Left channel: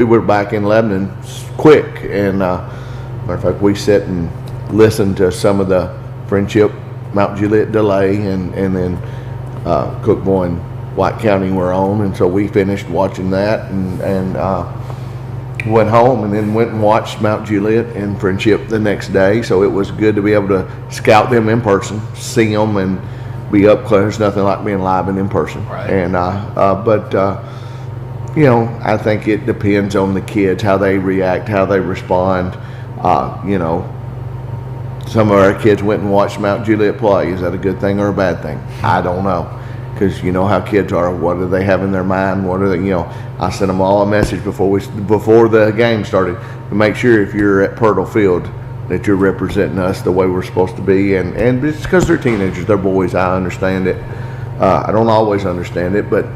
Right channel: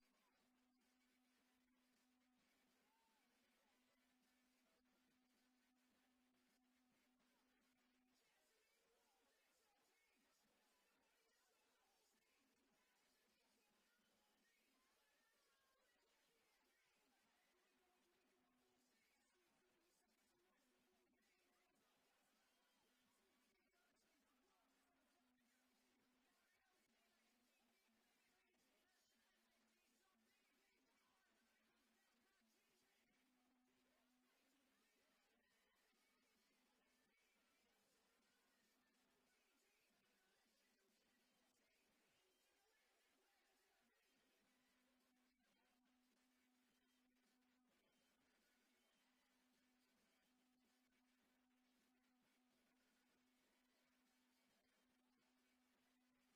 We were back in Lebanon quick, and matter of fact, we sat and listened to some of the Friendship, Mount Juliet delay, and then Cookboy and White County were on, and so we finished watching that and went home, and then went and watched Mount Juliet and Friendship the next day. So it was good to be able to scout them in person, see them, and be up close. There's nothing like being live and in person. Right. And you know, I think it depends on the kids, how they react, how they respond. You know, some of our kids went and watched Mount Juliet play. Is that a good thing or a bad thing? I don't know, because you know how kids are. What do they have in their mind? What are they? You know, I sent them all a message before the game started to make sure if you're at Purtle Field that you're representing us the way we're supposed to be. And it's because they're teenagers, they're boys. I understand it. I don't always understand it, but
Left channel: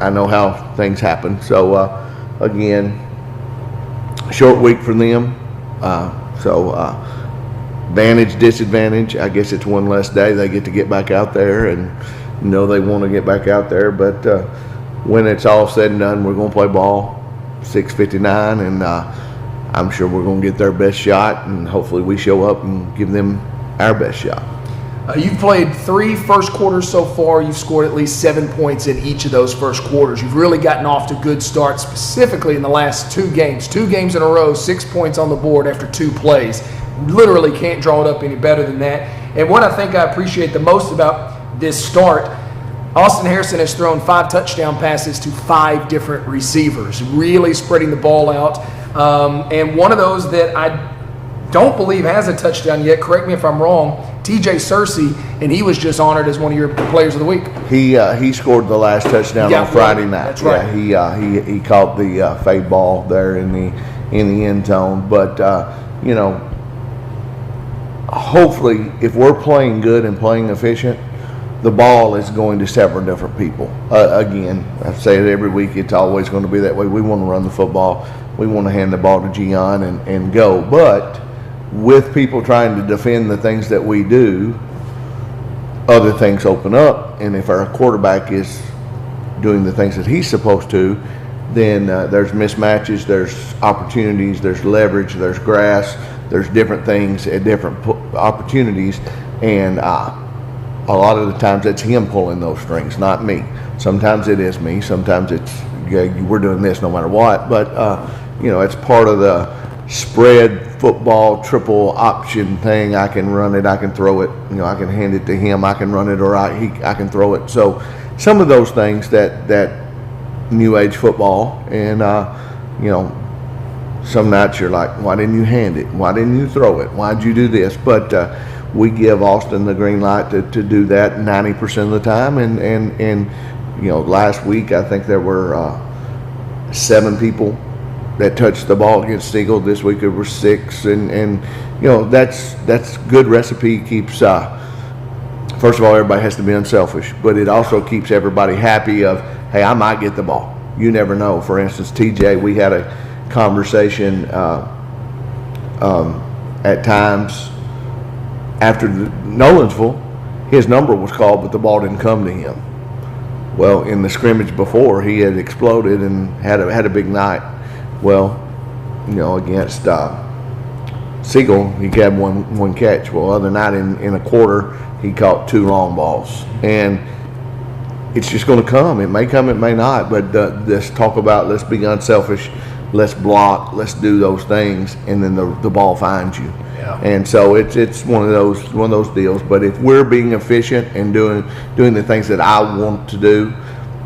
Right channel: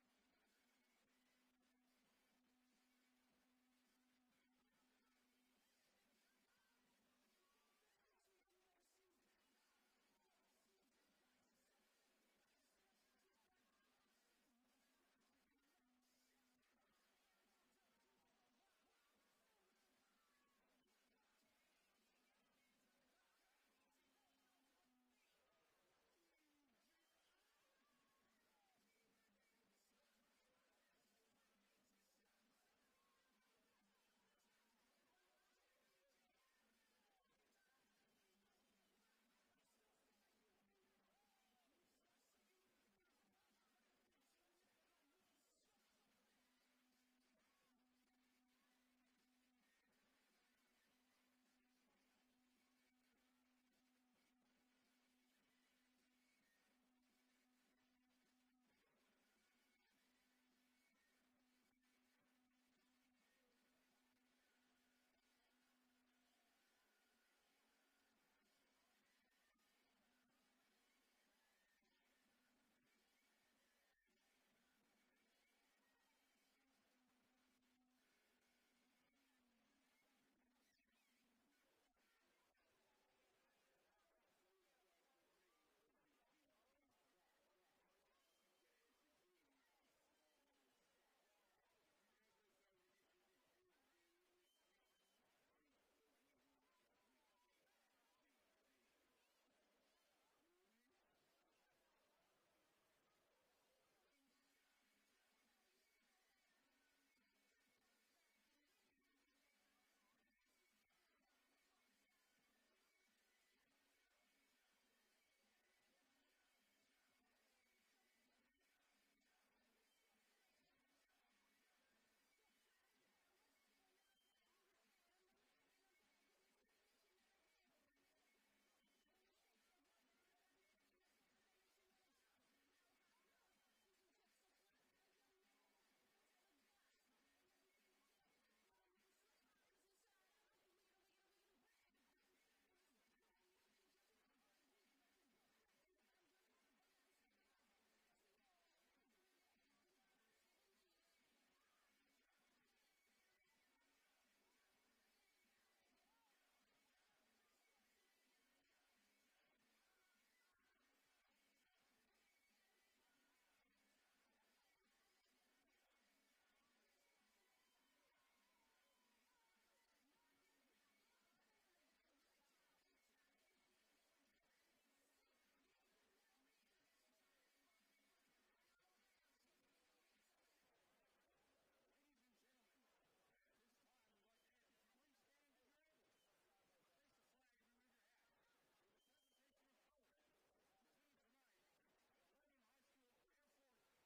I know how things happen. So again, short week for them. Advantage, disadvantage. I guess it's one less day they get back out there, and you know they want to get back out there. But when it's all said and done, we're going to play ball 6:59, and I'm sure we're going to get their best shot, and hopefully we show up and give them our best shot. You've played 3 first quarters so far. You've scored at least 7 points in each of those first quarters. You've really gotten off to good starts, specifically in the last 2 games. 2 games in a row, 6 points on the board after 2 plays. Literally can't draw it up any better than that. And what I think I appreciate the most about this start, Austin Harrison has thrown 5 touchdown passes to 5 different receivers, really spreading the ball out. And one of those that I don't believe has a touchdown yet, correct me if I'm wrong, TJ Searcy, and he was just honored as one of your players of the week. He scored the last touchdown on Friday night. That's right. Yeah, he caught the fade ball there in the end zone. But you know, hopefully, if we're playing good and playing efficient, the ball is going to several different people. Again, I say it every week. It's always going to be that way. We want to run the football. We want to hand the ball to Gian and go. But with people trying to defend the things that we do, other things open up. And if our quarterback is doing the things that he's supposed to, then there's mismatches, there's opportunities, there's leverage, there's grass, there's different things at different opportunities. And a lot of the times it's him pulling those strings, not me. Sometimes it is me. Sometimes it's, yeah, we're doing this no matter what. But, you know, it's part of the spread football triple option thing. I can run it, I can throw it, you know, I can hand it to him, I can run it, or I can throw it. So some of those things that new age football, and you know, some nights you're like, why didn't you hand it? Why didn't you throw it? Why'd you do this? But we give Austin the green light to do that 90% of the time. And you know, last week I think there were 7 people that touched the ball against Eagle. This week it was 6, and you know, that's good recipe. Keeps first of all, everybody has to be unselfish, but it also keeps everybody happy of, hey, I might get the ball. You never know. For instance, TJ, we had a conversation at times after Nolansville, his number was called, but the ball didn't come to him. Well, in the scrimmage before, he had exploded and had a big night. Well, you know, against Siegel, he had one catch. Well, other night in a quarter, he caught 2 long balls. And it's just going to come. It may come, it may not. But let's talk about, let's be unselfish, let's block, let's do those things, and then the ball finds you. Yeah. And so it's one of those deals. But if we're being efficient and doing the things that I want to do,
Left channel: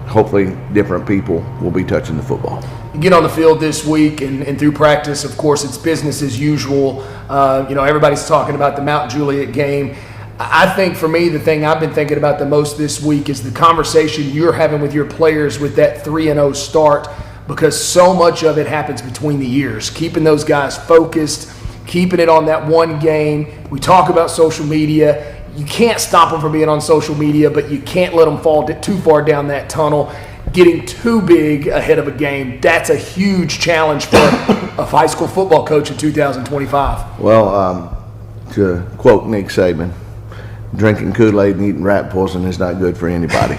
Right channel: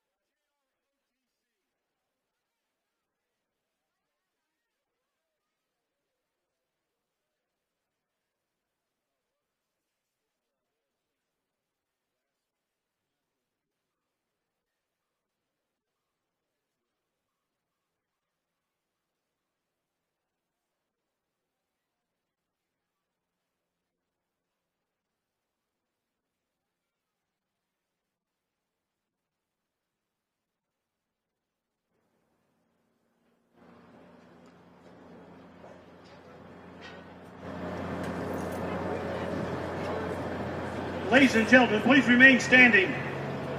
hopefully different people will be touching the football. You get on the field this week and through practice, of course, it's business as usual. You know, everybody's talking about the Mount Juliet game. I think for me, the thing I've been thinking about the most this week is the conversation you're having with your players with that 3-0 start, because so much of it happens between the years, keeping those guys focused, keeping it on that one game. We talk about social media. You can't stop them from being on social media, but you can't let them fall too far down that tunnel. Getting too big ahead of a game, that's a huge challenge for a high school football coach in 2025. Well, to quote Nick Saban, drinking Kool-Aid and eating rat poison is not good for anybody.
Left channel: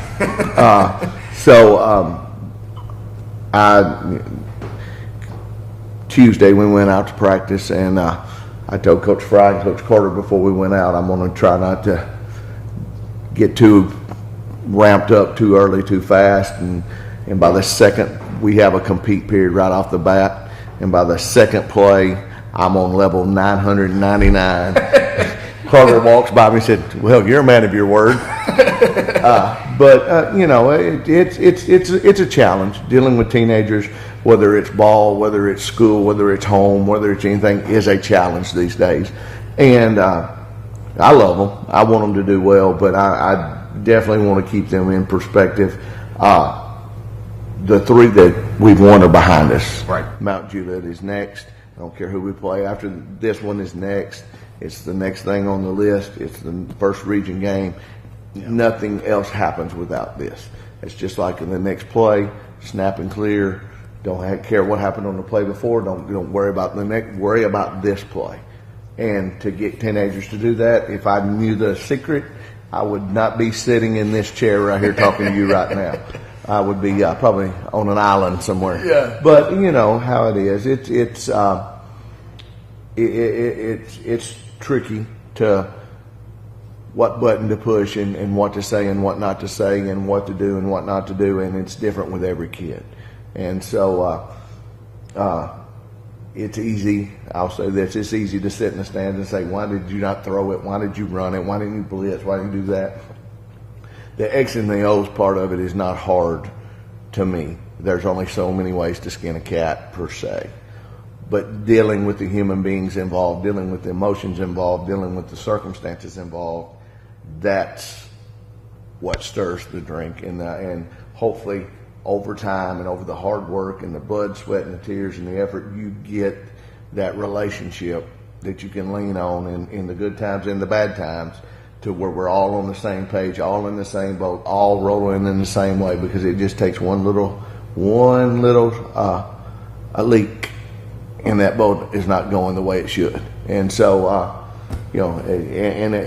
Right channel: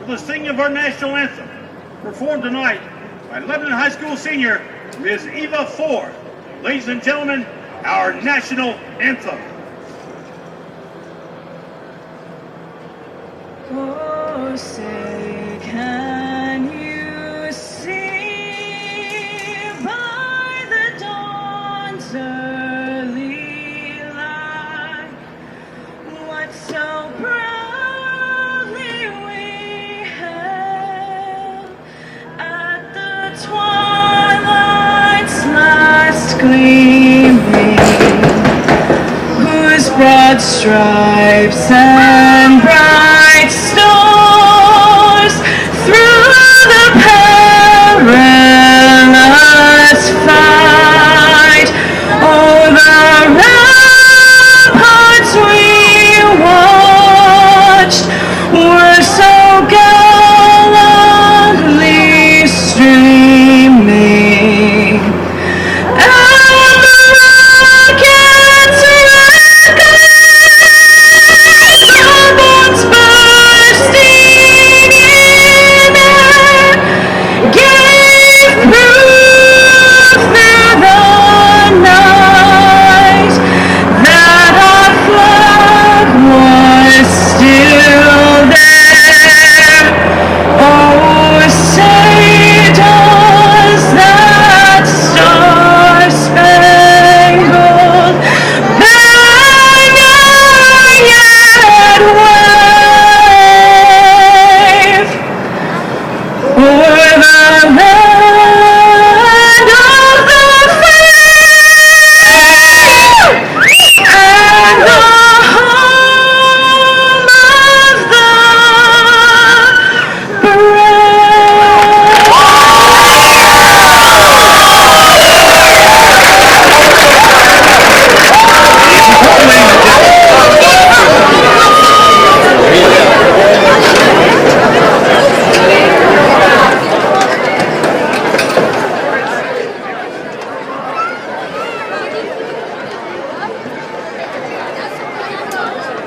Tuesday we went out to practice, and I told Coach Fry and Coach Carter before we went out, I'm going to try not to get too ramped up too early, too fast, and by the second we have a compete period right off the bat, and by the second play I'm on level 999. Carter walks by me and said, "Well, you're a man of your word." But you know, it's a challenge dealing with teenagers, whether it's ball, whether it's school, whether it's home, whether it's anything. It's a challenge. And I love them. I want them to do well, but I definitely want to keep them in perspective. The three that we won are behind us.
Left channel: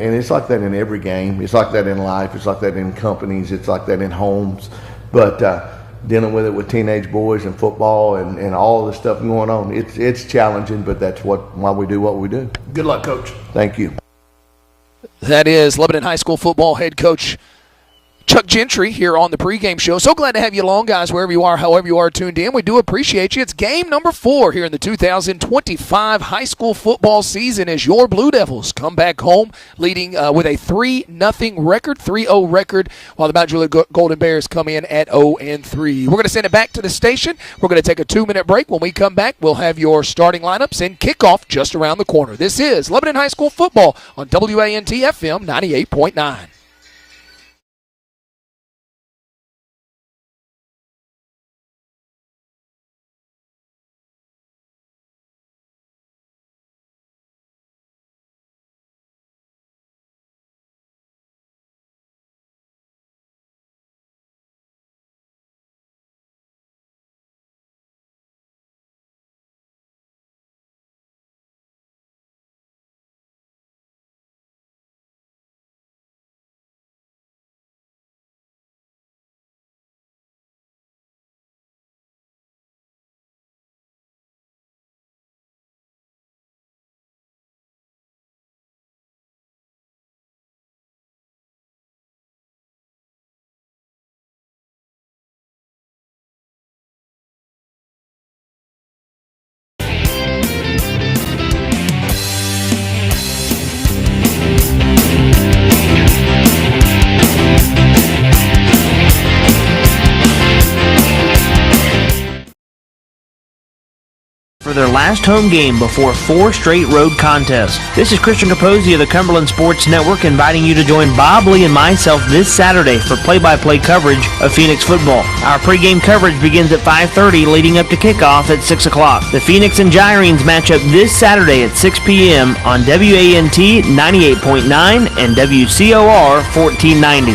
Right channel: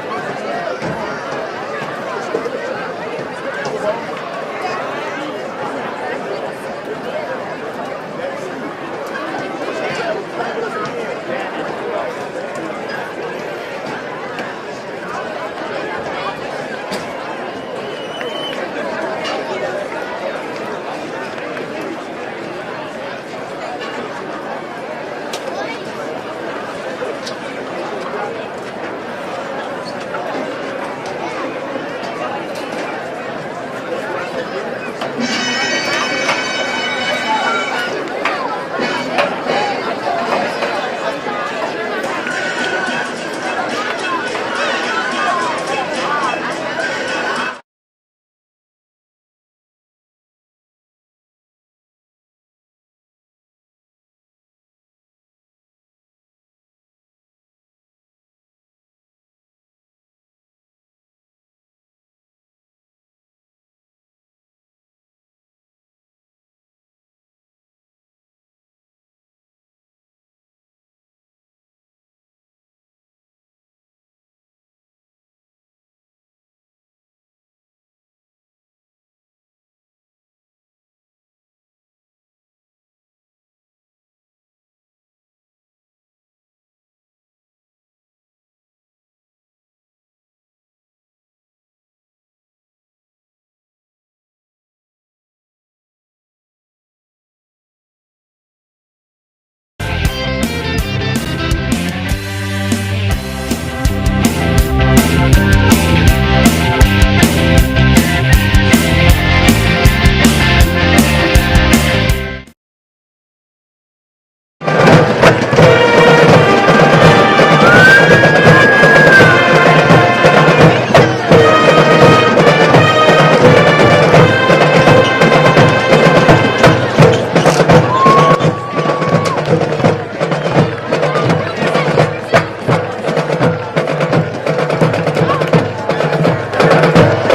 And it's like that in every game. It's like that in life. It's like that in companies. It's like that in homes. But dealing with it with teenage boys and football and all the stuff going on, it's challenging, but that's why we do what we do. Good luck, Coach. Thank you. That is Lebanon High School football head coach Chuck Gentry here on the pregame show. So glad to have you along, guys, wherever you are, however you are tuned in. We do appreciate you. It's game number 4 here in the 2025 high school football season as your Blue Devils come back home leading with a 3-0 record, 3-0 record, while the Mount Juliet Golden Bears come in at 0-3. We're going to send it back to the station. We're going to take a 2-minute break. When we come back, we'll have your starting lineups and kickoff just around the corner. This is Lebanon High School football on WANT FM 98.9. This Saturday for play-by-play coverage of Phoenix football. Our pregame coverage begins at 5:30, leading up to kickoff at 6 o'clock. The Phoenix and Gyrenes match up this Saturday at 6 p.m. on WANT 98.9 and WCOR 1490.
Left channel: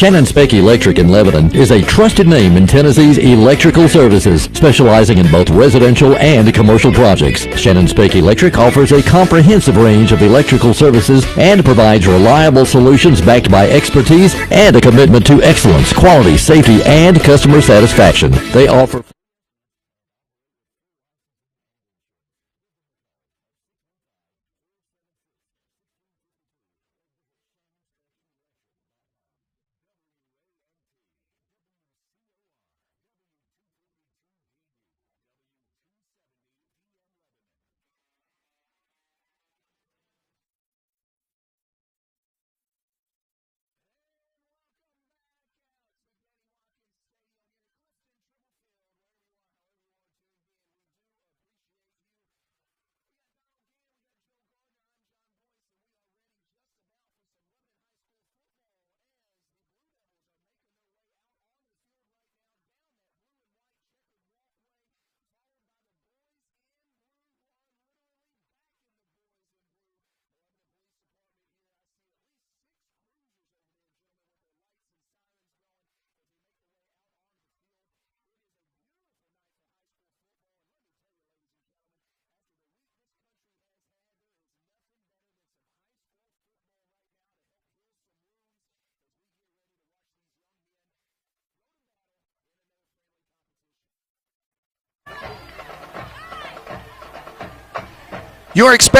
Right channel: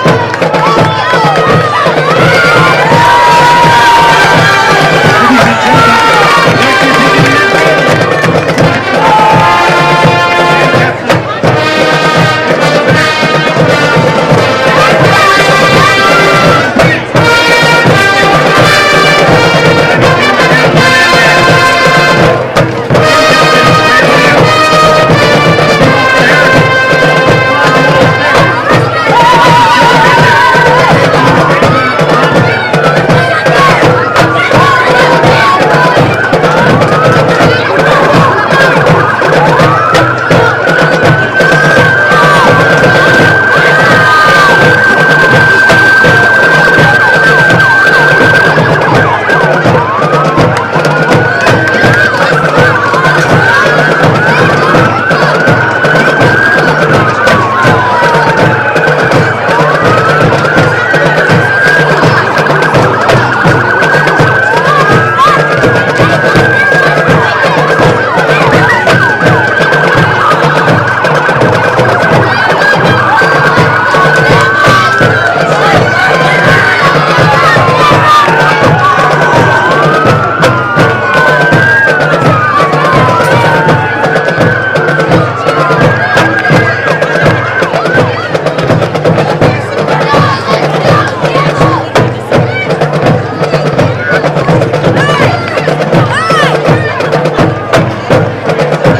Shannon Specky Electric in Lebanon is a trusted name in Tennessee's electrical services, specializing in both residential and commercial projects. Shannon Specky Electric offers a comprehensive range of electrical services and provides reliable solutions backed by expertise and a commitment to excellence, quality, safety, and customer satisfaction.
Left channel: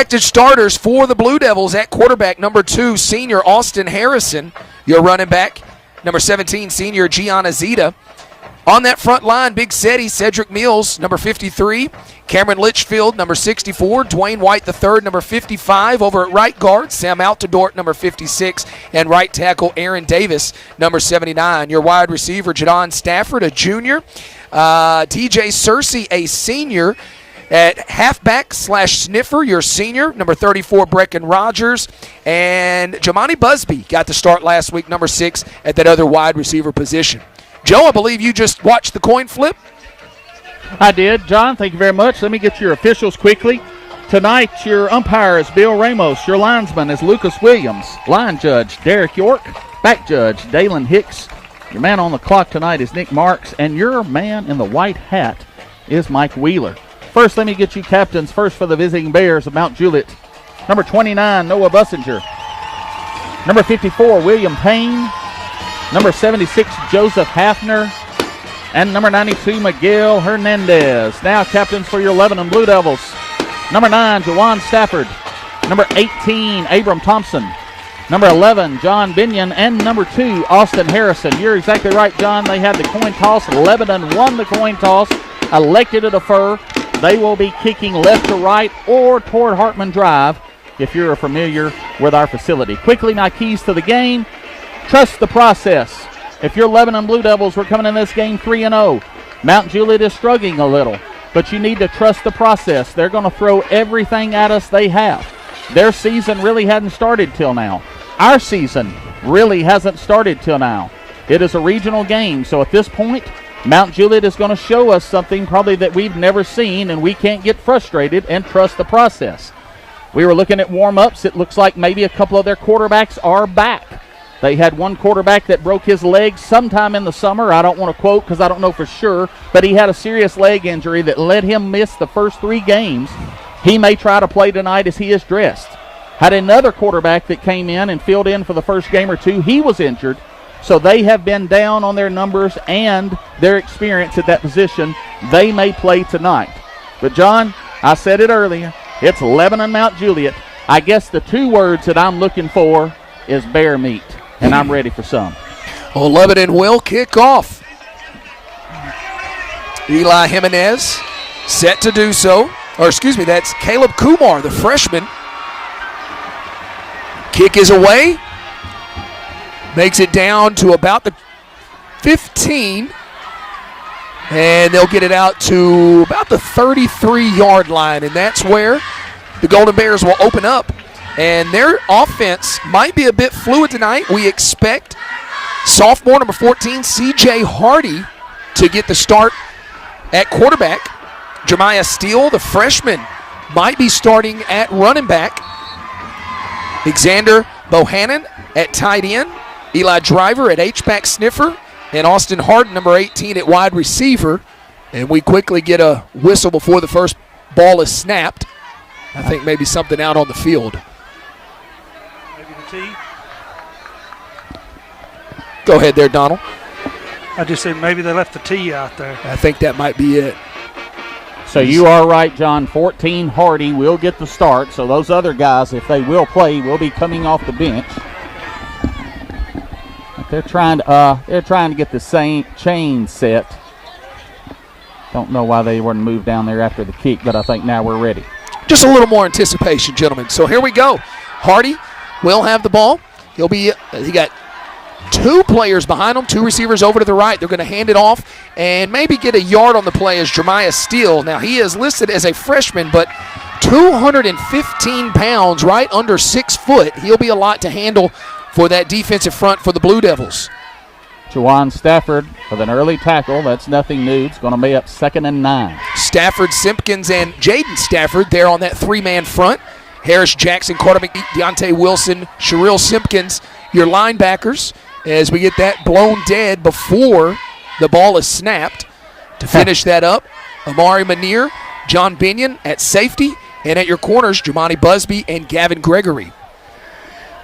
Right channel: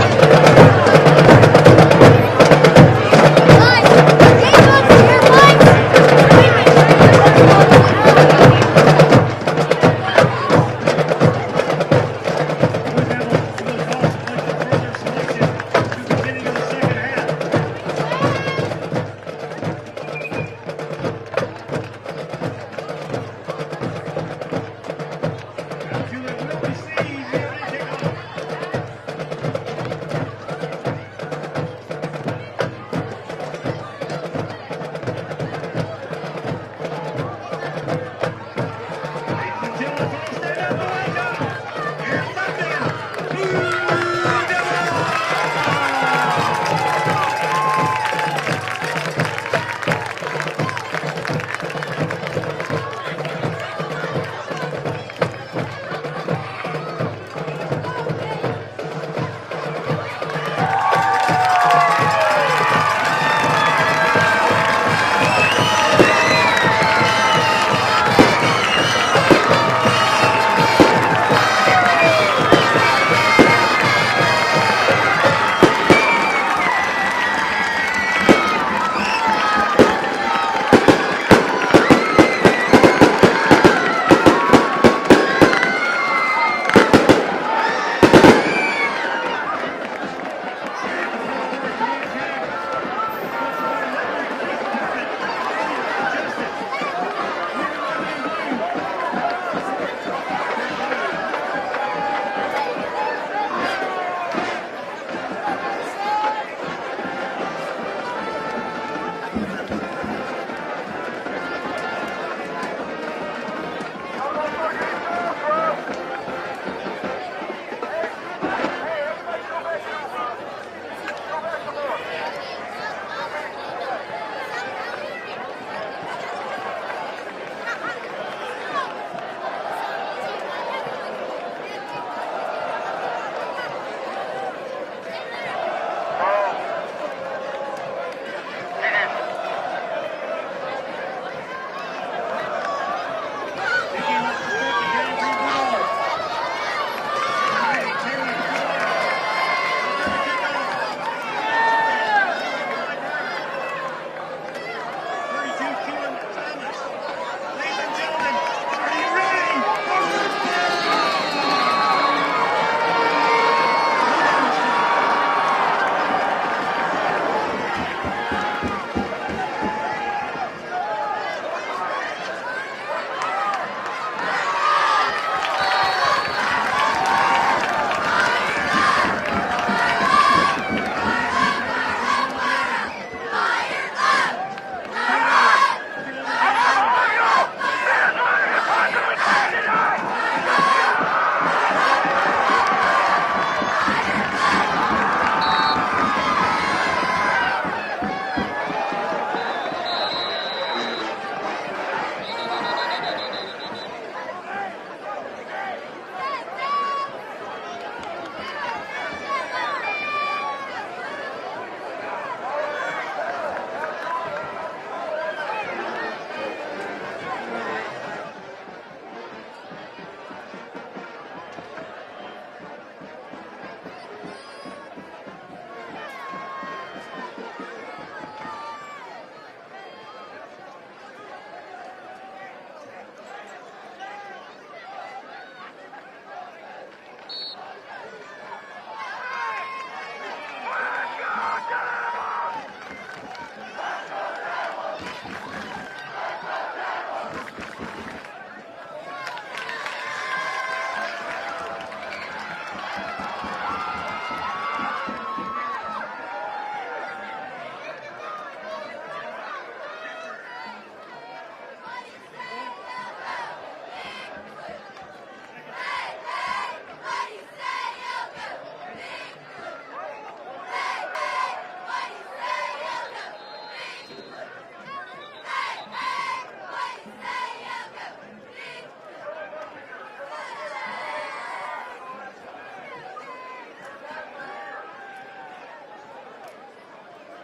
expected starters for the Blue Devils at quarterback, number 2, senior Austin Harrison. The running back, number 17, senior Gianna Zeta. On that front line, Big Seti, Cedric Mills, number 53. Cameron Litchfield, number 64. Dwayne White III, number 55. Over at right guard, Sam Altadort, number 56. And right tackle, Aaron Davis, number 79. Your wide receiver, Jadon Stafford, a junior. TJ Searcy, a senior. At halfback / sniffer, your senior, number 34, Brecken Rogers. And Jamani Busby got to start last week, number 6, at that other wide receiver position. Joe, I believe you just watched the coin flip. I did. John, thank you very much. Let me get your officials quickly. Tonight, your umpire is Bill Ramos. Your linesman is Lucas Williams. Line judge, Derek York. Back judge, Dalen Hicks. The man on the clock tonight is Nick Marks. And your man in the white hat is Mike Wheeler. First, let me get you captains. First for the visiting Bears of Mount Juliet. Number 29, Noah Bussinger. Number 54, William Payne. Number 76, Joseph Hafner. And number 92, Miguel Hernandez. Now captains for your Lebanon Blue Devils. Number 9, Jawan Stafford. Number 18, Abram Thompson. Number 11, John Binion. And number 2, Austin Harrison. You're exactly right, John. They had the coin toss. Lebanon won the coin toss, elected to defer. They will be kicking left to right or toward Hartman Drive if you're familiar with our facility. Quickly, now keys to the game. Trust the process. If your Lebanon Blue Devils were coming in this game 3-0, Mount Juliet is struggling a little, but you need to trust the process. They're going to throw everything at us they have. Their season really hadn't started till now. Our season really hasn't started till now. It is a regional game, so at this point, Mount Juliet is going to show us something probably that we've never seen, and we can't get frustrated and trust the process. We were looking at warm-ups. It looks like maybe a couple of their quarterbacks are back. They had one quarterback that broke his leg sometime in the summer. I don't want to quote because I don't know for sure, but he had a serious leg injury that let him miss the first 3 games. He may try to play tonight as he is dressed. Had another quarterback that came in and filled in for the first game or 2. He was injured. So they have been down on their numbers and their experience at that position. They may play tonight. But, John, I said it earlier, it's Lebanon Mount Juliet. I guess the 2 words that I'm looking for is bear meat, and I'm ready for some. Well, Lebanon will kick off. Eli Jimenez set to do so. Or, excuse me, that's Caleb Kumar, the freshman. Kick is away. Makes it down to about the 15. And they'll get it out to about the 33-yard line. And that's where the Golden Bears will open up. And their offense might be a bit fluid tonight. We expect sophomore number 14, C.J. Hardy, to get the start at quarterback. Jeremiah Steele, the freshman, might be starting at running back. Xander Bohannon at tight end. Eli Driver at H-back sniffer, and Austin Harden, number 18, at wide receiver. And we quickly get a whistle before the first ball is snapped. I think maybe something out on the field. Go ahead there, Donald. I just said maybe they left the T out there. I think that might be it. So you are right, John. 14, Hardy will get the start. So those other guys, if they will play, will be coming off the bench. They're trying to get the same chain set. Don't know why they weren't moved down there after the kick, but I think now we're ready. Just a little more anticipation, gentlemen. So here we go. Hardy will have the ball. He got 2 players behind him, 2 receivers over to the right. They're going to hand it off and maybe get a yard on the play as Jeremiah Steele. Now, he is listed as a freshman, but 215 pounds, right under 6 foot. He'll be a lot to handle for that defensive front for the Blue Devils. Jawan Stafford with an early tackle. That's nothing new. It's going to be up 2nd and 9. Stafford, Simpkins, and Jaden Stafford there on that 3-man front. Harris Jackson, Carter McGee, Deontay Wilson, Sherrill Simpkins, your linebackers, as we get that blown dead before the ball is snapped. To finish that up, Amari Manier, John Binion at safety, and at your corners, Jamani Busby and Gavin Gregory.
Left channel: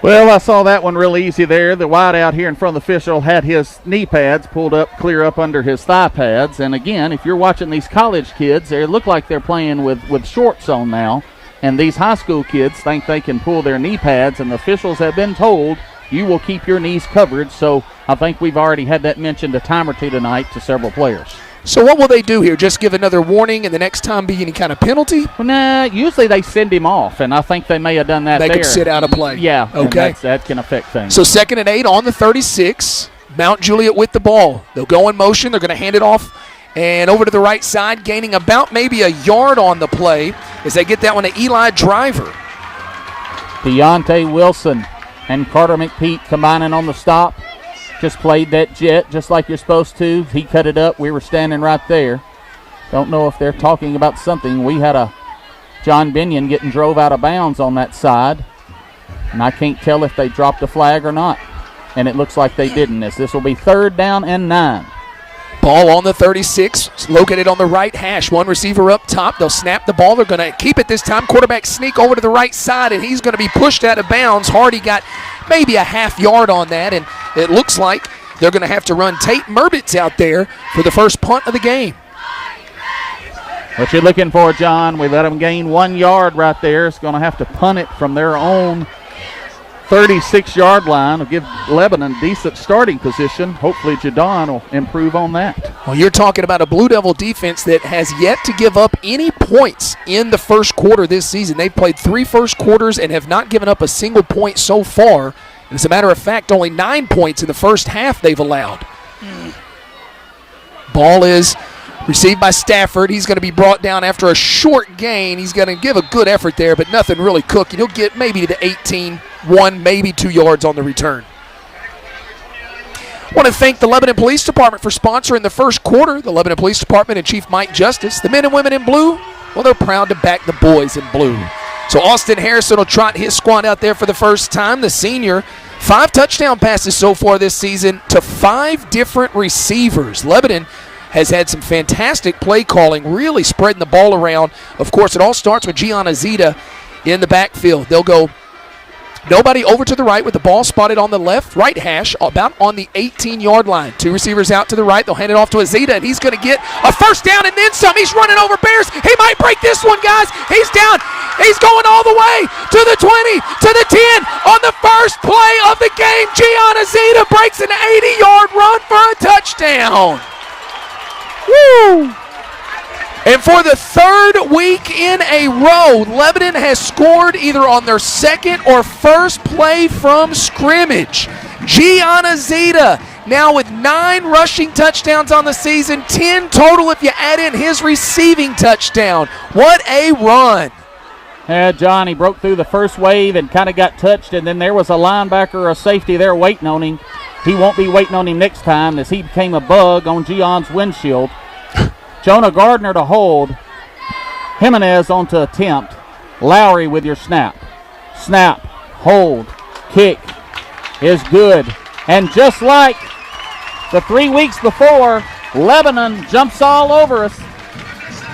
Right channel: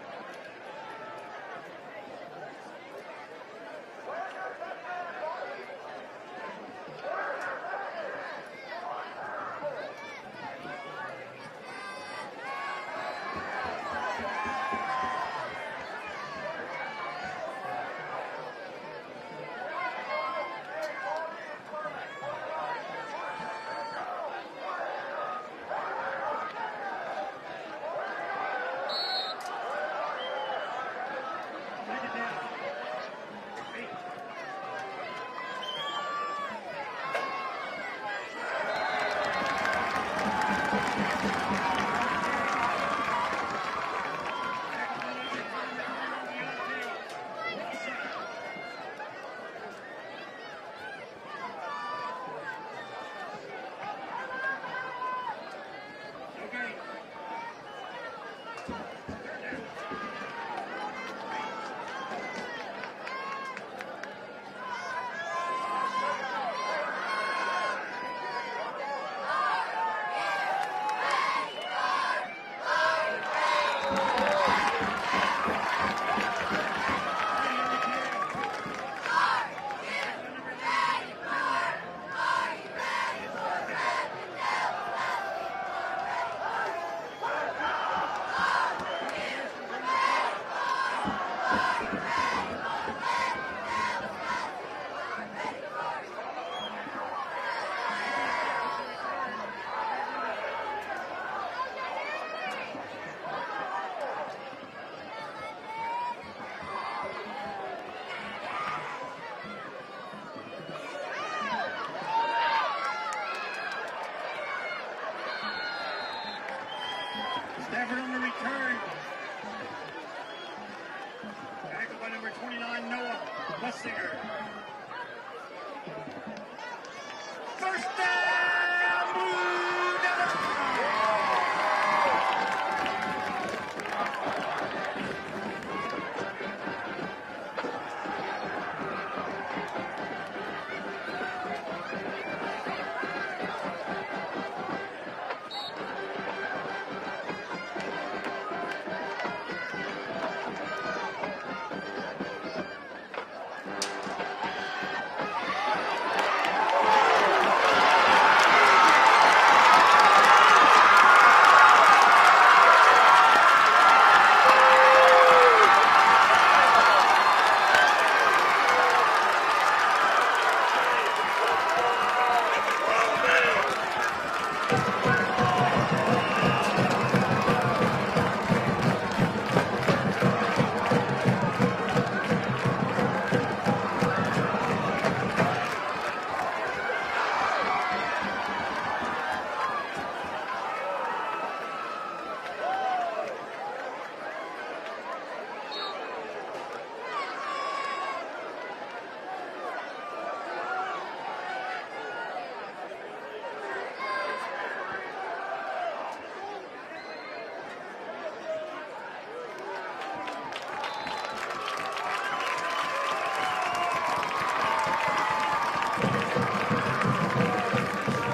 Well, I saw that one real easy there. The wide out here in front of the official had his knee pads pulled up clear up under his thigh pads. And again, if you're watching these college kids, they look like they're playing with shorts on now. And these high school kids think they can pull their knee pads, and the officials have been told you will keep your knees covered. So I think we've already had that mentioned a time or two tonight to several players. So what will they do here? Just give another warning and the next time be any kind of penalty? Well, nah, usually they send him off, and I think they may have done that They there. could sit out a play. Yeah, Okay. and that can affect things. So 2nd and 8 on the 36. Mount Juliet with the ball. They'll go in motion. They're going to hand it off and over to the right side, gaining about maybe a yard on the play as they get that one to Eli Driver. Deontay Wilson and Carter McPeak combining on the stop. Just played that jet just like you're supposed to. He cut it up. We were standing right there. Don't know if they're talking about something. We had a John Binion getting drove out of bounds on that side, and I can't tell if they dropped a flag or not. And it looks like they didn't. This will be 3rd down and 9. Ball on the 36, located on the right hash. One receiver up top. They'll snap the ball. They're going to keep it this time. Quarterback sneak over to the right side, and he's going to be pushed out of bounds. Hardy got maybe a half yard on that, and it looks like they're going to have to run Tate Murbitz out there for the first punt of the game. What you're looking for, John, we let them gain 1 yard right there. It's going to have to punt it from their own 36-yard line. Will give Lebanon decent starting position. Hopefully Jadon will improve on that. Well, you're talking about a Blue Devil defense that has yet to give up any points in the first quarter this season. They've played 3 first quarters and have not given up a single point so far. As a matter of fact, only 9 points in the first half they've allowed. Ball is received by Stafford. He's going to be brought down after a short gain. He's going to give a good effort there, but nothing really cooking. He'll get maybe to the 18, 1, maybe 2 yards on the return. I want to thank the Lebanon Police Department for sponsoring the first quarter. The Lebanon Police Department and Chief Mike Justice. The men and women in blue, well, they're proud to back the boys in blue. So Austin Harrison will trot his squad out there for the first time. The senior, 5 touchdown passes so far this season to 5 different receivers. Lebanon has had some fantastic play calling, really spreading the ball around. Of course, it all starts with Gianna Zita in the backfield. They'll go nobody over to the right with the ball spotted on the left, right hash, about on the 18-yard line. 2 receivers out to the right. They'll hand it off to Azita, and he's going to get a first down and then some. He's running over Bears. He might break this one, guys. He's down. He's going all the way to the 20, to the 10. On the first play of the game, Gianna Zita breaks an 80-yard run for a touchdown. Woo! And for the 3rd week in a row, Lebanon has scored either on their second or first play from scrimmage. Gianna Zita now with 9 rushing touchdowns on the season, 10 total if you add in his receiving touchdown. What a run. Yeah, John, he broke through the first wave and kind of got touched, and then there was a linebacker or a safety there waiting on him. He won't be waiting on him next time as he became a bug on Gion's windshield. Jonah Gardner to hold. Jimenez on to attempt. Lowry with your snap. Snap, hold, kick is good. And just like the 3 weeks before, Lebanon jumps all over us.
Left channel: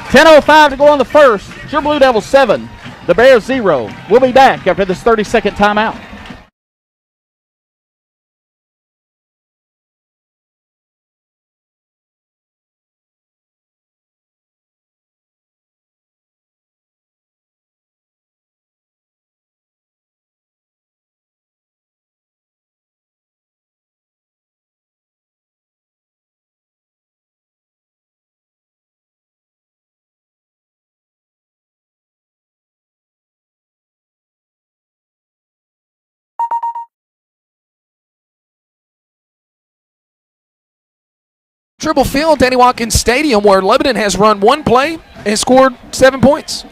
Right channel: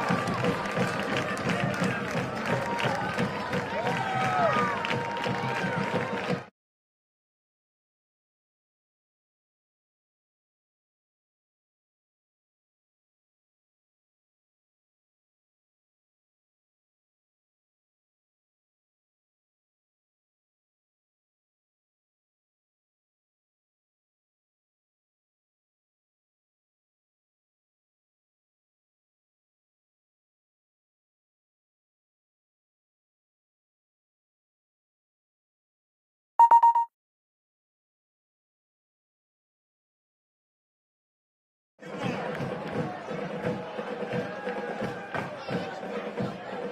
10:05 to go on the first. It's your Blue Devils 7, the Bears 0. We'll be back after this 30-second timeout. Triple Field, Danny Watkins Stadium, where Lebanon has run 1 play and scored 7 points.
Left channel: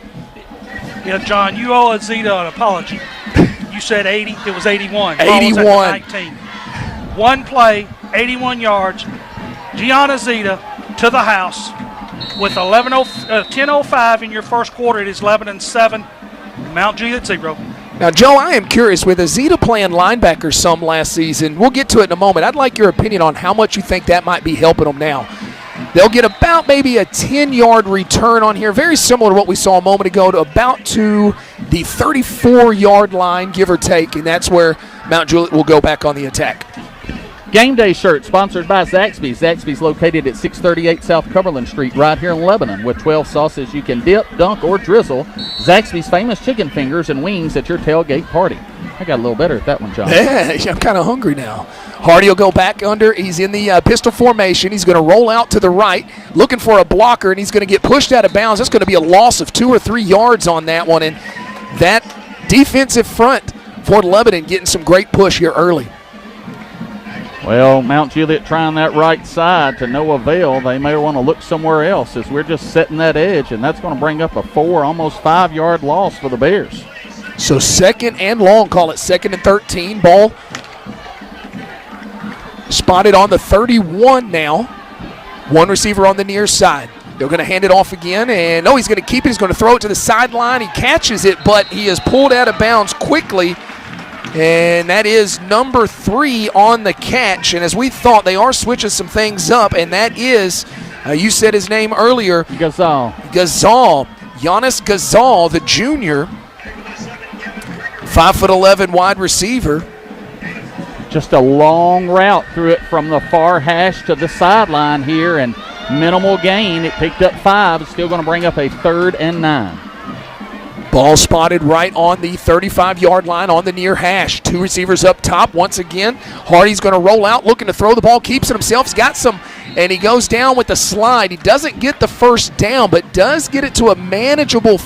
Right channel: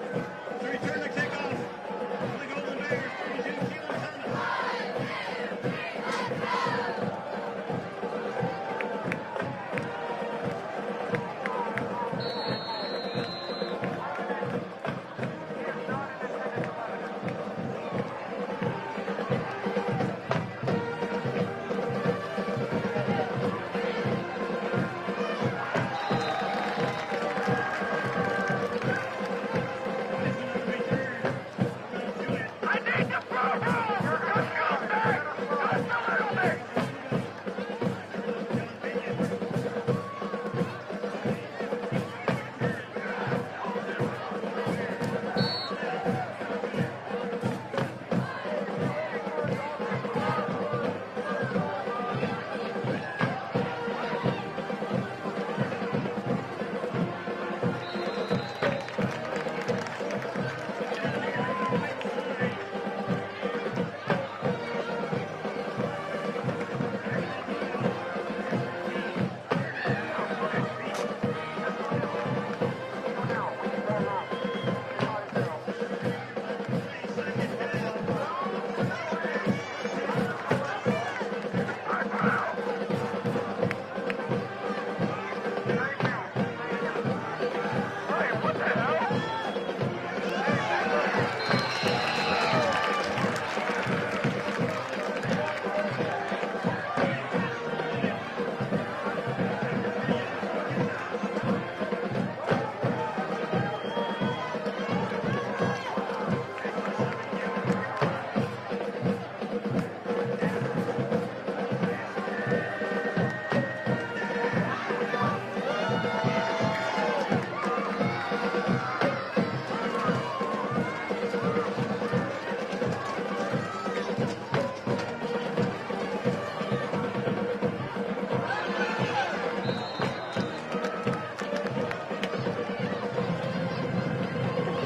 Yeah, John, you owe Azita an apology. You said 80, it was 81. 81. 19. 1 play, 81 yards. Gianna Zita to the house with 10:05 in your first quarter. It is Lebanon 7, Mount Juliet 0. Now, Joe, I am curious, with Azita playing linebacker some last season, we'll get to it in a moment. I'd like your opinion on how much you think that might be helping them now. They'll get about maybe a 10-yard return on here, very similar to what we saw a moment ago, to about to the 34-yard line, give or take, and that's where Mount Juliet will go back on the attack. Game day shirt sponsored by Zaxby's. Zaxby's located at 638 South Cumberland Street right here in Lebanon with 12 sauces you can dip, dunk, or drizzle. Zaxby's famous chicken fingers and wings at your tailgate party. I got a little better at that one, John. Yeah, I'm kind of hungry now. Hardy will go back under. He's in the pistol formation. He's going to roll out to the right, looking for a blocker, and he's going to get pushed out of bounds. That's going to be a loss of 2 or 3 yards on that one, and that defensive front for Lebanon getting some great push here early. Well, Mount Juliet trying that right side to no avail. They may want to look somewhere else as we're just setting that edge, and that's going to bring up a 4, almost 5-yard loss for the Bears. So 2nd and long, call it 2nd and 13. Ball spotted on the 31 now. One receiver on the near side. They're going to hand it off again, and no, he's going to keep it. He's going to throw it to the sideline. He catches it, but he is pulled out of bounds quickly. And that is number 3 on the catch. And as we thought, they are switching some things up. And that is, you said his name earlier. Gazal. Giannis Gazal, the junior. 5'11" wide receiver. Just a long route through it from the far hash to the sideline here. And minimal gain. It picked up 5. It's still going to bring up a 3rd and 9. Ball spotted right on the 35-yard line on the near hash. 2 receivers up top once again. Hardy's going to roll out, looking to throw the ball, keeps it himself. He's got some, and he goes down with the slide. He doesn't get the first down, but does get it to a manageable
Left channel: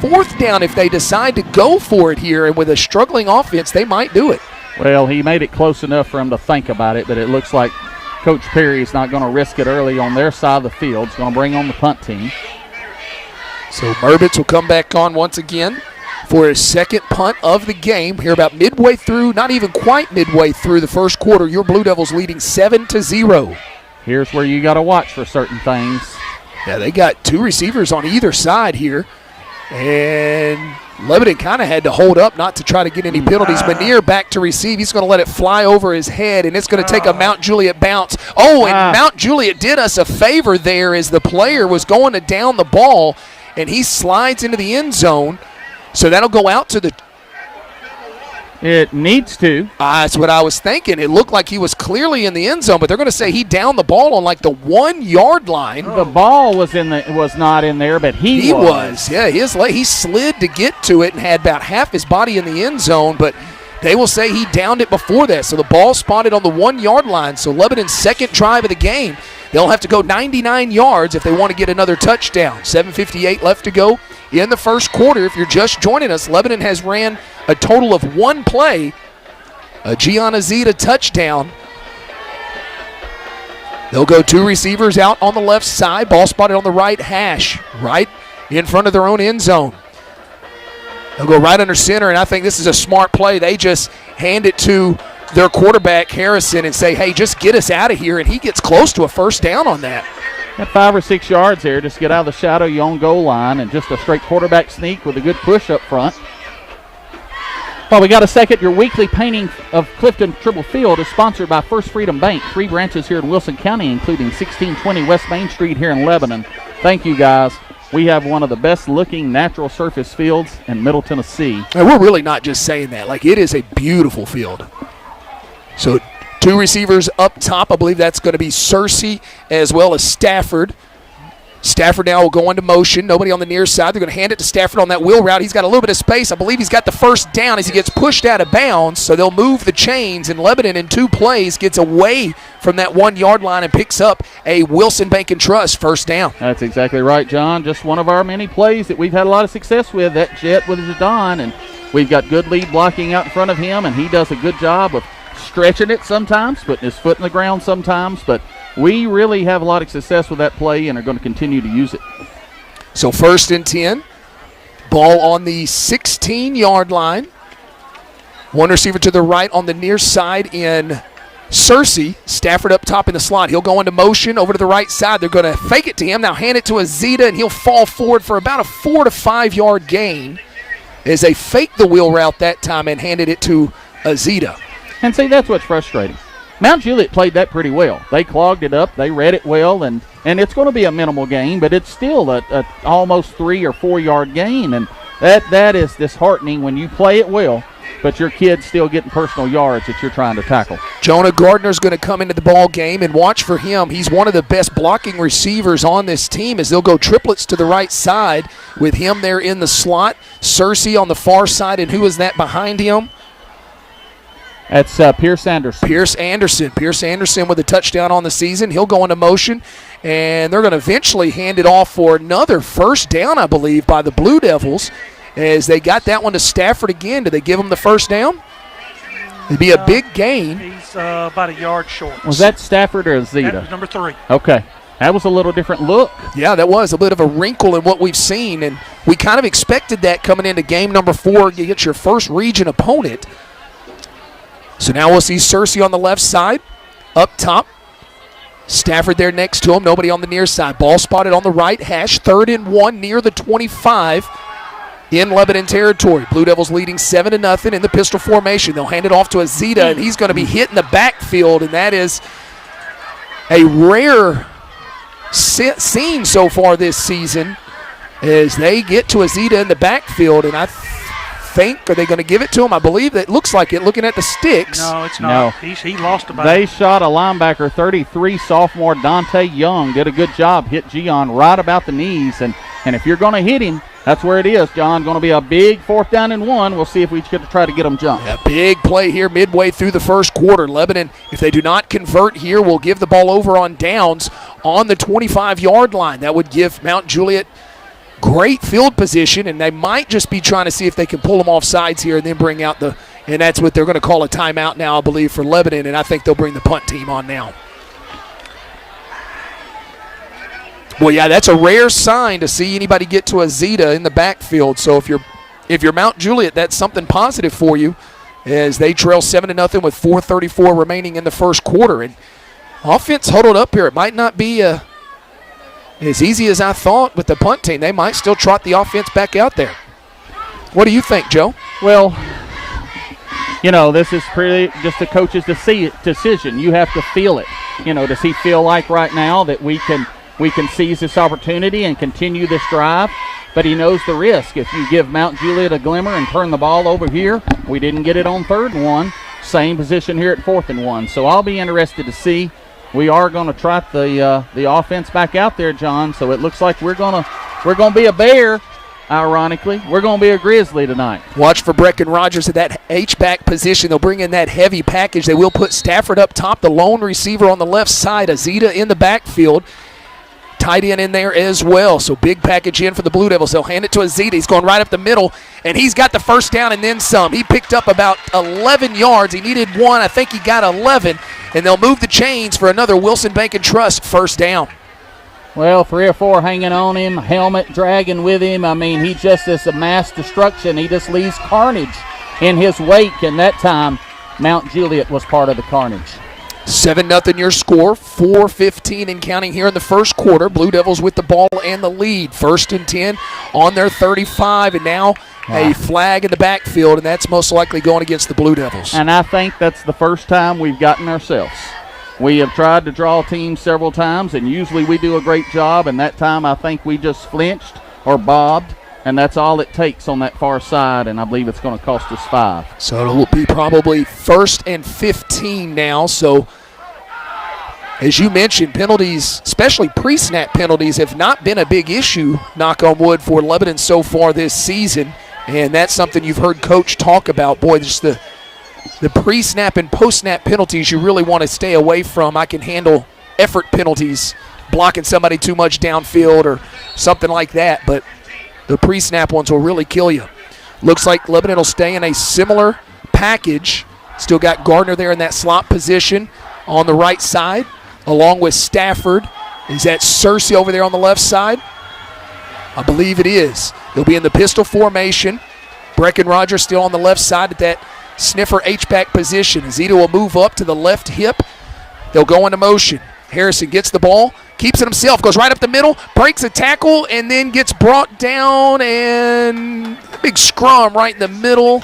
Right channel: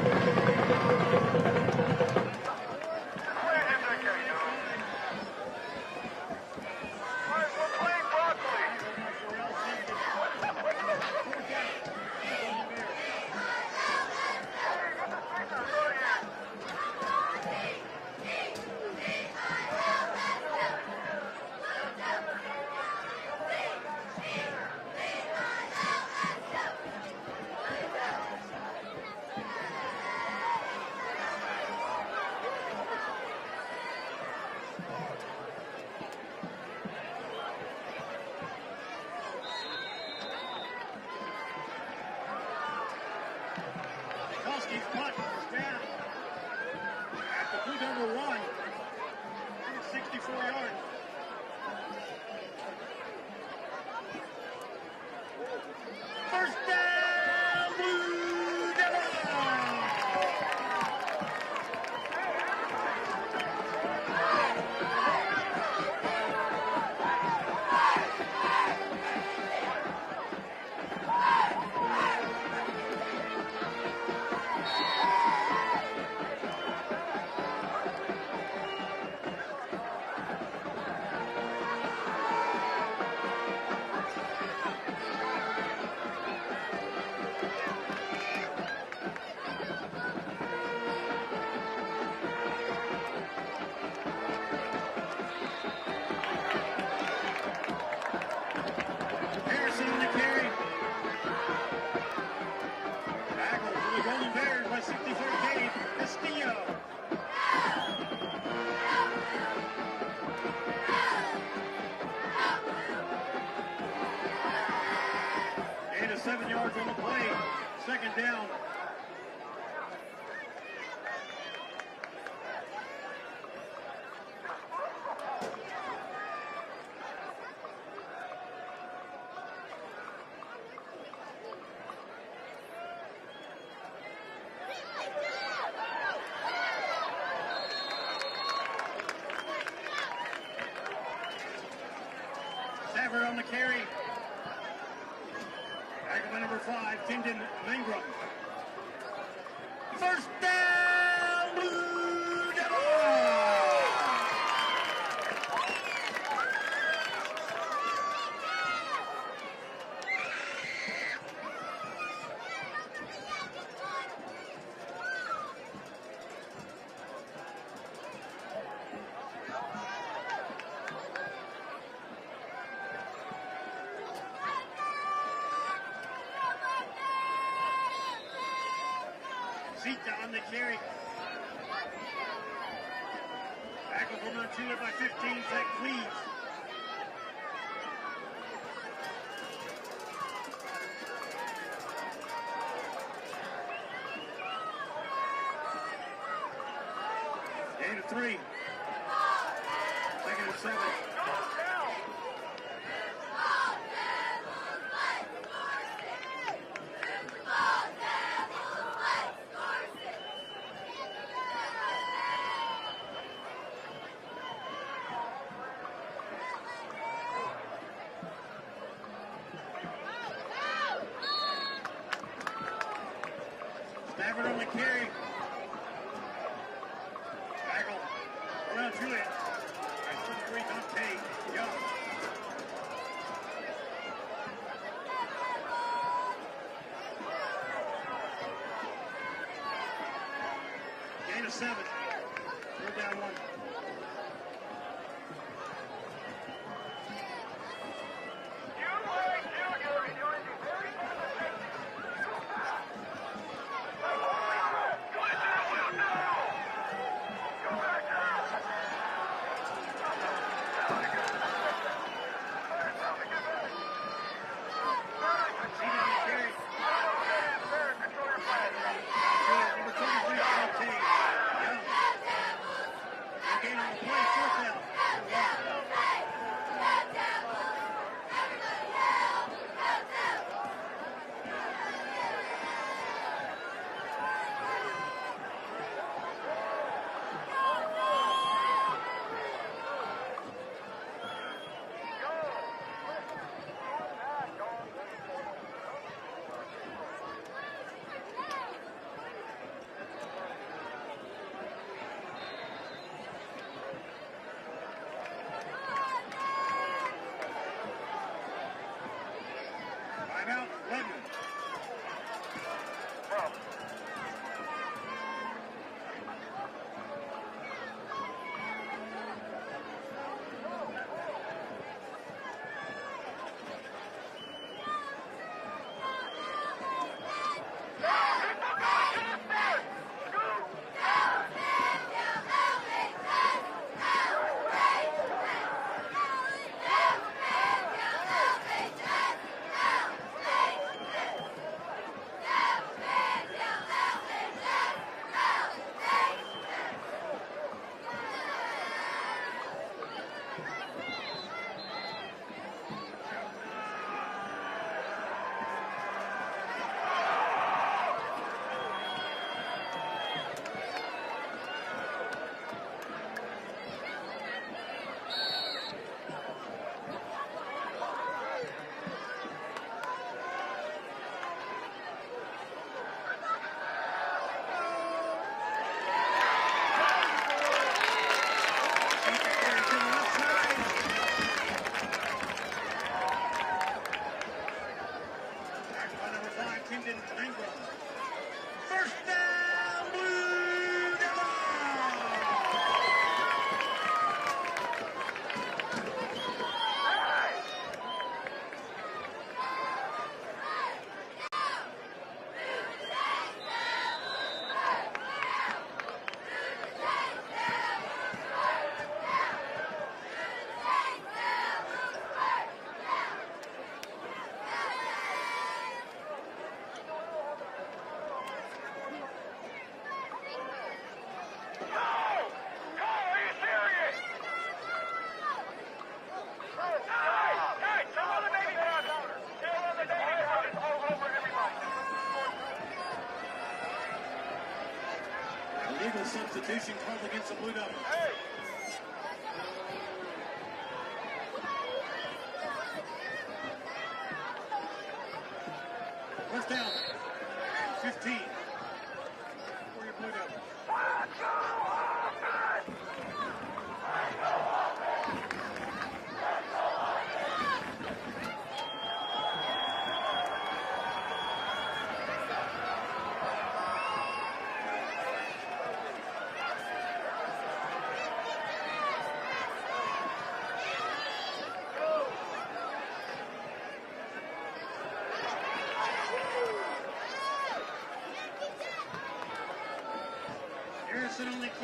4th down if they decide to go for it here. And with a struggling offense, they might do it. Well, he made it close enough for him to think about it, but it looks like Coach Perry's not going to risk it early on their side of the field. He's going to bring on the punt team. So Burbitz will come back on once again for his 2nd punt of the game. Here about midway through, not even quite midway through the first quarter, your Blue Devils leading 7-0. Here's where you got to watch for certain things. Yeah, they got 2 receivers on either side here. And Lebanon kind of had to hold up not to try to get any penalties. Manier back to receive. He's going to let it fly over his head, and it's going to take a Mount Juliet bounce. Oh, and Mount Juliet did us a favor there as the player was going to down the ball, and he slides into the end zone. So that'll go out to the... It needs to. That's what I was thinking. It looked like he was clearly in the end zone, but they're going to say he downed the ball on like the 1-yard line. The ball was not in there, but he was. Yeah, he slid to get to it and had about half his body in the end zone, but they will say he downed it before that. So the ball spotted on the 1-yard line. So Lebanon's 2nd drive of the game. They'll have to go 99 yards if they want to get another touchdown. 7:58 left to go in the first quarter. If you're just joining us, Lebanon has ran a total of 1 play, a Gianna Zeta touchdown. They'll go 2 receivers out on the left side. Ball spotted on the right hash, right in front of their own end zone. They'll go right under center, and I think this is a smart play. They just hand it to their quarterback, Harrison, and say, hey, just get us out of here, and he gets close to a first down on that. Got 5 or 6 yards there. Just get out of the shadow of your own goal line, and just a straight quarterback sneak with a good push up front. Well, we got a second. Your weekly painting of Clifton Tribble Field is sponsored by First Freedom Bank. 3 branches here in Wilson County, including 1620 West Main Street here in Lebanon. Thank you, guys. We have one of the best-looking natural surface fields in Middle Tennessee. And we're really not just saying that. Like, it is a beautiful field. So 2 receivers up top. I believe that's going to be Searcy as well as Stafford. Stafford now will go into motion. Nobody on the near side. They're going to hand it to Stafford on that wheel route. He's got a little bit of space. I believe he's got the first down as he gets pushed out of bounds. So they'll move the chains, and Lebanon in 2 plays gets away from that 1-yard line and picks up a Wilson Bank and Trust first down. That's exactly right, John. Just one of our many plays that we've had a lot of success with, that jet with Jadon, and we've got good lead blocking out in front of him, and he does a good job of stretching it sometimes, putting his foot in the ground sometimes, but we really have a lot of success with that play and are going to continue to use it. So 1st and 10. Ball on the 16-yard line. 1 receiver to the right on the near side in Searcy. Stafford up top in the slot. He'll go into motion over to the right side. They're going to fake it to him. Now hand it to Azita, and he'll fall forward for about a 4 to 5 yard gain as they faked the wheel route that time and handed it to Azita. And see, that's what's frustrating. Mount Juliet played that pretty well. They clogged it up. They read it well, and it's going to be a minimal gain, but it's still a almost 3 or 4 yard gain, and that is disheartening when you play it well but your kid's still getting personal yards that you're trying to tackle. Jonah Gardner's going to come into the ball game, and watch for him. He's one of the best blocking receivers on this team as they'll go triplets to the right side with him there in the slot. Cersei on the far side, and who is that behind him? That's Pierce Anderson. Pierce Anderson with a touchdown on the season. He'll go into motion, and they're going to eventually hand it off for another first down, I believe, by the Blue Devils, as they got that one to Stafford again. Did they give him the first down? It'd be a big gain. He's about a yard short. Was that Stafford or Zeta? That was number 3. Okay. That was a little different look. Yeah, that was a bit of a wrinkle in what we've seen, and we kind of expected that coming into game number 4. You get your first region opponent. So now we'll see Cersei on the left side, up top. Stafford there next to him, nobody on the near side. Ball spotted on the right hash, 3rd and 1 near the 25 in Lebanon territory. Blue Devils leading 7-0 in the pistol formation. They'll hand it off to Azita, and he's going to be hit in the backfield, and that is a rare scene so far this season as they get to Azita in the backfield, and I think, are they going to give it to him? I believe it looks like it, looking at the sticks. No, it's not. No. He lost about They shot a linebacker, 33, sophomore Dante Young. Did a good job. Hit Gian right about the knees. And if you're going to hit him, that's where it is, John. Going to be a big 4th down and 1. We'll see if we can try to get him jumped. A big play here midway through the first quarter. Lebanon, if they do not convert here, will give the ball over on downs on the 25-yard line. That would give Mount Juliet great field position, and they might just be trying to see if they can pull them off sides here and then bring out and that's what they're going to call a timeout now, I believe, for Lebanon, and I think they'll bring the punt team on now. Well, yeah, that's a rare sign to see anybody get to a Zeta in the backfield. So if you're Mount Juliet, that's something positive for you as they trail 7-0 with 4:34 remaining in the first quarter. And offense huddled up here. It might not be as easy as I thought with the punt team. They might still trot the offense back out there. What do you think, Joe? Well, this is pretty just the coach's decision. You have to feel it. Does he feel like right now that we can seize this opportunity and continue this drive? But he knows the risk. If you give Mount Juliet a glimmer and turn the ball over here, we didn't get it on 3rd and 1. Same position here at 4th and 1. So I'll be interested to see. We are going to trot the offense back out there, John. So it looks like we're going to be a Bear. Ironically, we're going to be a Grizzly tonight. Watch for Brecken Rogers at that H-back position. They'll bring in that heavy package. They will put Stafford up top, the lone receiver on the left side. Azita in the backfield. Tight end in there as well. So big package in for the Blue Devils. They'll hand it to Azita. He's going right up the middle, and he's got the first down and then some. He picked up about 11 yards. He needed 1. I think he got 11. And they'll move the chains for another Wilson Bank and Trust first down. Well, 3 or 4 hanging on him, helmet dragging with him. I mean, he just is a mass destruction. He just leaves carnage in his wake, and that time Mount Juliet was part of the carnage. 7-0 your score, 4:15 and counting here in the first quarter. Blue Devils with the ball and the lead. 1st and 10 on their 35, and now a flag in the backfield, and that's most likely going against the Blue Devils. And I think that's the first time we've gotten ourselves. We have tried to draw teams several times, and usually we do a great job, and that time I think we just flinched or bobbed, and that's all it takes on that far side, and I believe it's going to cost us 5. So it will be probably 1st and 15 now. So as you mentioned, penalties, especially pre-snap penalties, have not been a big issue, knock on wood, for Lebanon so far this season. And that's something you've heard Coach talk about. Boy, just the pre-snap and post-snap penalties you really want to stay away from. I can handle effort penalties, blocking somebody too much downfield or something like that, but the pre-snap ones will really kill you. Looks like Lebanon will stay in a similar package. Still got Gardner there in that slot position on the right side, along with Stafford. Is that Cersei over there on the left side? I believe it is. They'll be in the pistol formation. Brecken Rogers still on the left side at that sniffer H-back position. Zito will move up to the left hip. They'll go into motion. Harrison gets the ball, keeps it himself, goes right up the middle, breaks a tackle, and then gets brought down, and a big scrum right in the middle.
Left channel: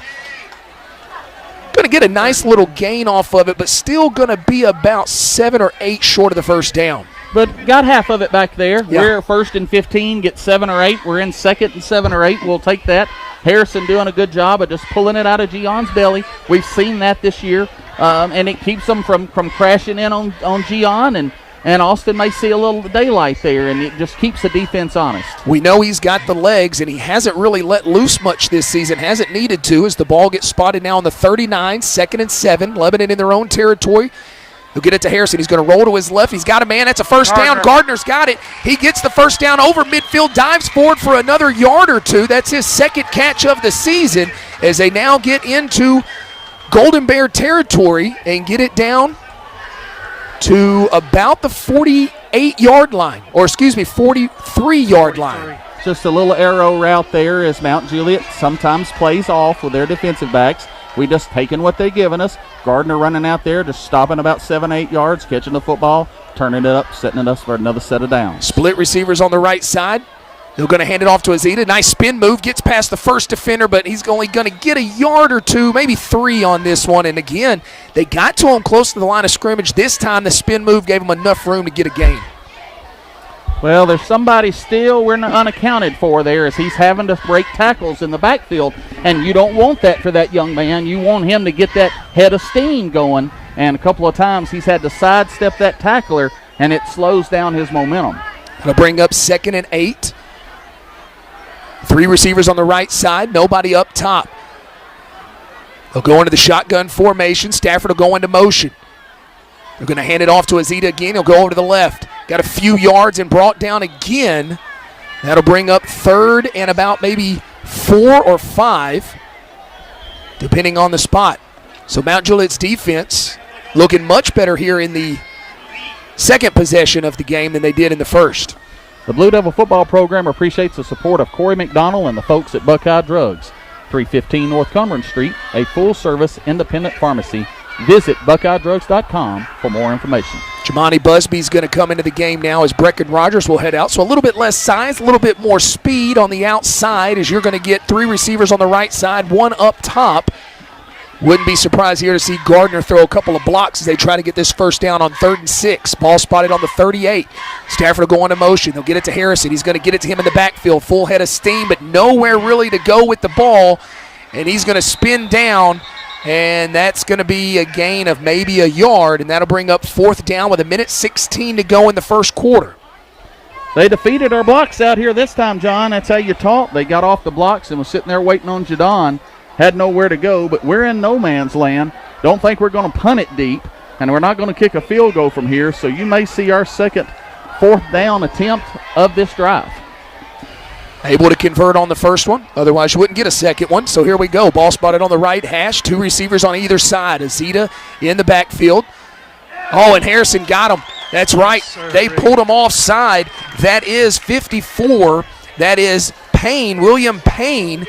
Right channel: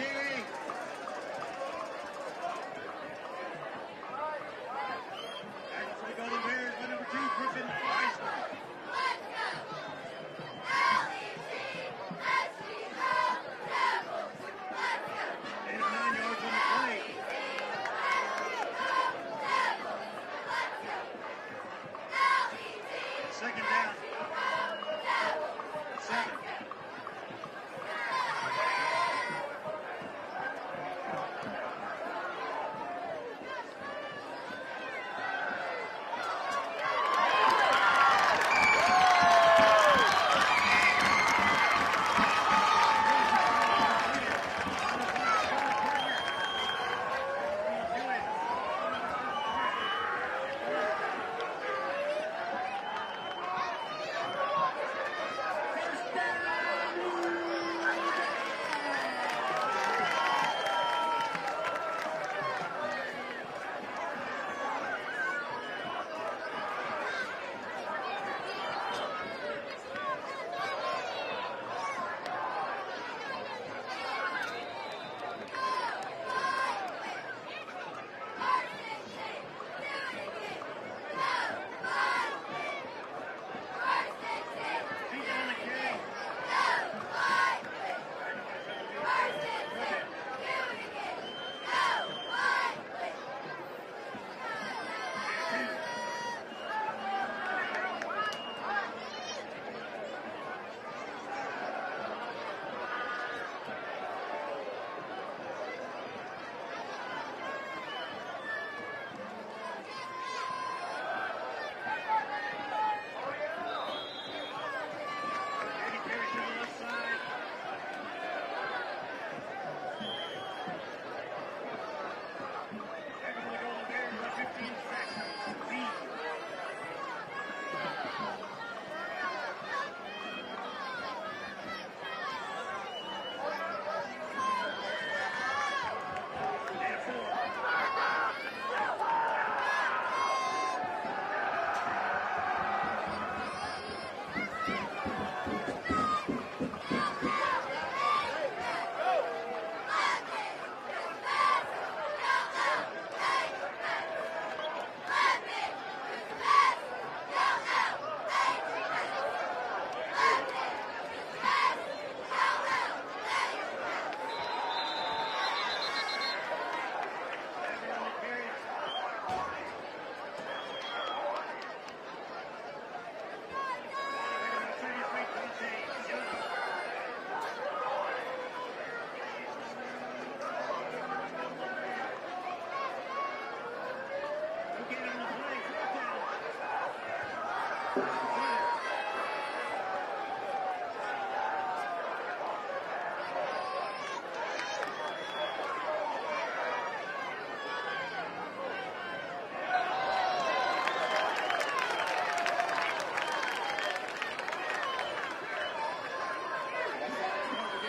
Going to get a nice little gain off of it, but still going to be about 7 or 8 short of the first down. But got half of it back there. Yeah. We're 1st and 15, get 7 or 8. We're in 2nd and 7 or 8. We'll take that. Harrison doing a good job of just pulling it out of Gion's belly. We've seen that this year, and it keeps them from crashing in on Gion, and Austin may see a little daylight there, and it just keeps the defense honest. We know he's got the legs, and he hasn't really let loose much this season, hasn't needed to, as the ball gets spotted now on the 39, 2nd and 7. Lebanon in their own territory. He'll get it to Harrison. He's going to roll to his left. He's got a man. That's a first down. Gardner's got it. He gets the first down over midfield, dives forward for another yard or two. That's his second catch of the season as they now get into Golden Bear territory and get it down to about the 48-yard line, or excuse me, 43-yard line. Just a little arrow route there as Mount Juliet sometimes plays off with their defensive backs. We just taking what they've given us. Gardner running out there, just stopping about 7-8 yards, catching the football, turning it up, setting it up for another set of downs. Split receivers on the right side. They're going to hand it off to Azita. Nice spin move, gets past the first defender, but he's only going to get a yard or two, maybe 3 on this one. And again, they got to him close to the line of scrimmage. This time the spin move gave him enough room to get a gain. Well, there's somebody still we're unaccounted for there as he's having to break tackles in the backfield, and you don't want that for that young man. You want him to get that head of steam going, and a couple of times he's had to sidestep that tackler, and it slows down his momentum. Going to bring up 2nd and 8. 3 receivers on the right side, nobody up top. They'll go into the shotgun formation. Stafford will go into motion. They're going to hand it off to Azita again. He'll go over to the left. Got a few yards and brought down again. That'll bring up 3rd and about maybe 4 or 5, depending on the spot. So Mount Juliet's defense looking much better here in the second possession of the game than they did in the first. The Blue Devil football program appreciates the support of Corey McDonald and the folks at Buckeye Drugs, 315 North Cumberland Street, a full-service independent pharmacy. Visit BuckeyeDrugs.com for more information. Jamani Busby's going to come into the game now as Brecken Rogers will head out. So a little bit less size, a little bit more speed on the outside as you're going to get 3 receivers on the right side, 1 up top. Wouldn't be surprised here to see Gardner throw a couple of blocks as they try to get this first down on 3rd and 6. Ball spotted on the 38. Stafford will go into motion. They'll get it to Harrison. He's going to get it to him in the backfield. Full head of steam, but nowhere really to go with the ball. And he's going to spin down, and that's going to be a gain of maybe a yard, and that'll bring up 4th down with 1:16 to go in the first quarter. They defeated our blocks out here this time, John. That's how you taught. They got off the blocks and was sitting there waiting on Jadon. Had nowhere to go, but we're in no man's land. Don't think we're going to punt it deep, and we're not going to kick a field goal from here, so you may see our second 4th down attempt of this drive. Able to convert on the first one. Otherwise, you wouldn't get a second one. So here we go. Ball spotted on the right hash. 2 receivers on either side. Azita in the backfield. Oh, and Harrison got him. That's right. They pulled him offside. That is 54. That is Payne. William Payne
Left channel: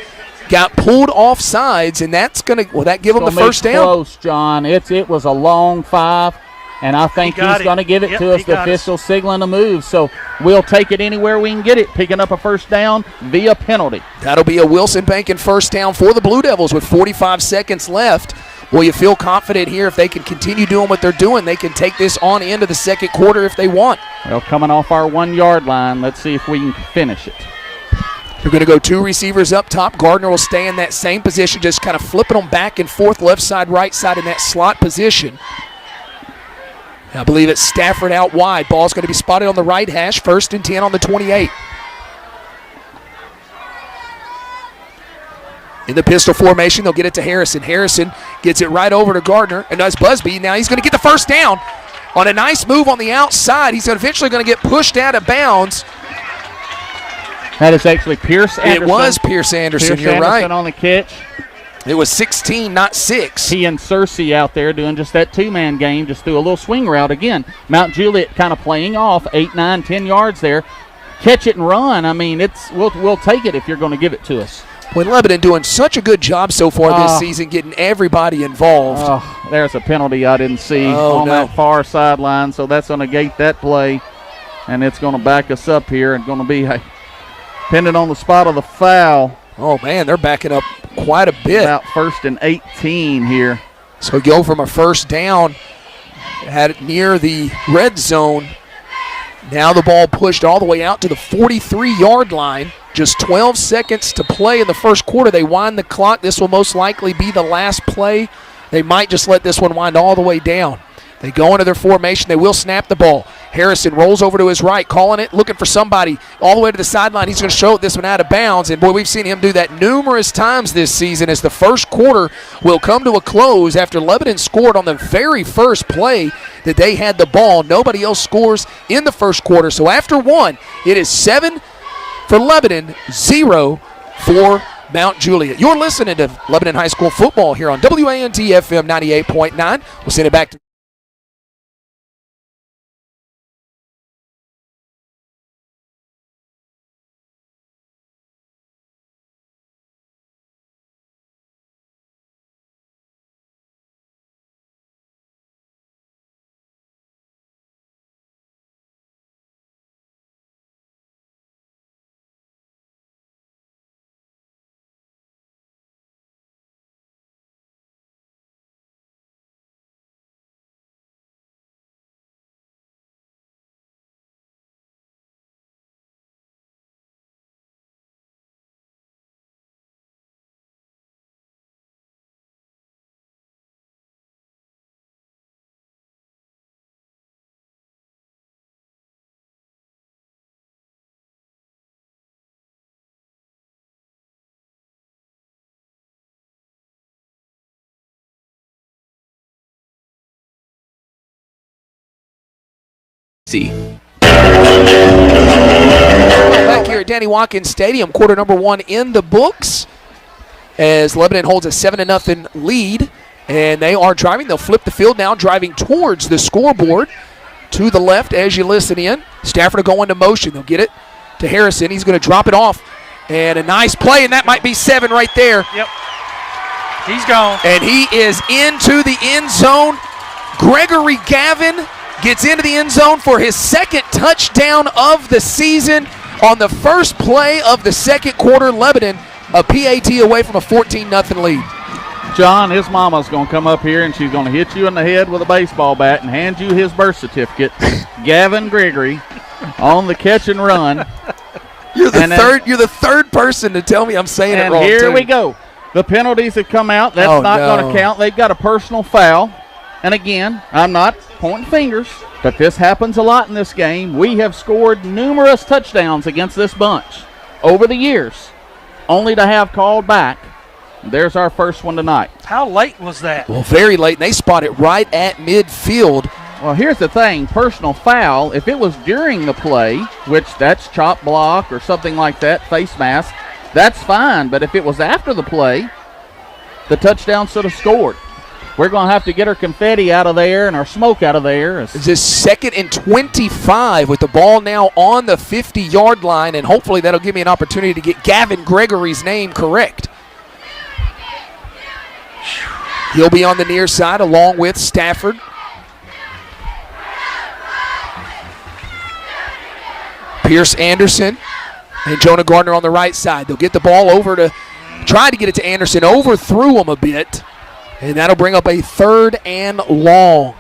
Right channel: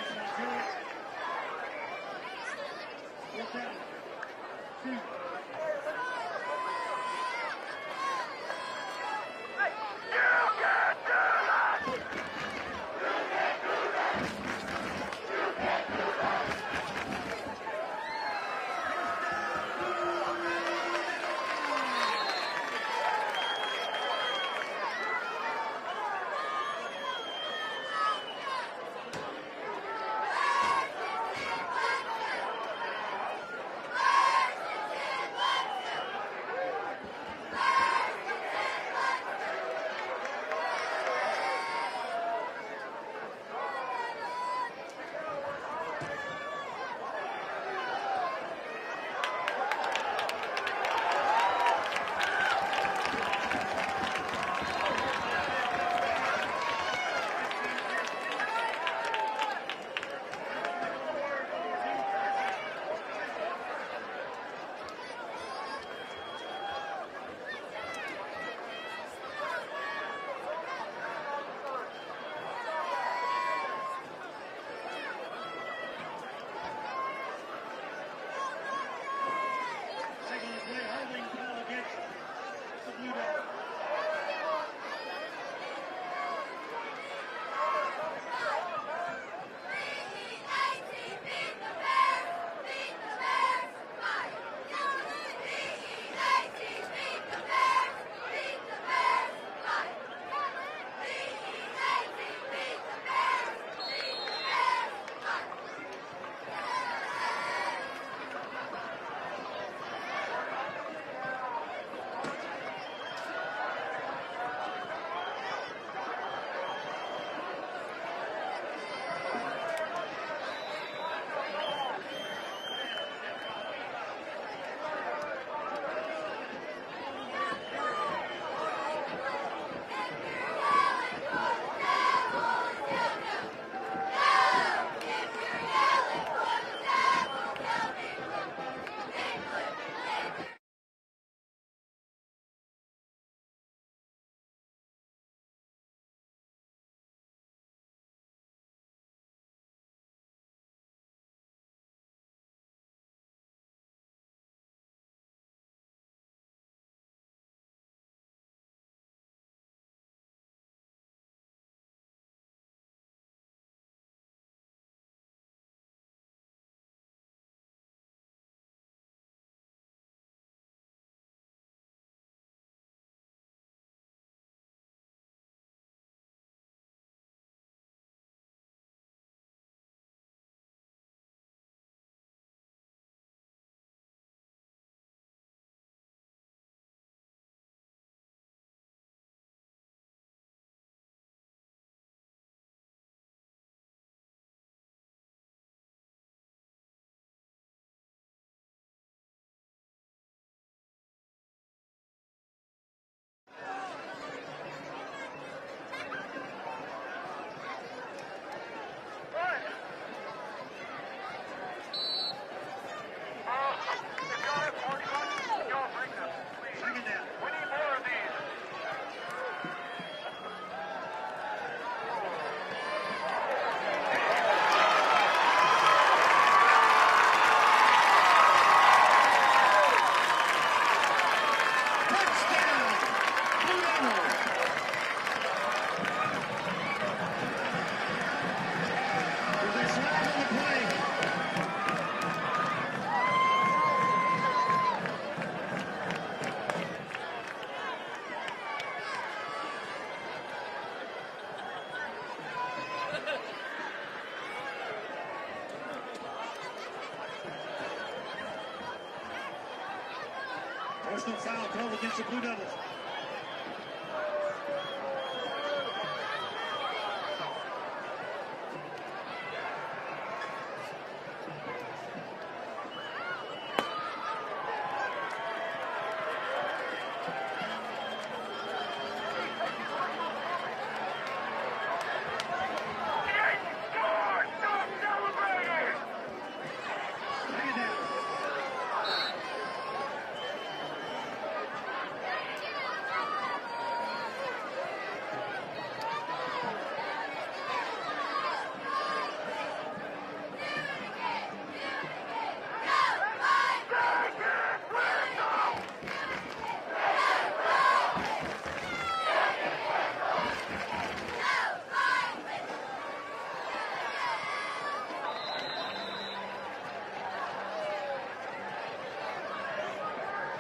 got pulled off sides, and that's going to, will that give him the first down? Close, John. It was a long 5. And I think he's going to give it to us. The official signaling a move. So we'll take it anywhere we can get it, picking up a first down via penalty. That'll be a Wilson Banking first down for the Blue Devils with 45 seconds left. Well, you feel confident here if they can continue doing what they're doing, they can take this on into the second quarter if they want. Well, coming off our 1-yard line, let's see if we can finish it. They're going to go 2 receivers up top. Gardner will stay in that same position, just kind of flipping them back and forth, left side, right side in that slot position. I believe it's Stafford out wide. Ball's going to be spotted on the right hash. 1st and 10 on the 28. In the pistol formation, they'll get it to Harrison. Harrison gets it right over to Gardner, and does Busby. Now he's going to get the first down on a nice move on the outside. He's eventually going to get pushed out of bounds. That is actually Pierce Anderson. It was Pierce Anderson, you're right. Anderson on the catch. It was 16, not 6. He and Cersei out there doing just that 2-man game, just do a little swing route again. Mount Juliet kind of playing off 8, 9, 10 yards there. Catch it and run. I mean, we'll take it if you're going to give it to us. Boy, Lebanon doing such a good job so far this season, getting everybody involved. Oh, there's a penalty I didn't see on that far sideline, so that's going to gate that play, and it's going to back us up here and going to be depending on the spot of the foul. Oh, man, they're backing up quite a bit. About 1st and 18 here. So go from a first down, had it near the red zone. Now the ball pushed all the way out to the 43-yard line. Just 12 seconds to play in the first quarter. They wind the clock. This will most likely be the last play. They might just let this one wind all the way down. They go into their formation. They will snap the ball. Harrison rolls over to his right, calling it, looking for somebody all the way to the sideline. He's going to show this one out of bounds. And, boy, we've seen him do that numerous times this season as the first quarter will come to a close after Lebanon scored on the very first play that they had the ball. Nobody else scores in the first quarter. So after one, it is 7 for Lebanon, 0 for Mount Juliet. You're listening to Lebanon High School football here on WANT FM 98.9. We'll send it back to back here at Danny Watkins Stadium, quarter number 1 in the books as Lebanon holds a 7-0 lead, and they are driving. They'll flip the field now, driving towards the scoreboard to the left as you listen in. Stafford will go into motion. They'll get it to Harrison. He's going to drop it off, and a nice play, and that might be 7 right there. Yep. He's gone. And he is into the end zone. Gregory Gavin gets into the end zone for his second touchdown of the season on the first play of the second quarter. Lebanon a PAT away from a 14-0 lead. John, his mama's going to come up here and she's going to hit you in the head with a baseball bat and hand you his birth certificate. Gavin Gregory on the catch and run. You're the third person to tell me I'm saying it wrong. And here too. we go. The penalties have come out. That's not going to count. They've got a personal foul. And again, I'm not pointing fingers, but this happens a lot in this game. We have scored numerous touchdowns against this bunch over the years, only to have called back. There's our first one tonight. How late was that? Well, very late, and they spot it right at midfield. Well, here's the thing. Personal foul, if it was during the play, which that's chop block or something like that, face mask, that's fine. But if it was after the play, the touchdown should have scored. We're going to have to get our confetti out of there and our smoke out of there. It's just 2nd and 25 with the ball now on the 50-yard line, and hopefully that'll give me an opportunity to get Gavin Gregory's name correct. He'll be on the near side along with Stafford. Pierce Anderson and Jonah Gardner on the right side. They'll get the ball over to try to get it to Anderson, overthrew him a bit. And that'll bring up a 3rd and long.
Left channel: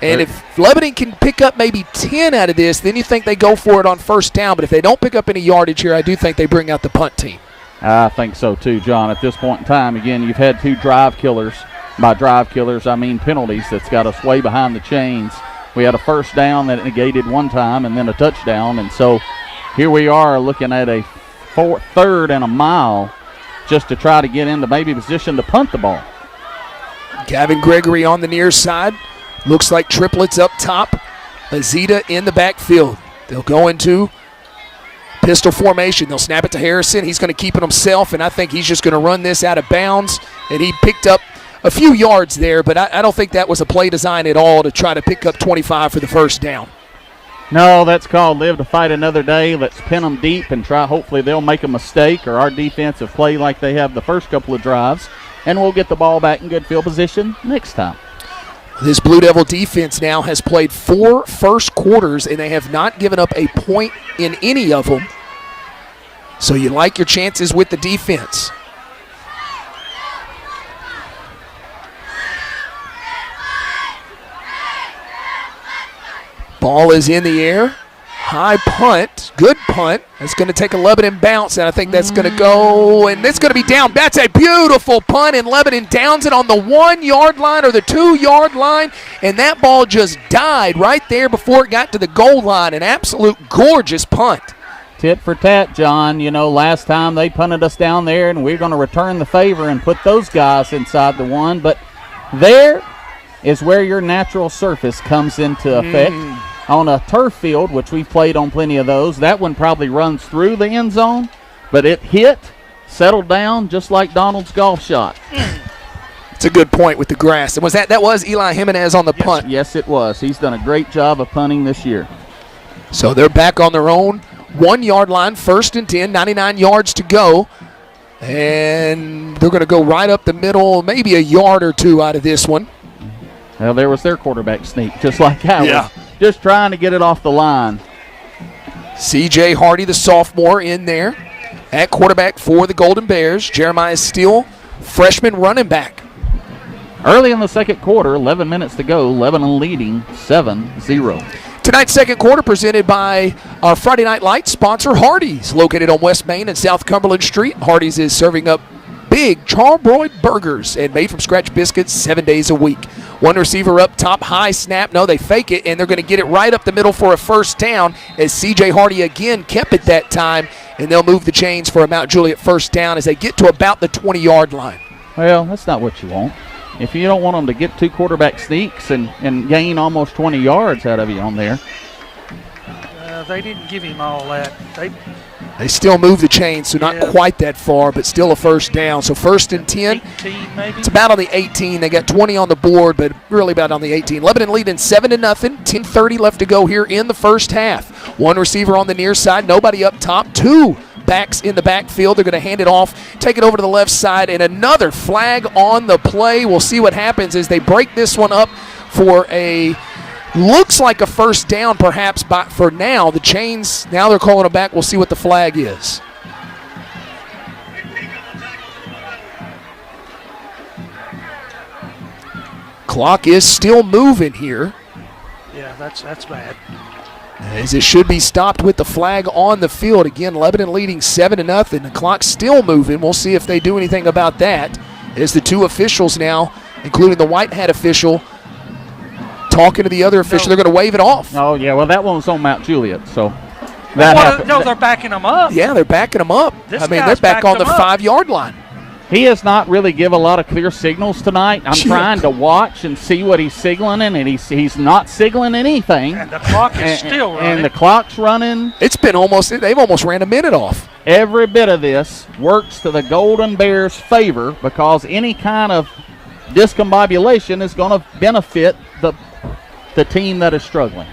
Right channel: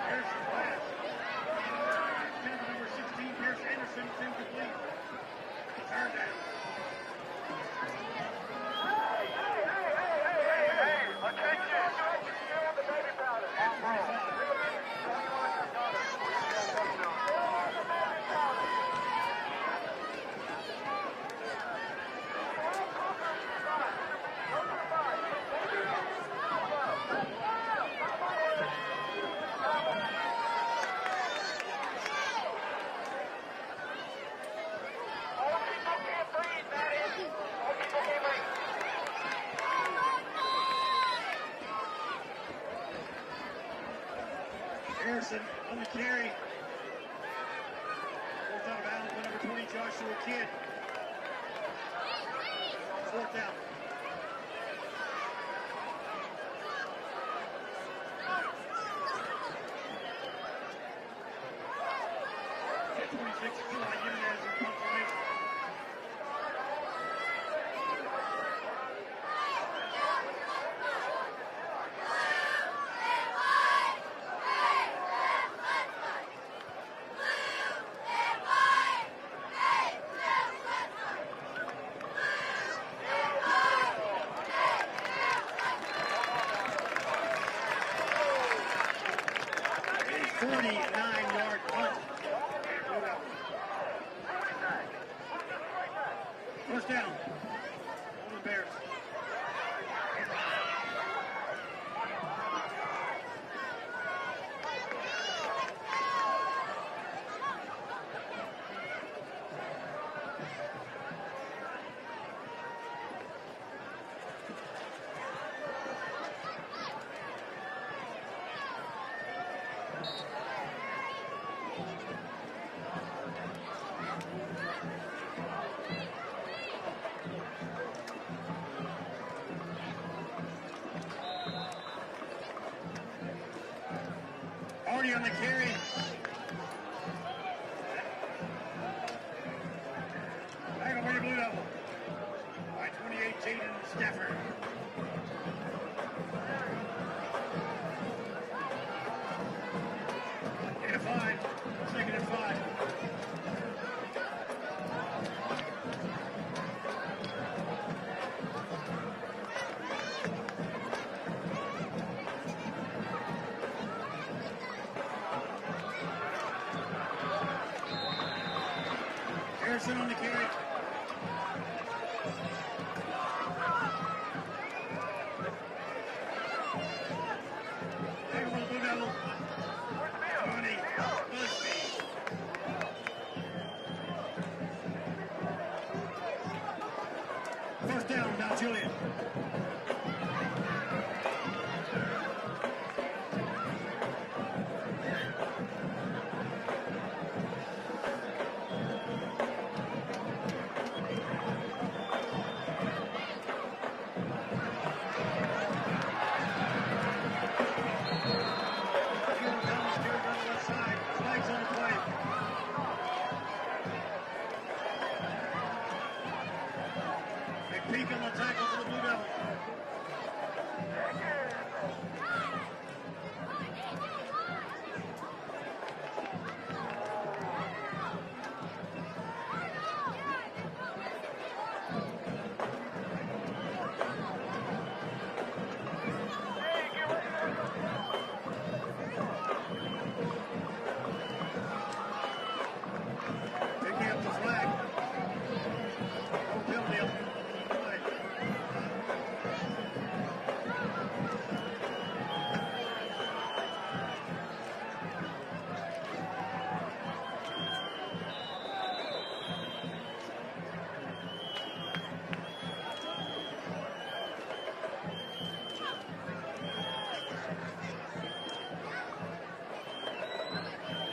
And if Lebanon can pick up maybe 10 out of this, then you think they go for it on first down. But if they don't pick up any yardage here, I do think they bring out the punt team. I think so too, John. At this point in time, again, you've had 2 drive killers. By drive killers, I mean penalties that's got us way behind the chains. We had a first down that negated one time and then a touchdown. And so here we are looking at a 3rd and a mile just to try to get into maybe position to punt the ball. Gavin Gregory on the near side. Looks like triplets up top. Azita in the backfield. They'll go into pistol formation. They'll snap it to Harrison. He's going to keep it himself, and I think he's just going to run this out of bounds. And he picked up a few yards there, but I don't think that was a play design at all to try to pick up 25 for the first down. No, that's called live to fight another day. Let's pin them deep and try. Hopefully they'll make a mistake or our defense will play like they have the first couple of drives, and we'll get the ball back in good field position next time. This Blue Devil defense now has played 4 first quarters, and they have not given up a point in any of them. So you like your chances with the defense. Ball is in the air. high punt, good punt. It's going to take a Lebanon bounce, and I think that's going to go, and it's going to be down. That's a beautiful punt, and Lebanon downs it on the 1 yard line or the 2 yard line, and that ball just died right there before it got to the goal line. An absolute gorgeous punt. Tit for tat, John. You know, last time they punted us down there, and we're going to return the favor and put those guys inside the 1. But there is where your natural surface comes into effect. On a turf field, which we've played on plenty of those, that one probably runs through the end zone, but it hit, settled down, just like Donald's golf shot. It's a good point with the grass. And that was Eli Jimenez on the punt. Yes, it was. He's done a great job of punting this year. So they're back on their own 1 yard line, 1st and 10, 99 yards to go. And they're going to go right up the middle, maybe a yard or two out of this one. Well, there was their quarterback sneak, just like I was. Just trying to get it off the line. C.J. Hardy, the sophomore, in there at quarterback for the Golden Bears. Jeremiah Steele, freshman running back. Early in the second quarter, 11 minutes to go, Lebanon leading 7-0. Tonight's second quarter presented by our Friday Night Lights sponsor, Hardee's, located on West Main and South Cumberland Street. Hardee's is serving up big charbroiled burgers and made-from-scratch biscuits 7 days a week. One receiver up top, high snap. No, they fake it, and they're going to get it right up the middle for a first down as C.J. Hardy again kept it that time, and they'll move the chains for a Mount Juliet first down as they get to about the 20-yard line. Well, that's not what you want. If you don't want them to get 2 quarterback sneaks and gain almost 20 yards out of you on there. They didn't give him all that. They still move the chains, so not quite that far, but still a first down. So 1st and 10. 18 maybe? It's about on the 18. They got 20 on the board, but really about on the 18. Lebanon leading 7-0. 10:30 left to go here in the first half. One receiver on the near side, nobody up top. 2 backs in the backfield. They're going to hand it off, take it over to the left side, and another flag on the play. We'll see what happens as they break this one up for a looks like a first down perhaps, but for now, the chains, now they're calling it back. We'll see what the flag is. Clock is still moving here. Yeah, that's bad. As it should be stopped with the flag on the field. Again, Lebanon leading 7-0. The clock's still moving. We'll see if they do anything about that. As the 2 officials now, including the white hat official, talking to the other official. They're going to wave it off. Oh, yeah. Well, that one was on Mount Juliet, so that happened. No, they're backing them up. Yeah, they're backing them up. They're back on the 5-yard line. He has not really given a lot of clear signals tonight. I'm trying to watch and see what he's signaling, and he's not signaling anything. And the clock is still running. And the clock's running. It's been they've almost ran a minute off. Every bit of this works to the Golden Bears' favor because any kind of discombobulation is going to benefit the team that is struggling.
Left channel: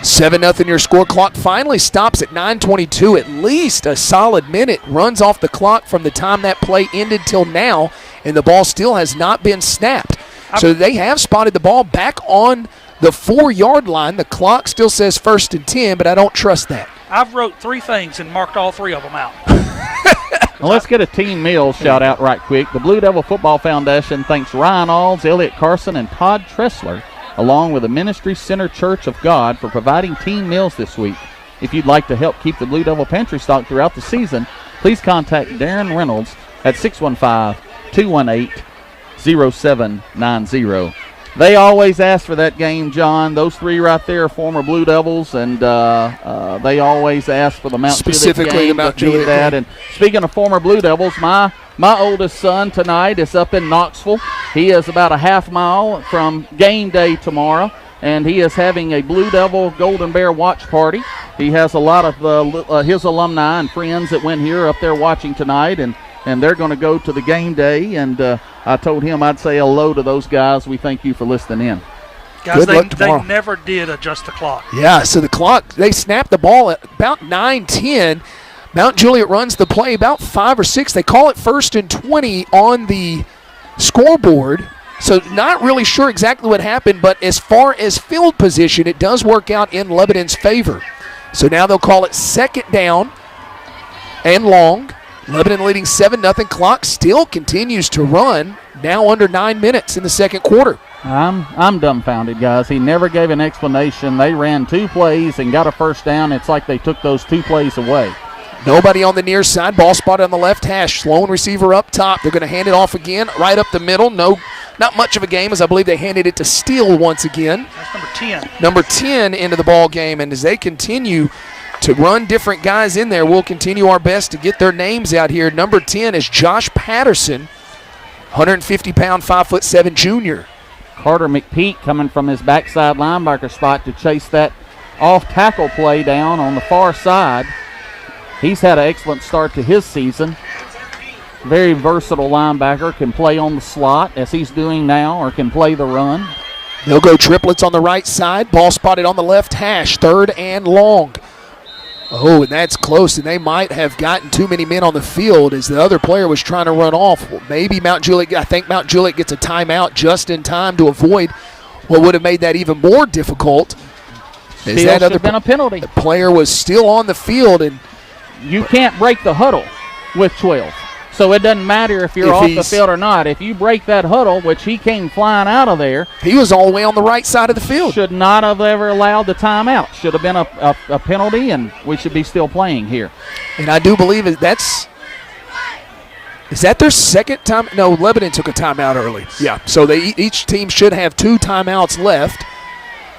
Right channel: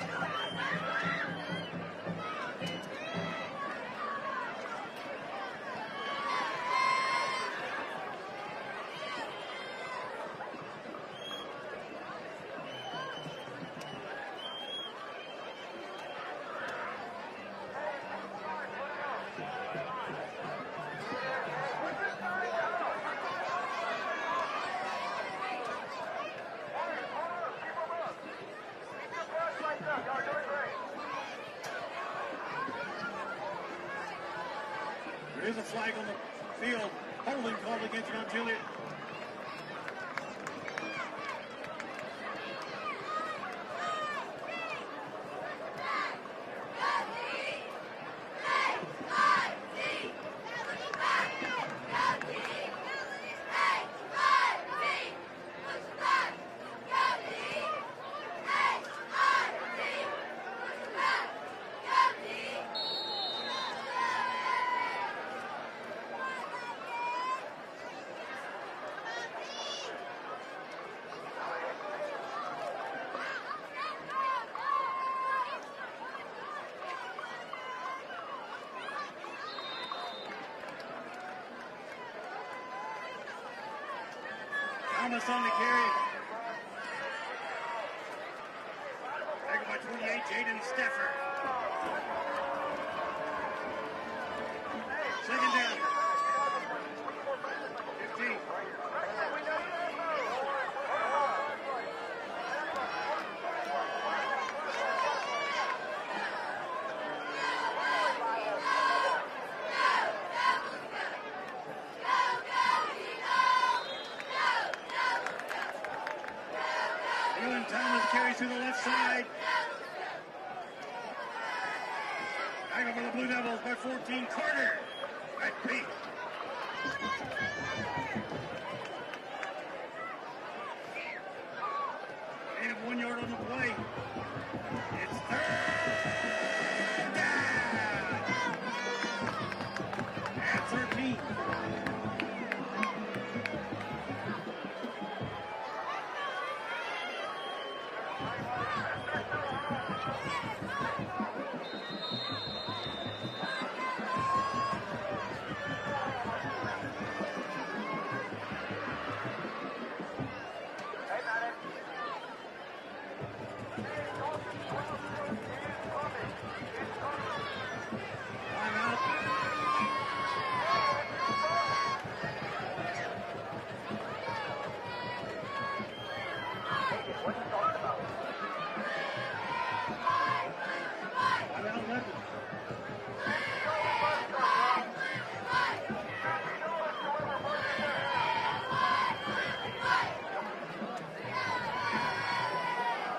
7-0 your score. Clock finally stops at 9:22. At least a solid minute runs off the clock from the time that play ended till now, and the ball still has not been snapped. So they have spotted the ball back on the 4-yard line. The clock still says 1st and 10, but I don't trust that. I've wrote 3 things and marked all 3 of them out. Well, let's get a team meal shout out right quick. The Blue Devil Football Foundation thanks Ryan Alls, Elliot Carson, and Todd Tressler, along with the Ministry Center Church of God, for providing team meals this week. If you'd like to help keep the Blue Devil pantry stocked throughout the season, please contact Darren Reynolds at 615-218-0790. They always ask for that game, John. Those 3 right there are former Blue Devils, and they always ask for the Mount specifically Juliet game. The Mount Juliet that. And speaking of former Blue Devils, my oldest son tonight is up in Knoxville. He is about a half mile from game day tomorrow, and he is having a Blue Devil Golden Bear watch party. He has a lot of his alumni and friends that went here up there watching tonight, and they're going to go to the game day, and I told him I'd say hello to those guys. We thank you for listening in. Guys, they never did adjust the clock. Yeah, so the clock, they snapped the ball at about 9:10. Mount Juliet runs the play about 5 or 6. They call it 1st and 20 on the scoreboard. So not really sure exactly what happened, but as far as field position, it does work out in Lebanon's favor. So now they'll call it 2nd down and long. Lebanon leading 7-0. Clock still continues to run, now under 9 minutes in the second quarter. I'm dumbfounded, guys. He never gave an explanation. They ran 2 plays and got a first down. It's like they took those 2 plays away. Nobody on the near side. Ball spotted on the left hash. Sloan receiver up top. They're going to hand it off again, right up the middle. No, not much of a game, as I believe they handed it to Steele once again. That's number 10. Number 10 into the ball game, and as they continue to run different guys in there, we'll continue our best to get their names out here. Number 10 is Josh Patterson, 150-pound, 5'7" junior. Carter McPeak coming from his backside linebacker spot to chase that off-tackle play down on the far side. He's had an excellent start to his season. Very versatile linebacker, can play on the slot as he's doing now, or can play the run. They'll go triplets on the right side. Ball spotted on the left hash, 3rd and long. Oh, and that's close, and they might have gotten too many men on the field as the other player was trying to run off. Maybe I think Mount Juliet gets a timeout just in time to avoid what would have made that even more difficult. Still should have been a penalty. The player was still on the field, and you can't break the huddle with 12. So it doesn't matter if you're off the field or not. If you break that huddle, which he came flying out of there. He was all the way on the right side of the field. Should not have ever allowed the timeout. Should have been a penalty, and we should be still playing here. And I do believe is that their second time? No, Lebanon took a timeout early. Yeah, so each team should have 2 timeouts left.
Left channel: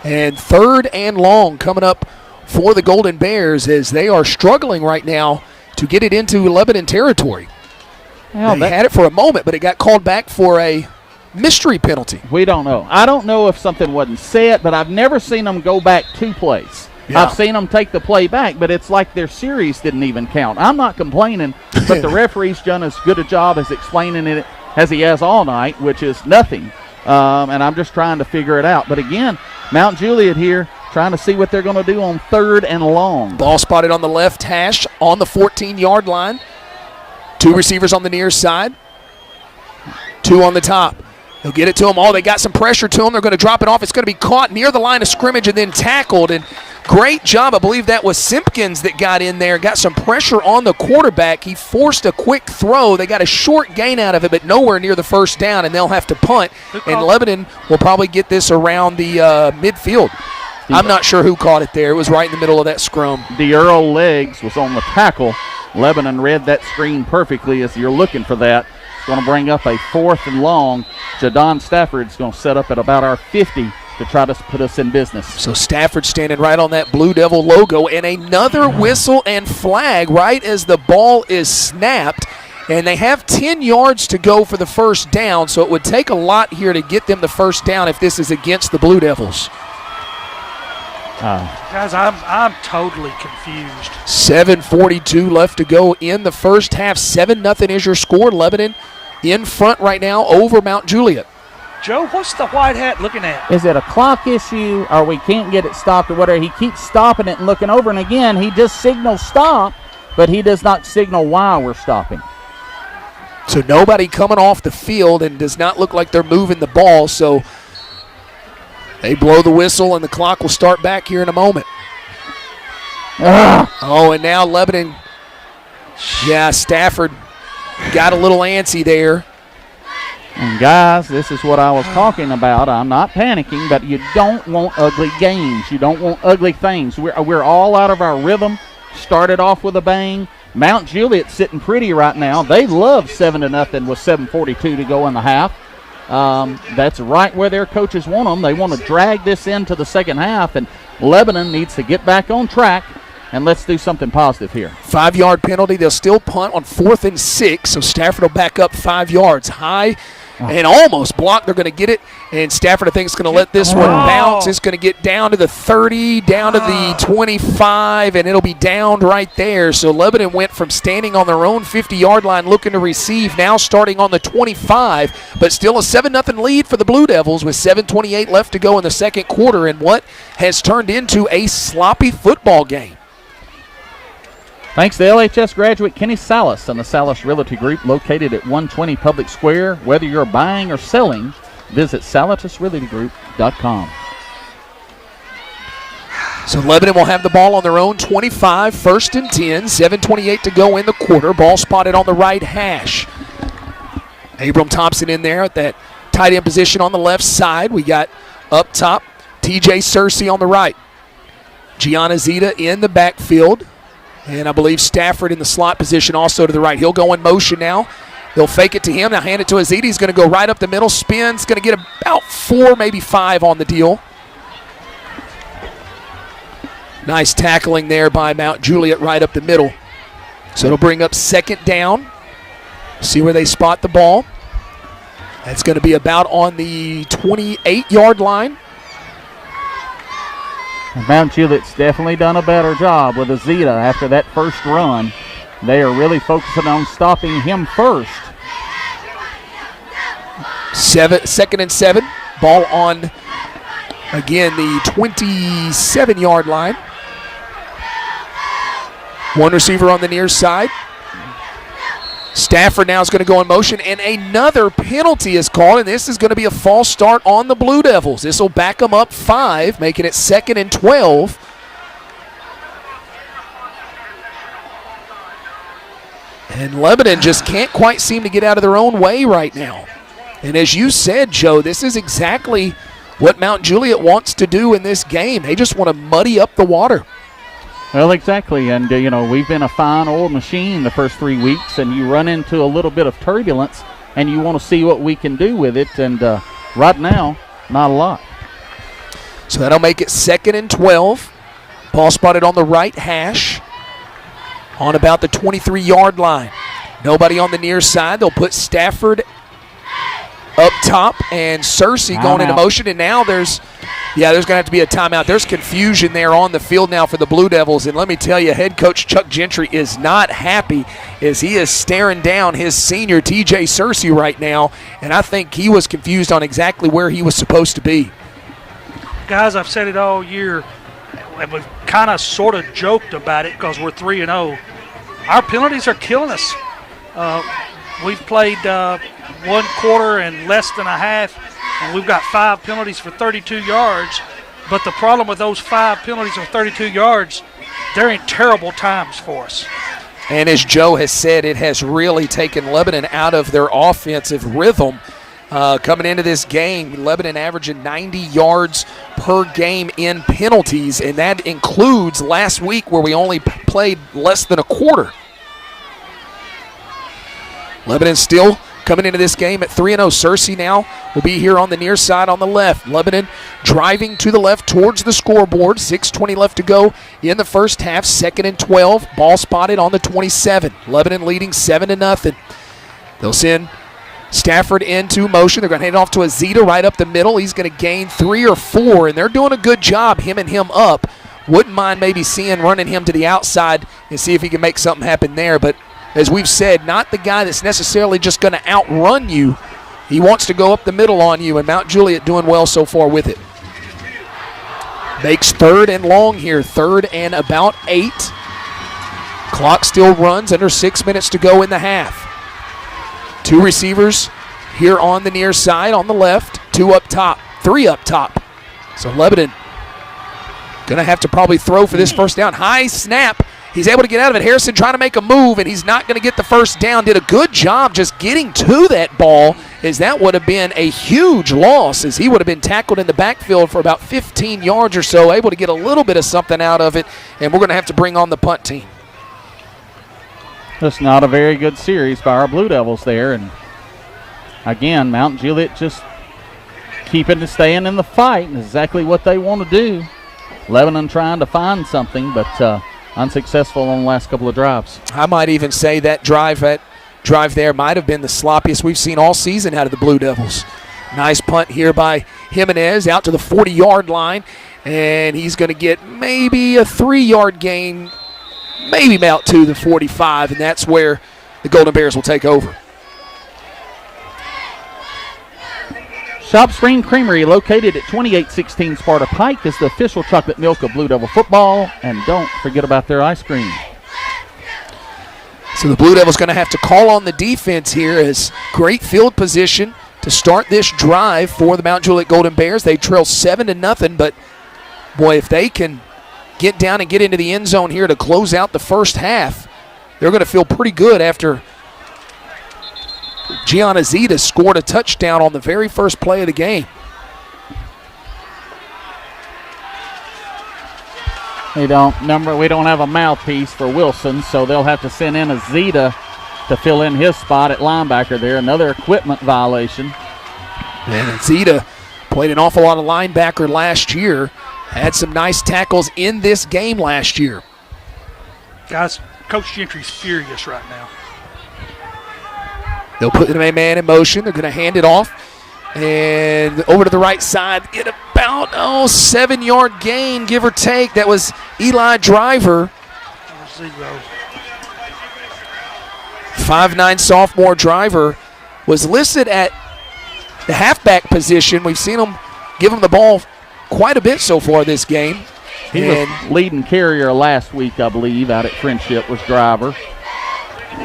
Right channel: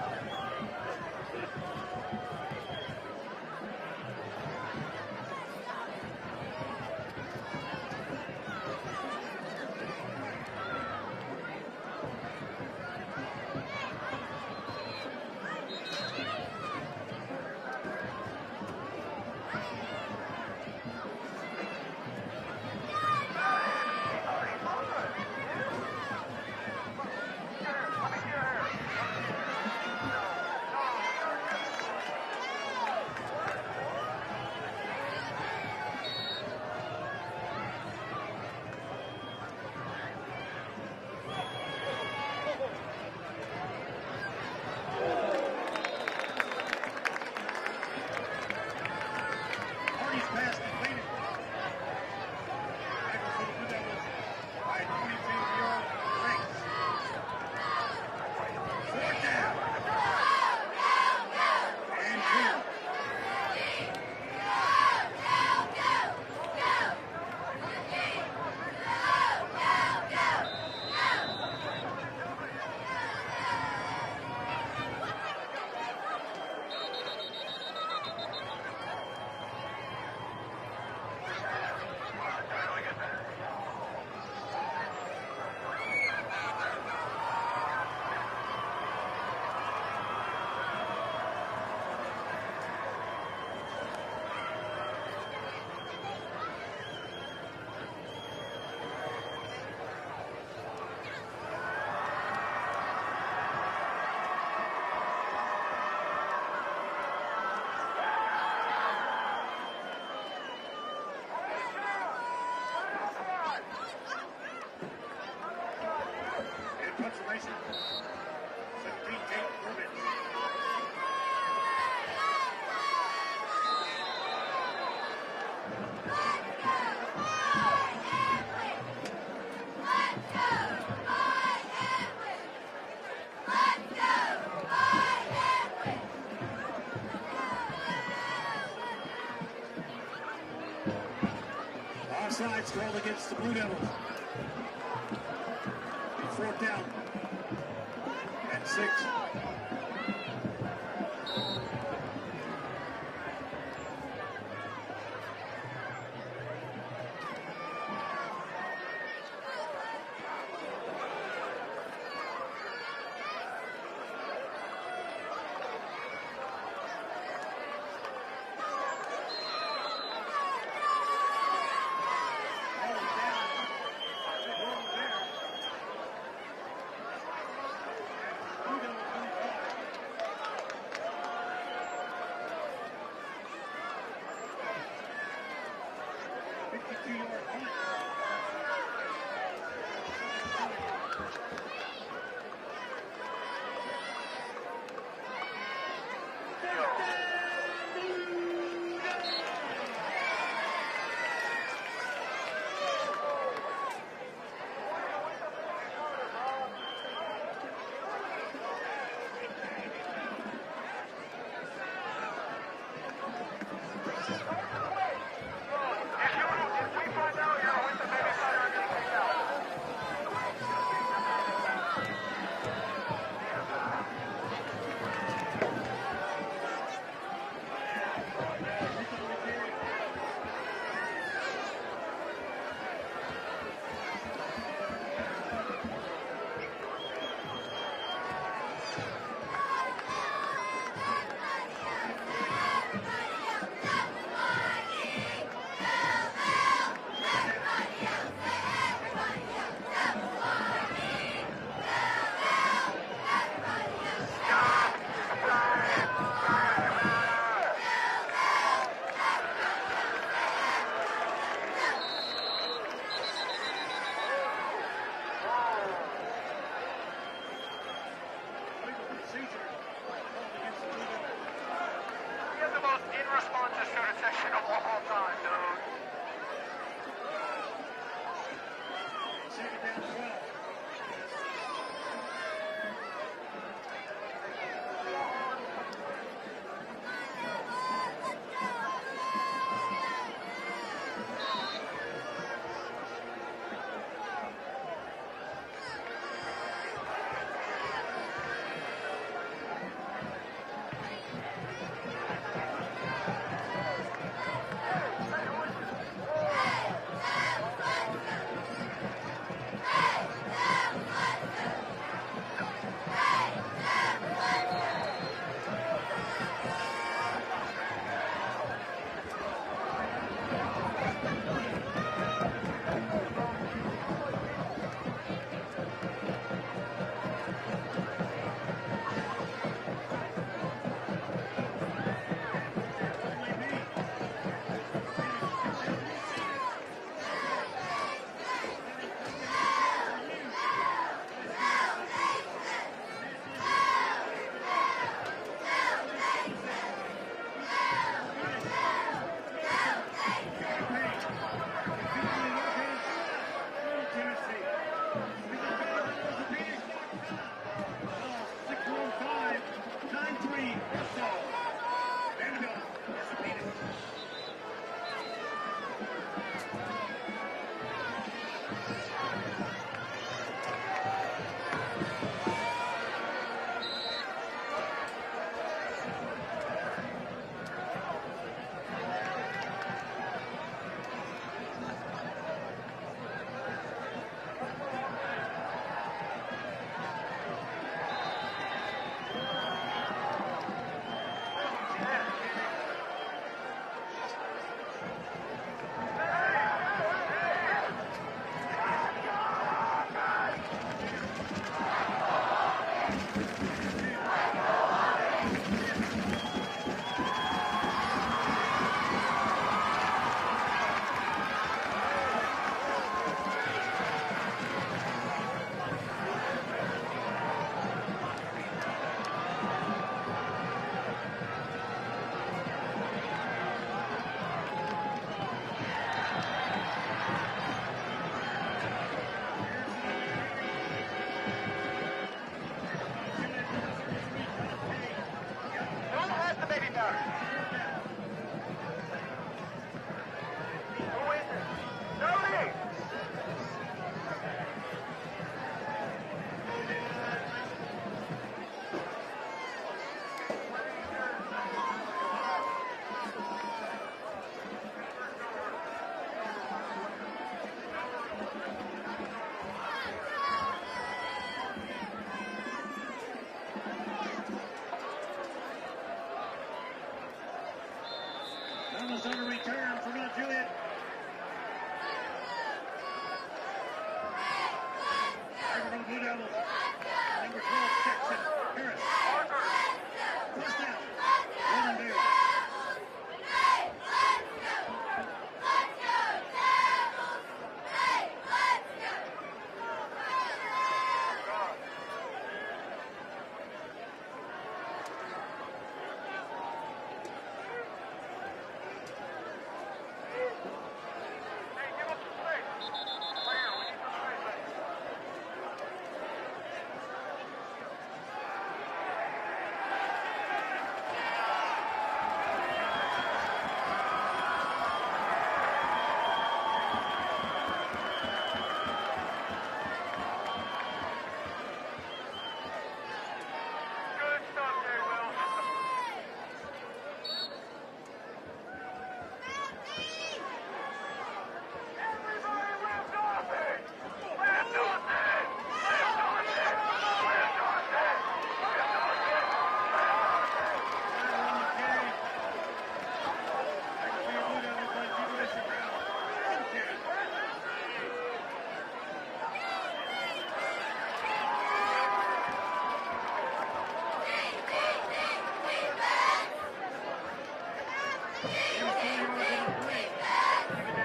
And 3rd and long coming up for the Golden Bears as they are struggling right now to get it into Lebanon territory. Well, they had it for a moment, but it got called back for a mystery penalty. We don't know. I don't know if something wasn't said, but I've never seen them go back 2 plays. Yeah. I've seen them take the play back, but it's like their series didn't even count. I'm not complaining, but the referee's done as good a job as explaining it as he has all night, which is nothing. And I'm just trying to figure it out. But again, Mount Juliet here trying to see what they're going to do on 3rd and long. Ball spotted on the left hash on the 14-yard line. 2 receivers on the near side. 2 on the top. They'll get it to them. They got some pressure to them. They're going to drop it off. It's going to be caught near the line of scrimmage and then tackled. And great job. I believe that was Simpkins that got in there, got some pressure on the quarterback. He forced a quick throw. They got a short gain out of it, but nowhere near the first down, and they'll have to punt. And Lebanon will probably get this around the midfield. I'm not sure who caught it there. It was right in the middle of that scrum. The Earl Legs was on the tackle. Lebanon read that screen perfectly as you're looking for that. It's going to bring up a 4th and long. Jadon Stafford's going to set up at about our 50 to try to put us in business. So Stafford standing right on that Blue Devil logo, and another whistle and flag right as the ball is snapped. And they have 10 yards to go for the first down, so it would take a lot here to get them the first down if this is against the Blue Devils. Guys, I'm totally confused. 7:42 left to go in the first half. 7-0 is your score. Lebanon in front right now over Mount Juliet. Joe, what's the white hat looking at? Is it a clock issue or we can't get it stopped or whatever? He keeps stopping it and looking over, and again, he just signals stop, but he does not signal why we're stopping. So nobody coming off the field, and does not look like they're moving the ball, so they blow the whistle, and the clock will start back here in a moment. And now Lebanon, Stafford got a little antsy there. And guys, this is what I was talking about. I'm not panicking, but you don't want ugly games. You don't want ugly things. We're all out of our rhythm. Started off with a bang. Mount Juliet's sitting pretty right now. They love 7-0 with 7:42 to go in the half. That's right where their coaches want them. They want to drag this into the second half, and Lebanon needs to get back on track, and let's do something positive here. 5-yard penalty. They'll still punt on 4th and 6, so Stafford will back up 5 yards high and almost blocked. They're going to get it, and Stafford, I think, is going to let this one bounce. It's going to get down to the 30, down to the 25, and it'll be downed right there. So Lebanon went from standing on their own 50-yard line looking to receive, now starting on the 25, but still a 7-0 lead for the Blue Devils with 7:28 left to go in the second quarter in what has turned into a sloppy football game. Thanks to LHS graduate Kenny Salas and the Salas Realty Group located at 120 Public Square. Whether you're buying or selling, visit salasrealtygroup.com. So Lebanon will have the ball on their own 25, 1st and 10, 7:28 to go in the quarter. Ball spotted on the right hash. Abram Thompson in there at that tight end position on the left side. We got up top TJ Searcy on the right. Gianna Zeta in the backfield. And I believe Stafford in the slot position also to the right. He'll go in motion now. They'll fake it to him. Now hand it to Aziti. He's going to go right up the middle. Spins. Going to get about 4, maybe 5 on the deal. Nice tackling there by Mount Juliet right up the middle. So it'll bring up second down. See where they spot the ball. That's going to be about on the 28-yard line. Mount Juliet's definitely done a better job with Azita after that first run. They are really focusing on stopping him first. 2nd and 7. Ball on, again, the 27-yard line. One receiver on the near side. Stafford now is going to go in motion, and another penalty is called, and this is going to be a false start on the Blue Devils. This will back them up 5, making it 2nd and 12. And Lebanon just can't quite seem to get out of their own way right now. And as you said, Joe, this is exactly what Mount Juliet wants to do in this game. They just want to muddy up the water. Well, exactly, and we've been a fine old machine the first 3 weeks, and you run into a little bit of turbulence, and you want to see what we can do with it, and right now, not a lot. So that'll make it 2nd and 12. Ball spotted on the right hash on about the 23-yard line. Nobody on the near side. They'll put Stafford up top and Searcy going into motion, and now there's going to have to be a timeout. There's confusion there on the field now for the Blue Devils, and let me tell you, head coach Chuck Gentry is not happy as he is staring down his senior TJ Searcy right now, and I think he was confused on exactly where he was supposed to be. Guys, I've said it all year, and we've kind of sort of joked about it because we're 3-0. Our penalties are killing us. We've played 1 quarter and less than a half, and we've got 5 penalties for 32 yards. But the problem with those 5 penalties on 32 yards, they're in terrible times for us. And as Joe has said, it has really taken Lebanon out of their offensive rhythm. Coming into this game, Lebanon averaging 90 yards per game in penalties, and that includes last week where we only played less than a quarter. Lebanon still coming into this game at 3-0. Searcy now will be here on the near side on the left. Lebanon driving to the left towards the scoreboard. 6:20 left to go in the first half. 2nd and 12. Ball spotted on the 27. Lebanon leading 7-0. They'll send Stafford into motion. They're going to hand it off to Azita right up the middle. He's going to gain 3 or 4, and they're doing a good job, him up. Wouldn't mind maybe running him to the outside and see if he can make something happen there, but as we've said, not the guy that's necessarily just going to outrun you. He wants to go up the middle on you, and Mount Juliet doing well so far with it. Makes 3rd and long here, 3rd and about 8. Clock still runs, under 6 minutes to go in the half. 2 receivers here on the near side on the left, 2 up top, 3 up top. So Lebanon going to have to probably throw for this first down. High snap. He's able to get out of it. Harrison trying to make a move, and he's not going to get the first down. Did a good job just getting to that ball, as that would have been a huge loss, as he would have been tackled in the backfield for about 15 yards or so, able to get a little bit of something out of it, and we're going to have to bring on the punt team. That's not a very good series by our Blue Devils there, and again, Mount Juliet just staying in the fight, and exactly what they want to do. Lebanon trying to find something, but unsuccessful on the last couple of drives. I might even say that drive there might have been the sloppiest we've seen all season out of the Blue Devils. Nice punt here by Jimenez out to the 40-yard line, and he's going to get maybe a 3-yard gain, maybe out to the 45, and that's where the Golden Bears will take over. Shop Spring Creamery, located at 2816 Sparta Pike, is the official chocolate milk of Blue Devil football, and don't forget about their ice cream. So the Blue Devils going to have to call on the defense here, as great field position to start this drive for the Mount Juliet Golden Bears. They trail 7-0, but boy, if they can get down and get into the end zone here to close out the first half, they're going to feel pretty good after Gianna Zeta scored a touchdown on the very first play of the game. We don't have a mouthpiece for Wilson, so they'll have to send in a Zeta to fill in his spot at linebacker there. Another equipment violation. And Zeta played an awful lot of linebacker last year. Had some nice tackles in this game last year. Guys, Coach Gentry's furious right now. They'll put the man in motion. They're going to hand it off. And over to the right side, get about 7-yard gain, give or take. That was Eli Driver. 5'9" sophomore Driver was listed at the halfback position. We've seen him give him the ball quite a bit so far this game. He was leading carrier last week, I believe, out at Friendship was Driver.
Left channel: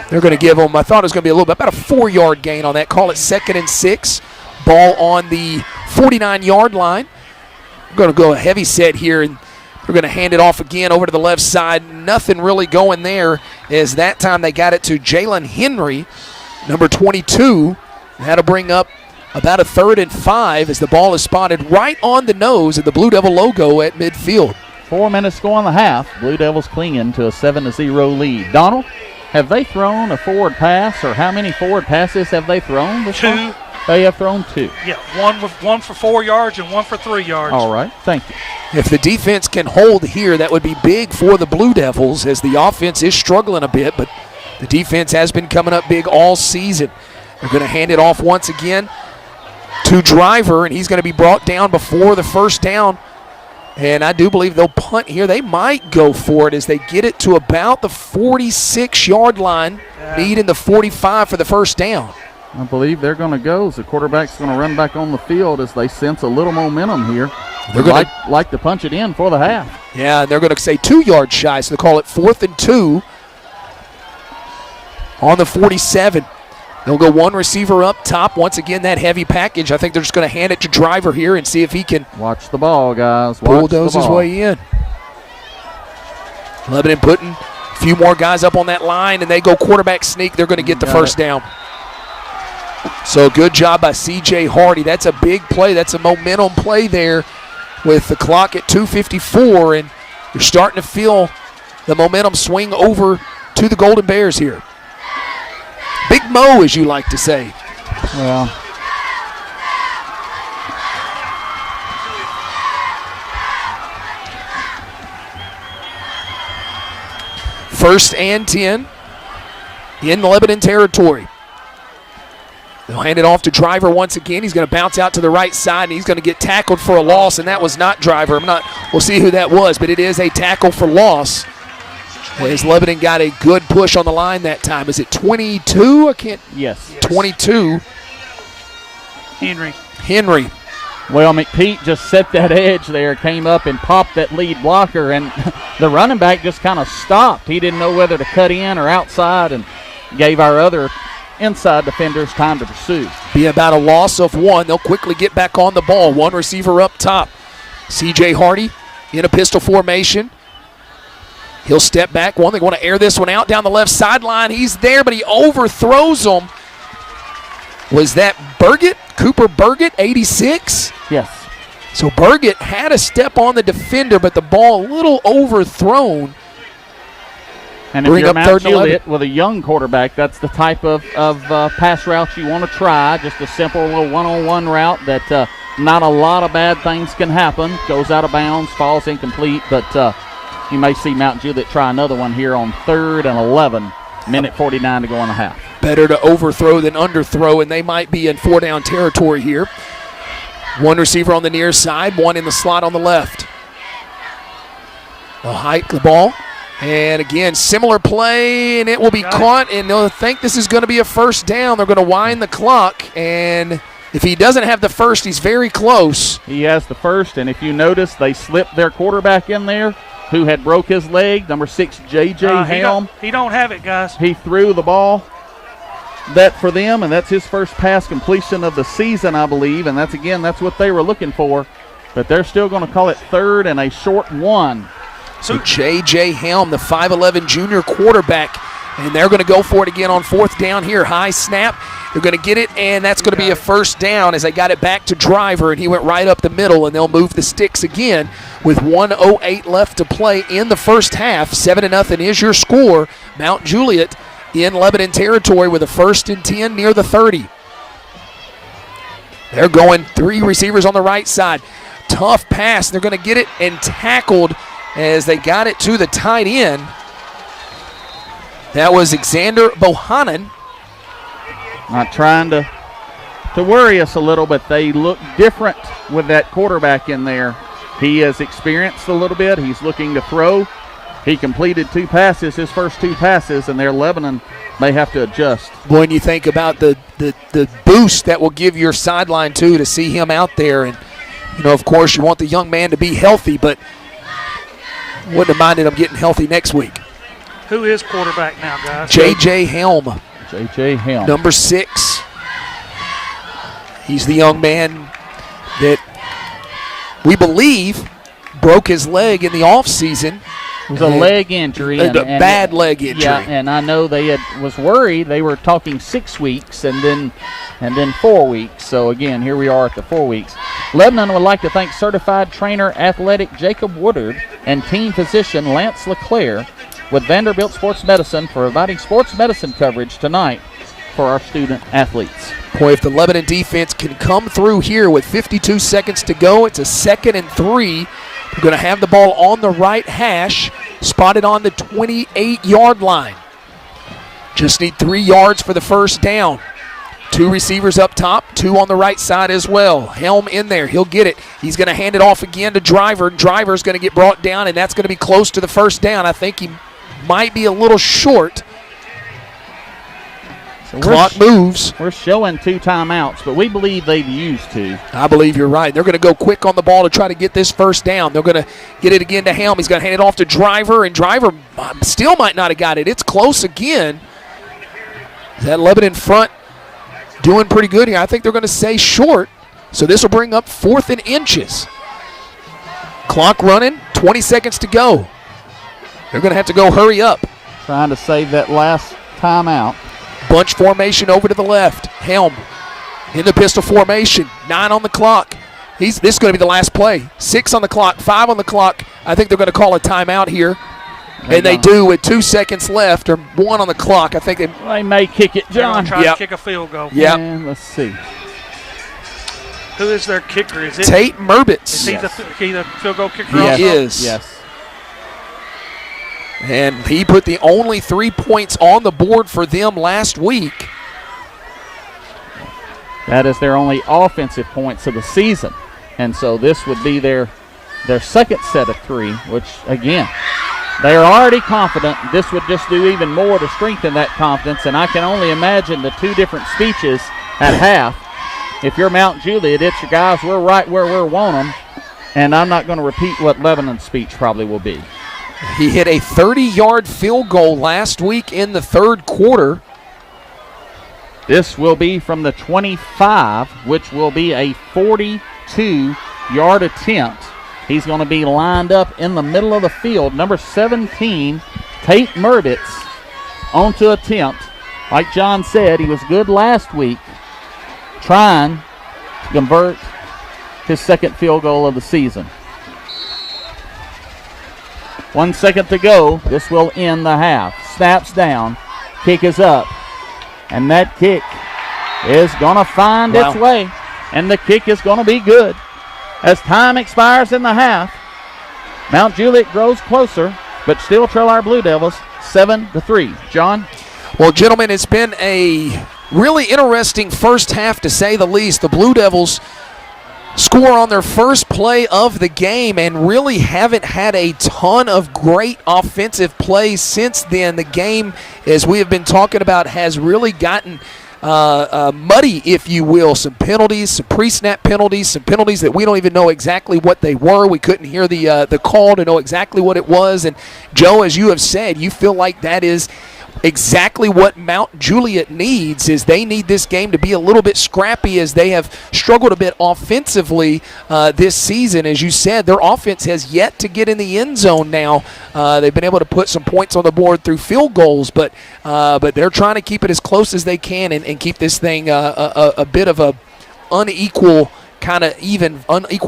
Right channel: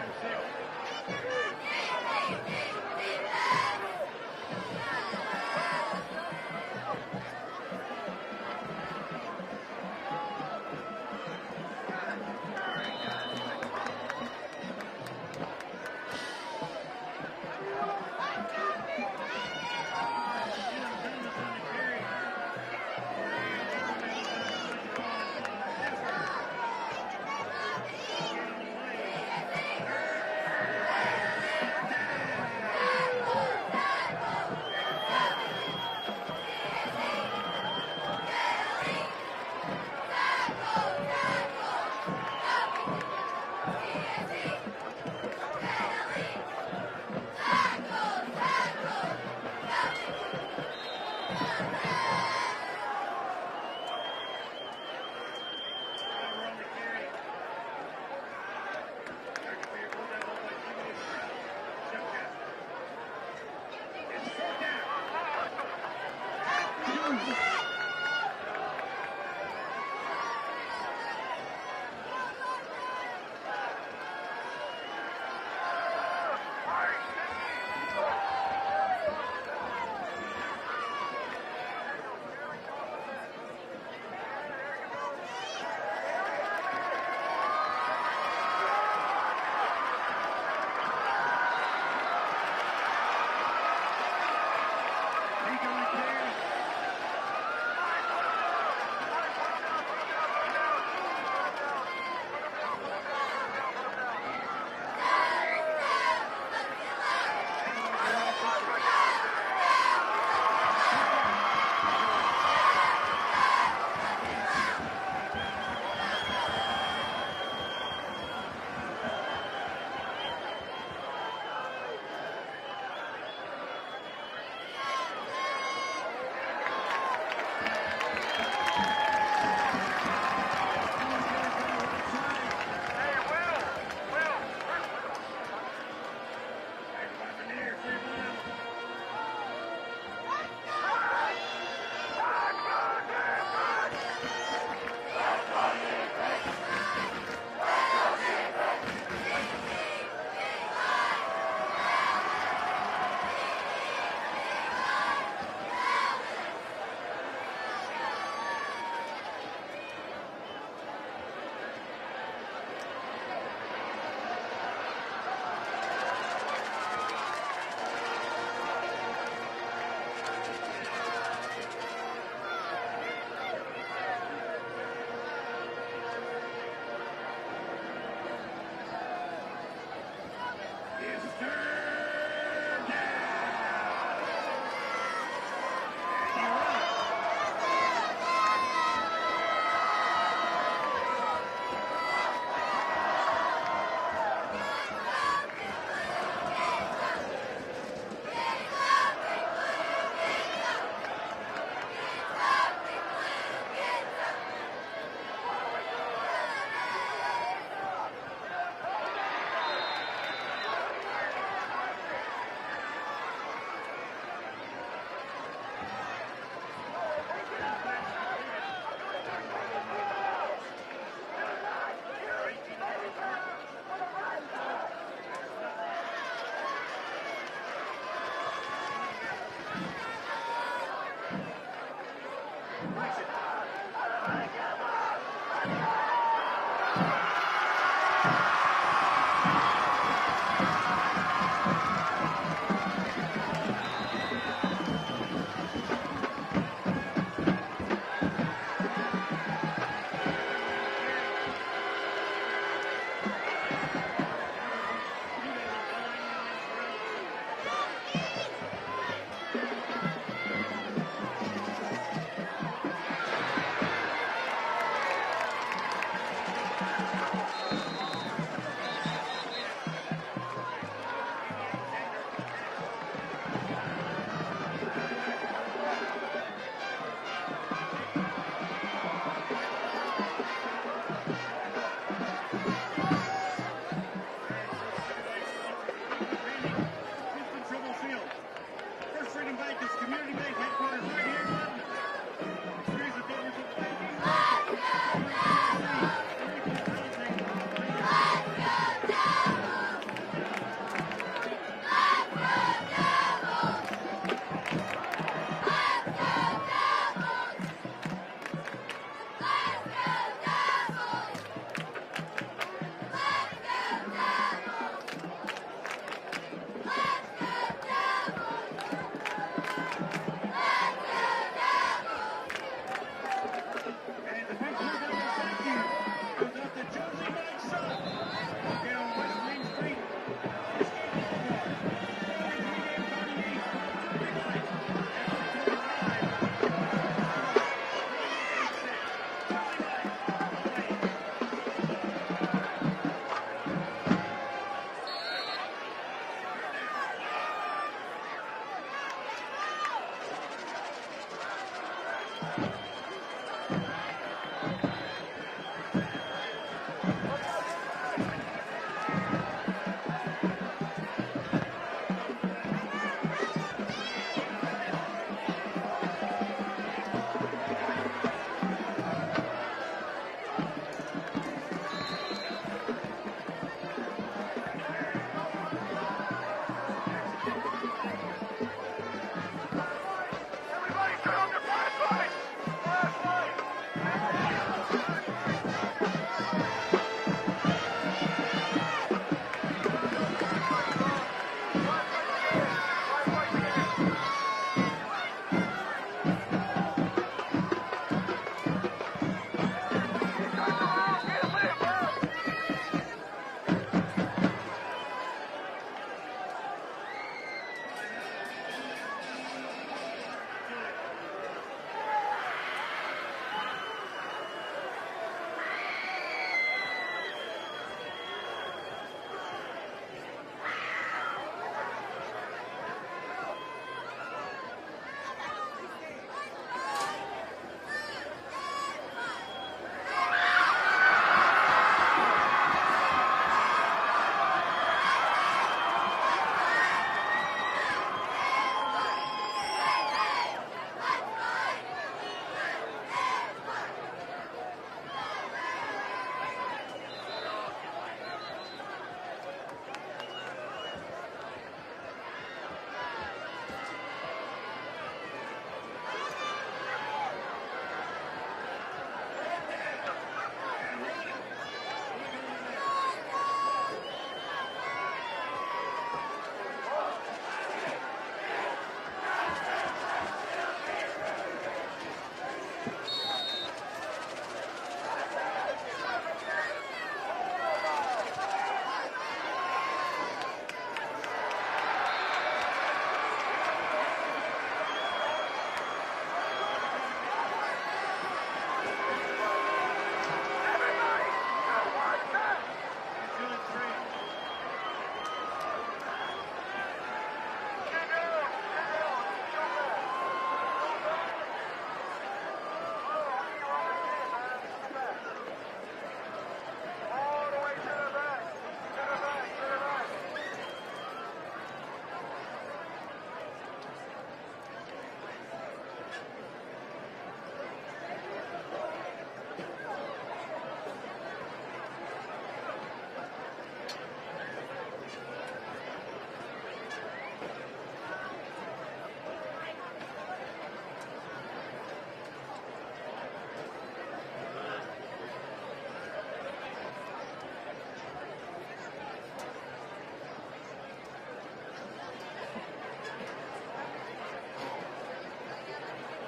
They're going to give him, I thought it was going to be a little bit, about a 4-yard gain on that. Call it 2nd and 6. Ball on the 49-yard line. We're going to go a heavy set here, and we're going to hand it off again over to the left side. Nothing really going there, as that time they got it to Jalen Henry, number 22. That'll bring up about a 3rd and 5 as the ball is spotted right on the nose of the Blue Devil logo at midfield. 4 minutes to go on the half. Blue Devils clinging to a 7-0 lead. Donald, have they thrown a forward pass, or how many forward passes have they thrown this 2. time? They have thrown 2. Yeah, one for 4 yards and one for 3 yards. All right, thank you. If the defense can hold here, that would be big for the Blue Devils, as the offense is struggling a bit, but the defense has been coming up big all season. They're going to hand it off once again to Driver, and he's going to be brought down before the first down. And I do believe they'll punt here. They might go for it as they get it to about the 46-yard line, needing the 45 for the first down. I believe they're going to go. The quarterback's going to run back on the field as they sense a little momentum here. They're going to like to punch it in for the half. Yeah, they're going to say 2 yards shy, so they call it 4th and 2 on the 47. They'll go one receiver up top. Once again, that heavy package. I think they're just going to hand it to Driver here and see if he can watch the ball, guys. Bulldoze his way in. Lebanon putting a few more guys up on that line, and they go quarterback sneak. They're going to get the first down. So good job by C.J. Hardy. That's a big play. That's a momentum play there with the clock at 2:54, and you're starting to feel the momentum swing over to the Golden Bears here. Big Mo, as you like to say. Well, first and 10 in the Lebanon territory. They'll hand it off to Driver once again. He's going to bounce out to the right side, and he's going to get tackled for a loss, and that was not Driver. We'll see who that was, but it is a tackle for loss. As Lebanon got a good push on the line that time. Is it 22? Yes. 22. Henry. Well, McPeak just set that edge there, came up and popped that lead blocker, and the running back just kind of stopped. He didn't know whether to cut in or outside, and gave our other inside defenders time to pursue. Be about a loss of 1. They'll quickly get back on the ball. One receiver up top. C.J. Hardy in a pistol formation. He'll step back. They want to air this one out down the left sideline. He's there, but he overthrows him. Was that Burgett? Cooper Burgett, 86? Yes. So Burgett had a step on the defender, but the ball a little overthrown. And if you're Mount Juliet with a young quarterback, that's the type of pass route you want to try. Just a simple little one-on-one route that not a lot of bad things can happen. Goes out of bounds, falls incomplete, but you may see Mount Juliet try another one here on 3rd and 11. Minute 49 to go on the half. Better to overthrow than underthrow, and they might be in 4-down territory here. One receiver on the near side, one in the slot on the left. They'll hike the ball. And again, similar play, and it will be caught, and they'll think this is going to be a first down. They're going to wind the clock, and if he doesn't have the first, he's very close. He has the first, and if you notice, they slipped their quarterback in there who had broke his leg, number 6, J.J. Helm. He don't have it, guys. He threw the ball that for them, and that's his first pass completion of the season, I believe, and that's what they were looking for. But they're still going to call it 3rd and a short 1. So J.J. Helm, the 5'11 junior quarterback, and they're going to go for it again on 4th down here. High snap, They're going to get it, and that's going to be a first down as they got it back to Driver, and he went right up the middle, and they'll move the sticks again with 1:08 left to play in the first half. 7-0 is your score. Mount Juliet in Lebanon territory with a 1st and 10 near the 30. They're going 3 receivers on the right side. Tough pass. They're going to get it and tackled as they got it to the tight end. That was Xander Bohannon. Not trying to worry us a little, but they look different with that quarterback in there. He has experienced a little bit. He's looking to throw. He completed 2 passes, his first 2 passes, and their Lebanon may have to adjust. When you think about the boost that will give your sideline, too, to see him out there. And, of course, you want the young man to be healthy, but wouldn't have minded him getting healthy next week. Who is quarterback now, guys? J.J. Helm. J.J. Helm. Number 6. He's the young man that we believe broke his leg in the offseason. It was a leg injury. A bad leg injury. Yeah, and I know they was worried. They were talking 6 weeks and then 4 weeks. So, again, here we are at the 4 weeks. Lebanon would like to thank certified trainer athletic Jacob Woodard and team physician Lance LeClaire with Vanderbilt Sports Medicine for providing sports medicine coverage tonight for our student athletes. Boy, if the Lebanon defense can come through here with 52 seconds to go, it's a 2nd and 3. We're going to have the ball on the right hash, spotted on the 28-yard line. Just need 3 yards for the first down. 2 receivers up top, 2 on the right side as well. Helm in there. He'll get it. He's going to hand it off again to Driver. Driver's going to get brought down, and that's going to be close to the first down. I think he might be a little short. So clock moves. We're showing 2 timeouts, but we believe they've used 2. I believe you're right. They're going to go quick on the ball to try to get this first down. They're going to get it again to Helm. He's going to hand it off to Driver, and Driver still might not have got it. It's close again. That Lebanon front doing pretty good here. I think they're going to say short, so this will bring up 4th and inches. Clock running, 20 seconds to go. They're going to have to go hurry up. Trying to save that last timeout. Bunch formation over to the left. Helm in the pistol formation. 9 on the clock. This is going to be the last play. 6 on the clock, 5 on the clock. I think they're going to call a timeout here. And they do with 2 seconds left or 1 on the clock. I think they may kick it, John. Try to kick a field goal. Yeah. Let's see. Who is their kicker? Is it Tate Merbitz? Is he the field goal kicker? He also? is. Yes. And he put the only 3 points on the board for them last week. That is their only offensive points of the season. And so this would be their second set of 3, which, again, they are already confident. This would just do even more to strengthen that confidence. And I can only imagine the 2 different speeches at half. If you're Mount Juliet, it's your guys, we're right where we want them. And I'm not going to repeat what Lebanon's speech probably will be. He hit a 30-yard field goal last week in the 3rd quarter. This will be from the 25, which will be a 42-yard attempt. He's going to be lined up in the middle of the field. Number 17, Tate Merbitz, on to attempt. Like John said, he was good last week, trying to convert his 2nd field goal of the season. 1 second to go. This will end the half. Snaps down. Kick is up. And that kick is going to find its way. And the kick is going to be good. As time expires in the half, Mount Juliet grows closer, but still trail our Blue Devils 7-3. John? Well, gentlemen, it's been a really interesting first half, to say the least. The Blue Devils score on their first play of the game and really haven't had a ton of great offensive plays since then. The game, as we have been talking about, has really gotten muddy, if you will. Some penalties, some pre-snap penalties, some penalties that we don't even know exactly what they were. We couldn't hear the call to know exactly what it was. And, Joe, as you have said, you feel like that is exactly what Mount Juliet needs. Is they need this game to be a little bit scrappy, as they have struggled a bit offensively this season. As you said, their offense has yet to get in the end zone now. They've been able to put some points on the board through field goals, but they're trying to keep it as close as they can and keep this thing a bit of a unequal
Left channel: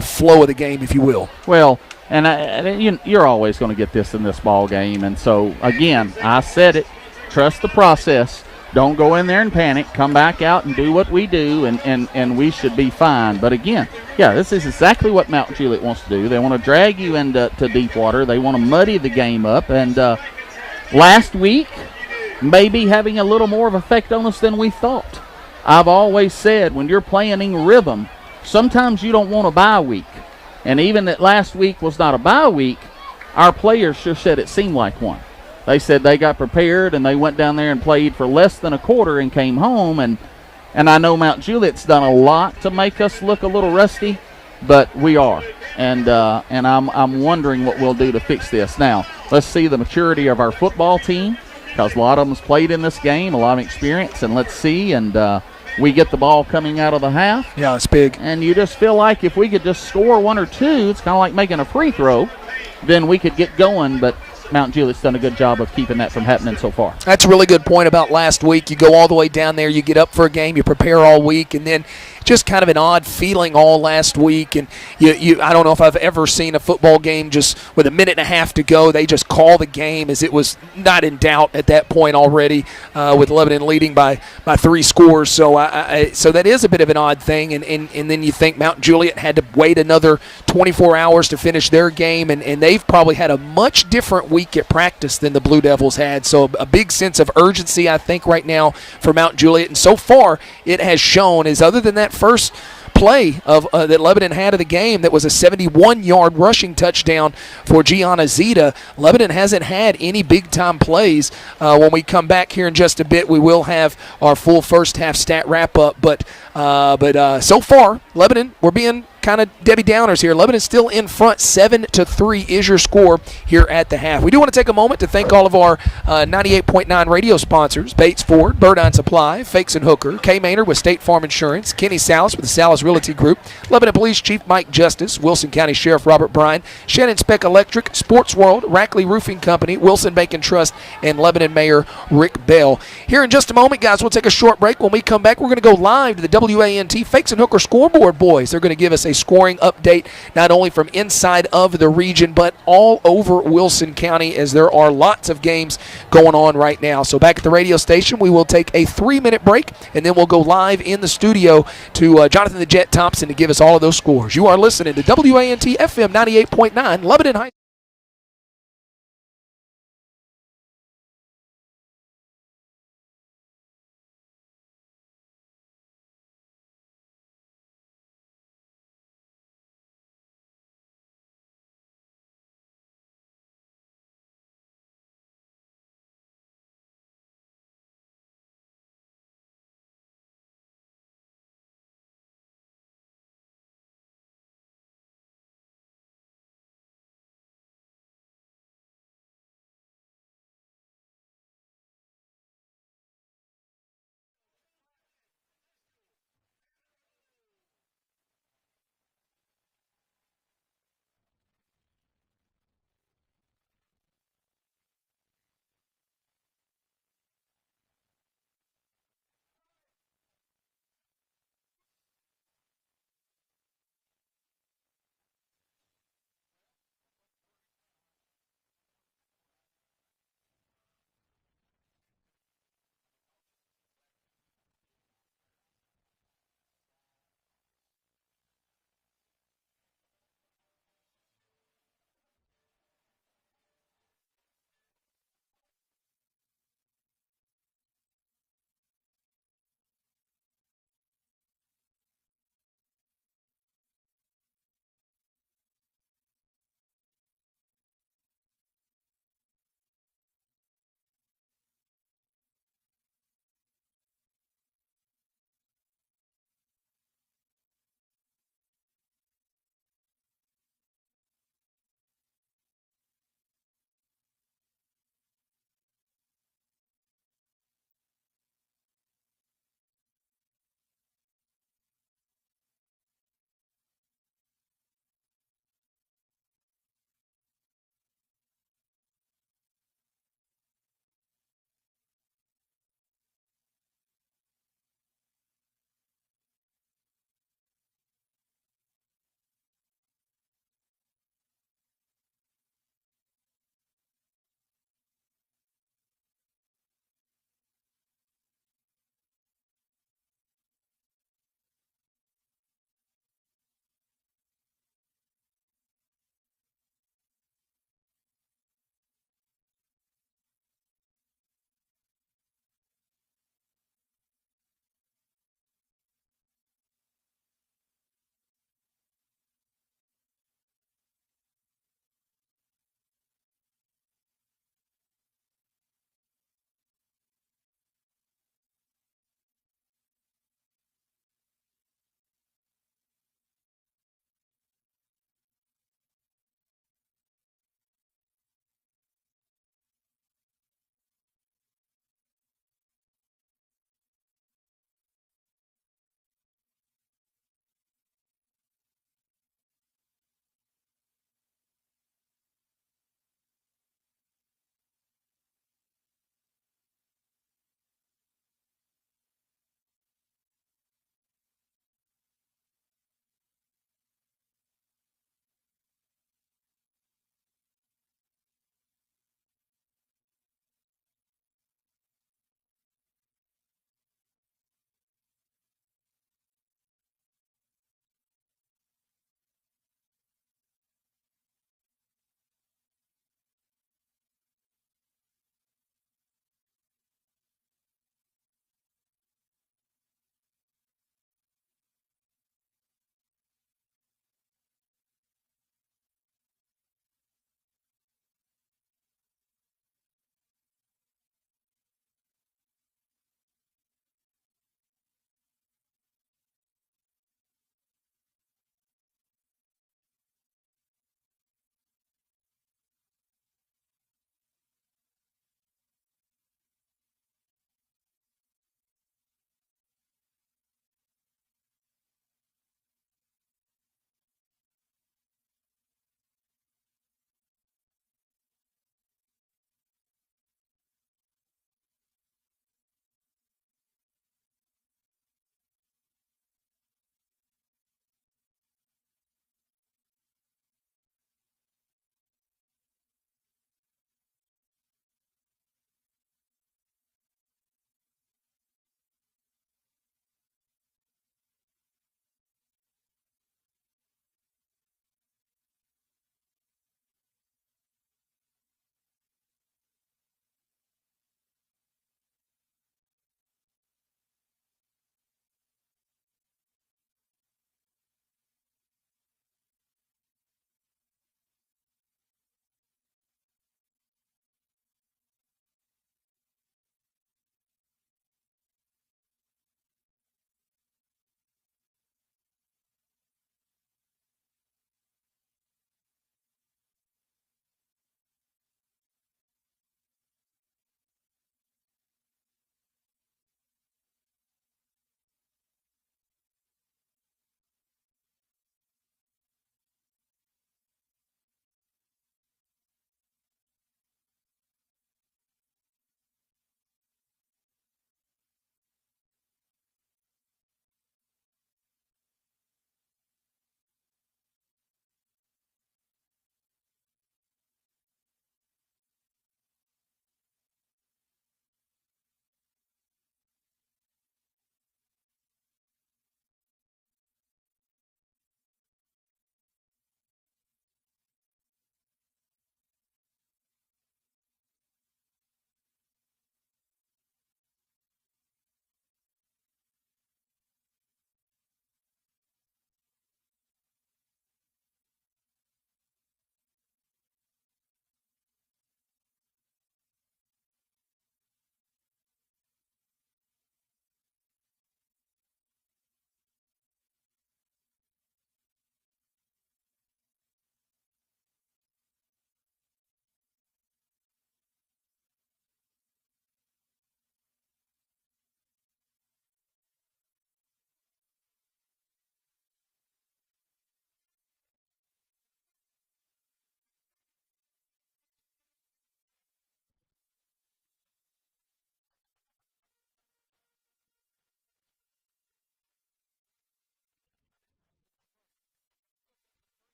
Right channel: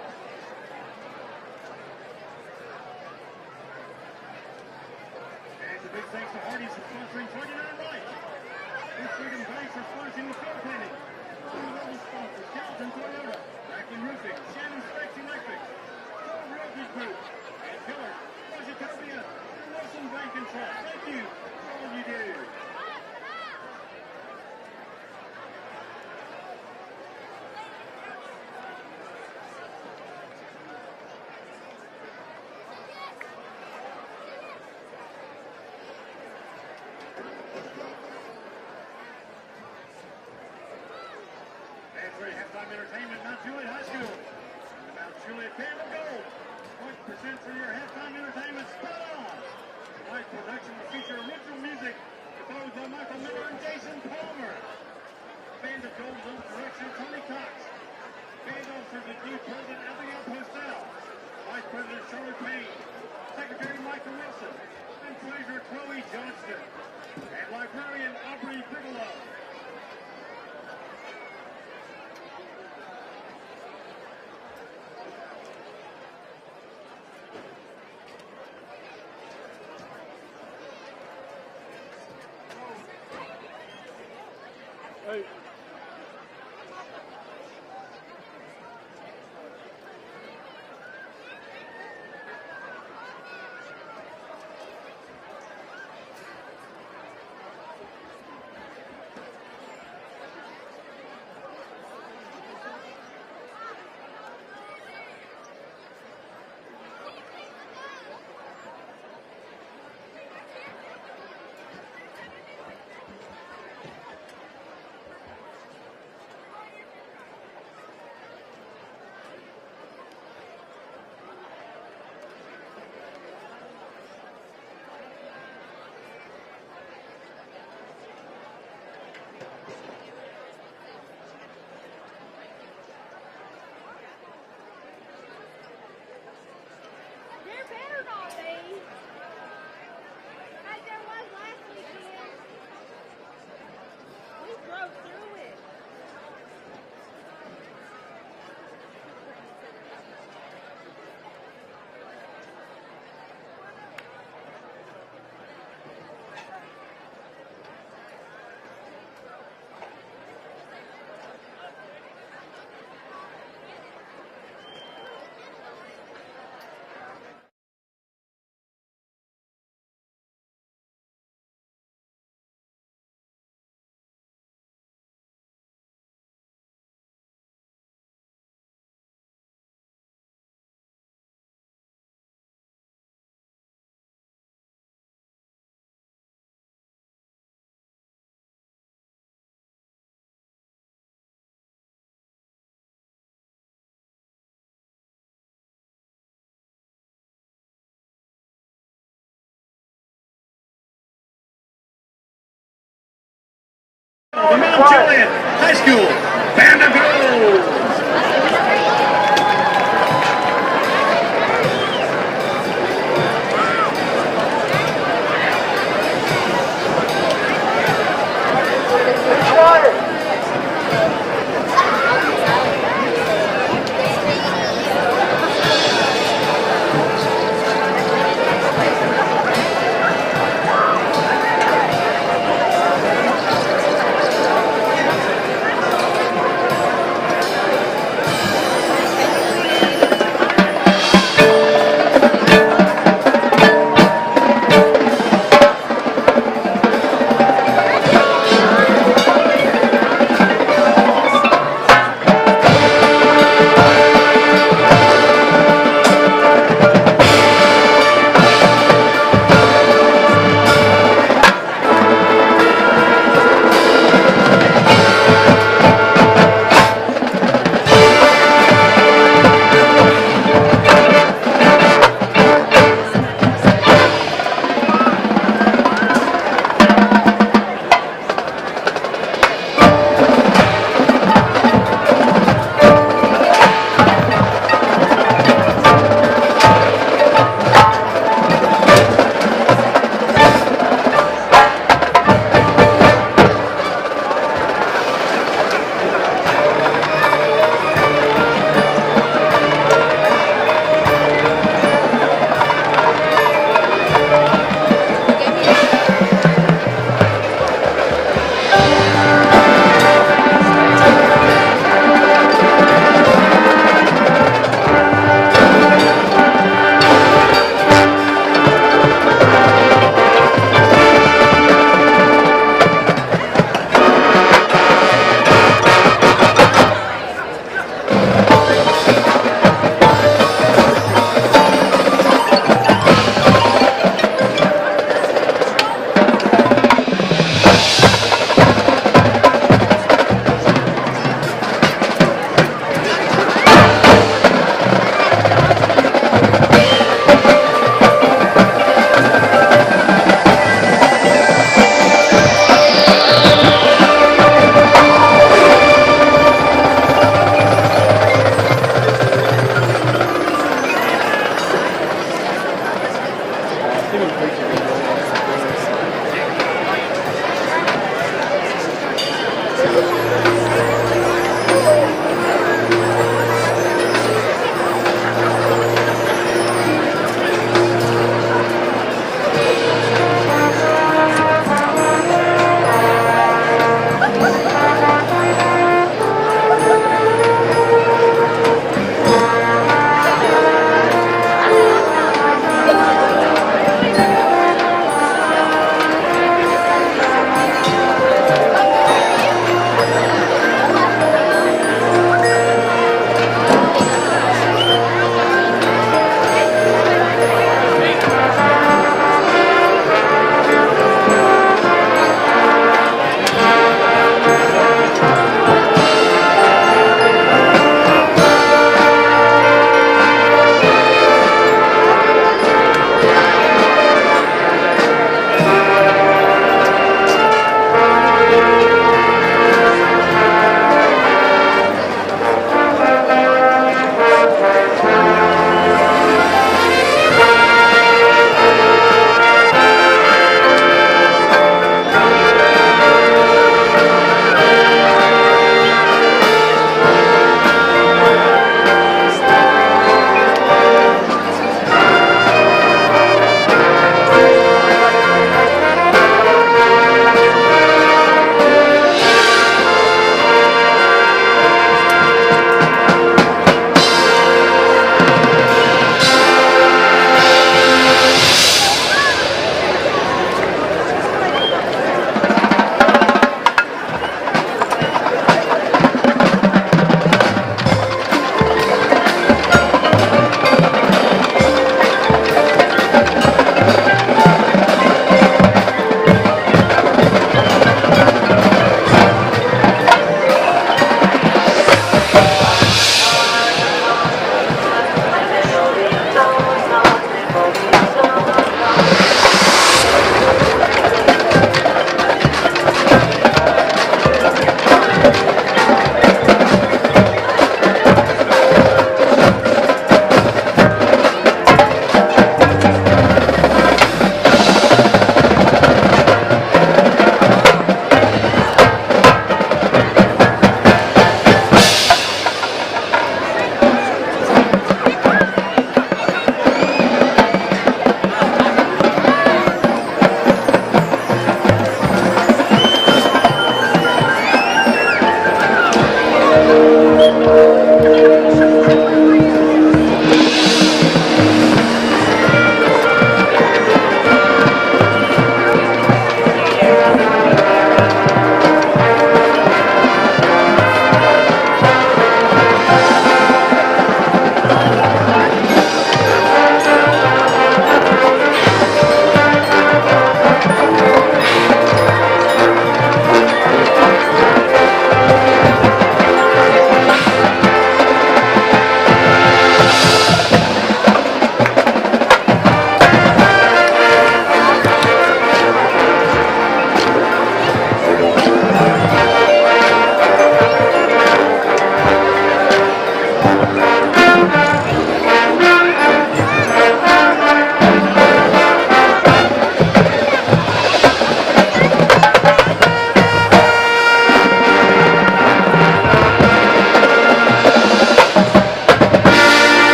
flow of the game, if you will. Well, and you're always going to get this in this ball game. And so, again, I said it. Trust the process. Don't go in there and panic. Come back out and do what we do, and we should be fine. But, again, yeah, this is exactly what Mount Juliet wants to do. They want to drag you into deep water. They want to muddy the game up. And last week, maybe having a little more of effect on us than we thought. I've always said when you're playing in rhythm, sometimes you don't want a bye week. And even that last week was not a bye week, our players sure said it seemed like one. They said they got prepared and they went down there and played for less than a quarter and came home. And I know Mount Juliet's done a lot to make us look a little rusty, but we are. And I'm wondering what we'll do to fix this. Now, let's see the maturity of our football team, because a lot of them's played in this game, a lot of experience, and let's see. And we get the ball coming out of the half. Yeah, it's big. And you just feel like if we could just score one or two, it's kind of like making a free throw, then we could get going. But Mount Juliet's done a good job of keeping that from happening so far. That's a really good point about last week. You go all the way down there, you get up for a game, you prepare all week, and then just kind of an odd feeling all last week. And I don't know if I've ever seen a football game just with a minute and a half to go. They just call the game as it was not in doubt at that point already, with Lebanon leading by 3 scores. So so that is a bit of an odd thing. And then you think Mount Juliet had to wait another 24 hours to finish their game, and they've probably had a much different week at practice than the Blue Devils had. So a big sense of urgency, I think, right now for Mount Juliet. And so far, it has shown, is other than that first play of that Lebanon had of the game, that was a 71-yard rushing touchdown for Gianna Zita, Lebanon hasn't had any big-time plays. When we come back here in just a bit, we will have our full first half stat wrap-up. But so far, Lebanon, we're being kind of Debbie Downers here. Lebanon's still in front, 7-3 is your score here at the half. We do want to take a moment to thank all of our 98.9 radio sponsors: Bates Ford, Birdine Supply, Fakes and Hooker, K. Maynard with State Farm Insurance, Kenny Salas with the Salas Realty Group, Lebanon Police Chief Mike Justice, Wilson County Sheriff Robert Bryan, Shannon Speck Electric, Sports World, Rackley Roofing Company, Wilson Bank and Trust, and Lebanon Mayor Rick Bell. Here in just a moment, guys, we'll take a short break. When we come back, we're going to go live to the WANT Fakes and Hooker scoreboard boys. They're going to give us a scoring update, not only from inside of the region, but all over Wilson County, as there are lots of games going on right now. So back at the radio station, we will take a 3-minute break, and then we'll go live in the studio to Jonathan the Jet Thompson to give us all of those scores. You are listening to WANT FM 98.9, Lebanon High. The Mount Juliet High School Band of Girls.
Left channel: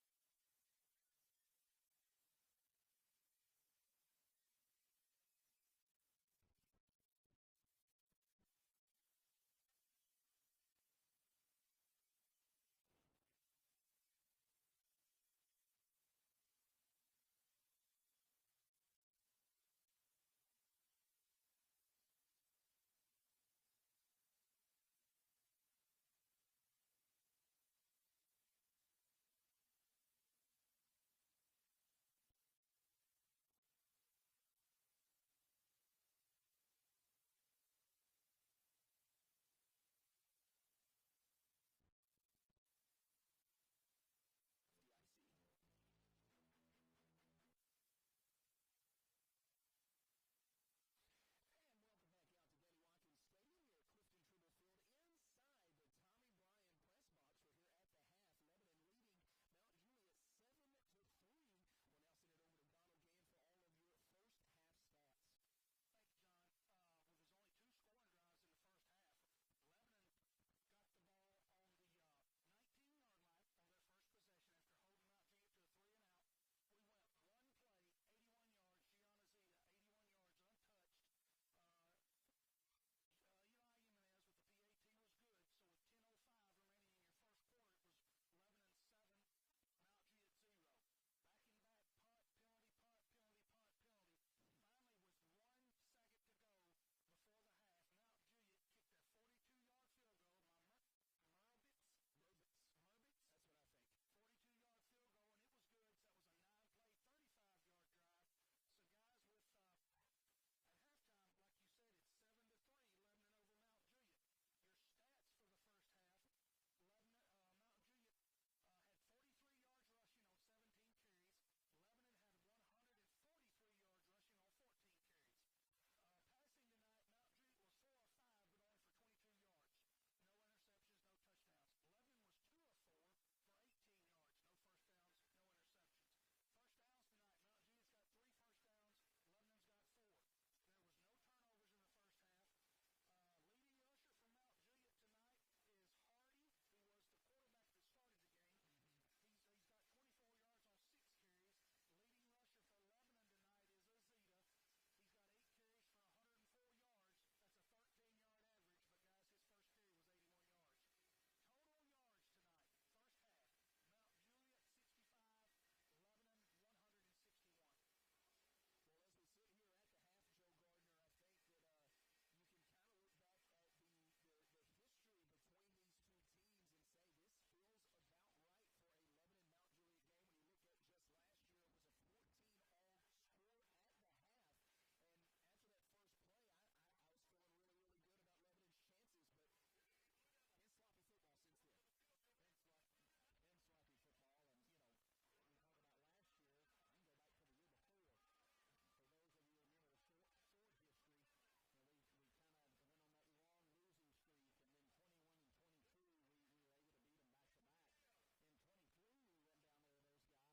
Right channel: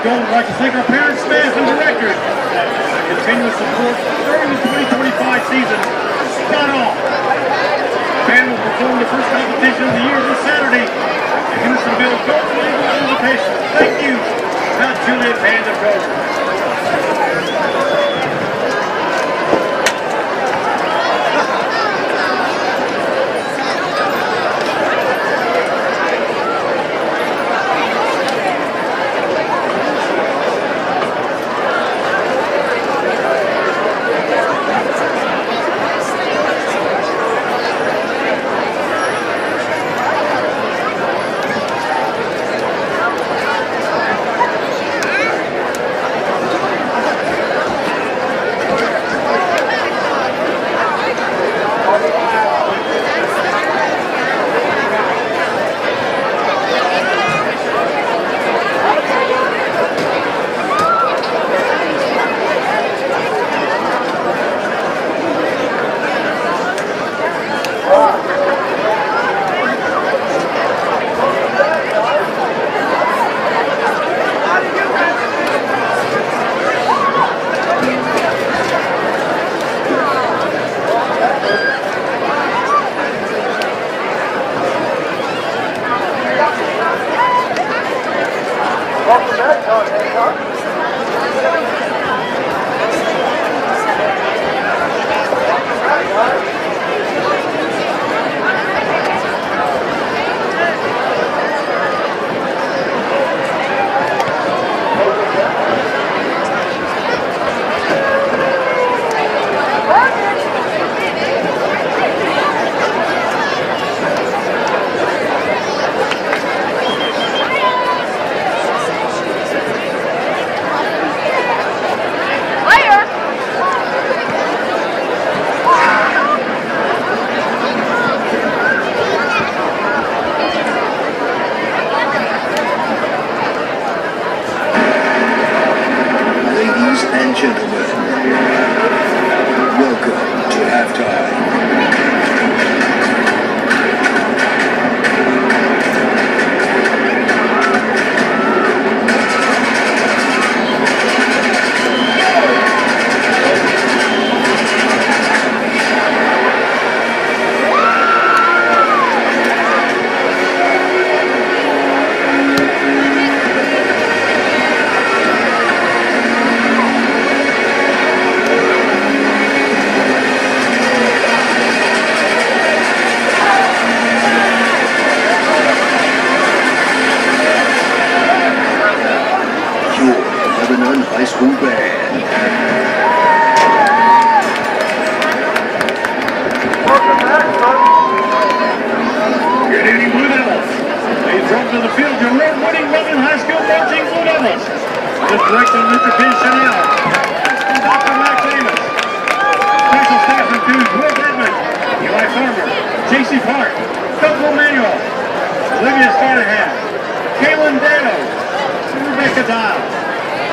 of Gold would like to thank our parents, staff, and directors for their continuous support during the 2025 season. Spot on. The band will perform the first competition of the year this Saturday. The Hendersonville Golden Eagle invitation. Thank you, Mount Juliet Band of Gold.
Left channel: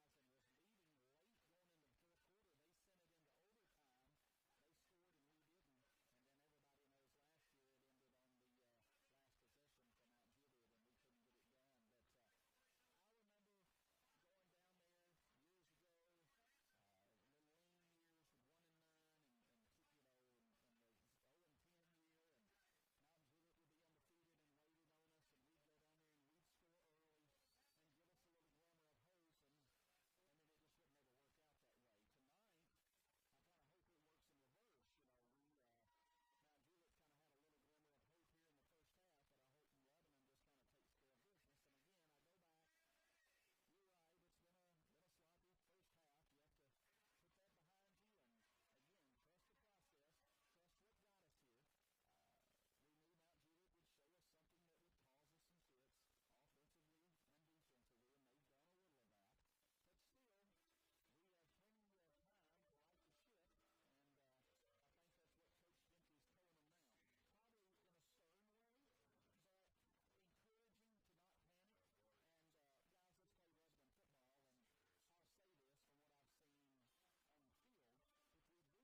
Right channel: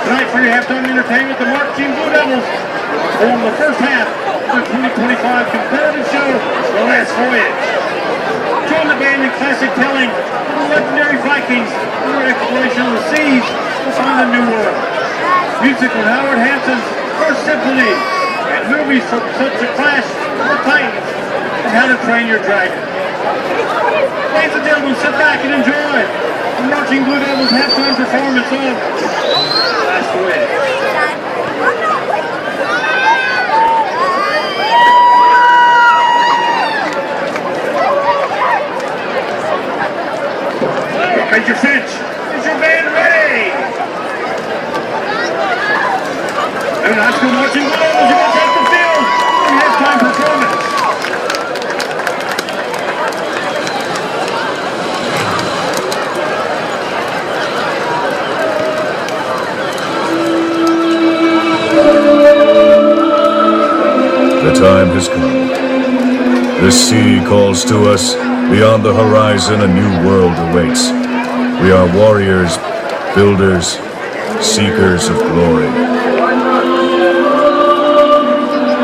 Tonight for your halftime entertainment, the Lebanon Blue Devils form the first half of the 2025 competitive show, The Last Voyage. Join the band in classic telling of the legendary Vikings and their exploration of the seas to find a new world. Music with Howard Hanson's First Symphony and movies such as Clash of the Titans and How to Train Your Dragon. Ladies and gentlemen, sit back and enjoy the Marching Blue Devils halftime performance of Last Voyage. Major Finch, is your band ready? And high school marching Blue Devils are going to take the field in halftime performance. The time has come. The sea calls to us. Beyond the horizon, a new world awaits. We are warriors, builders, seekers of glory.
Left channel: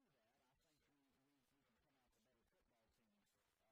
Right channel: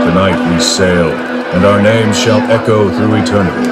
Tonight we sail, and our names shall echo through eternity.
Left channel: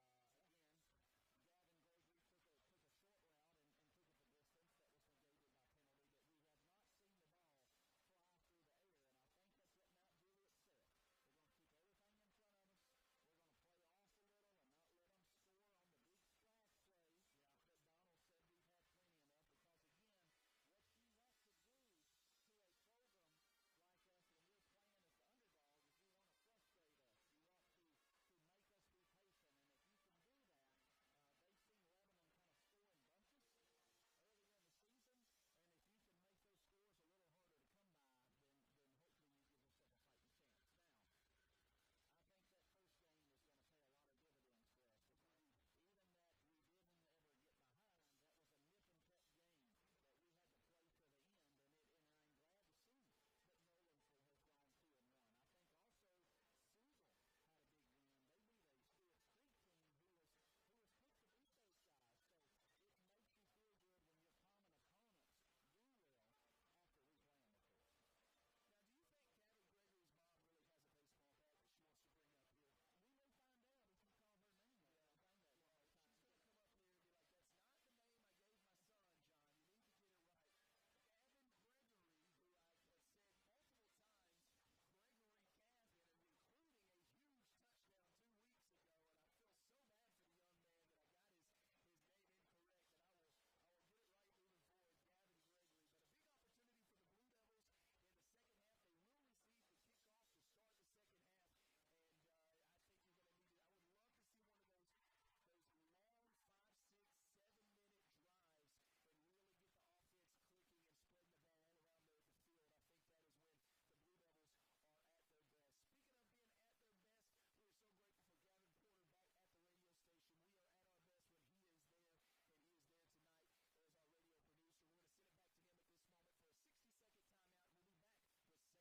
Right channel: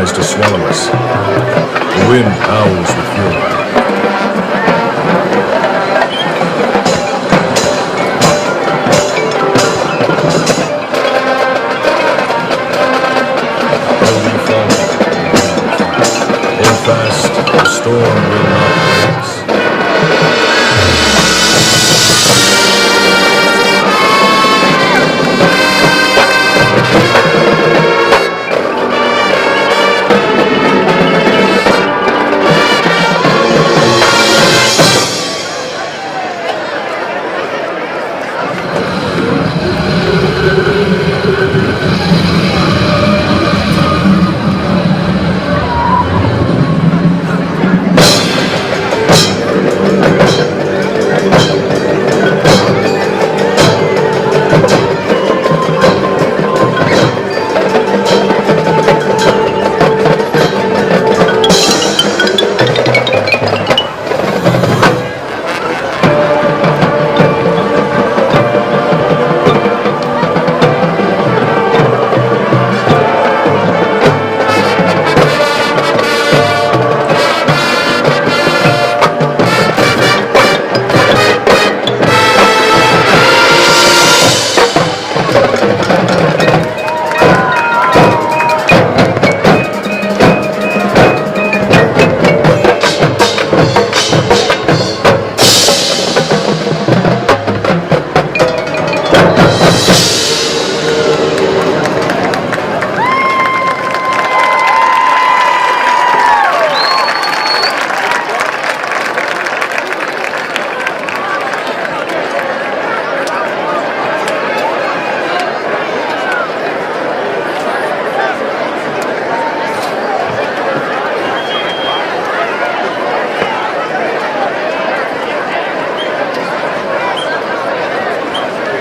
tries to swallow us. The wind howls with fury. The storm will not break us.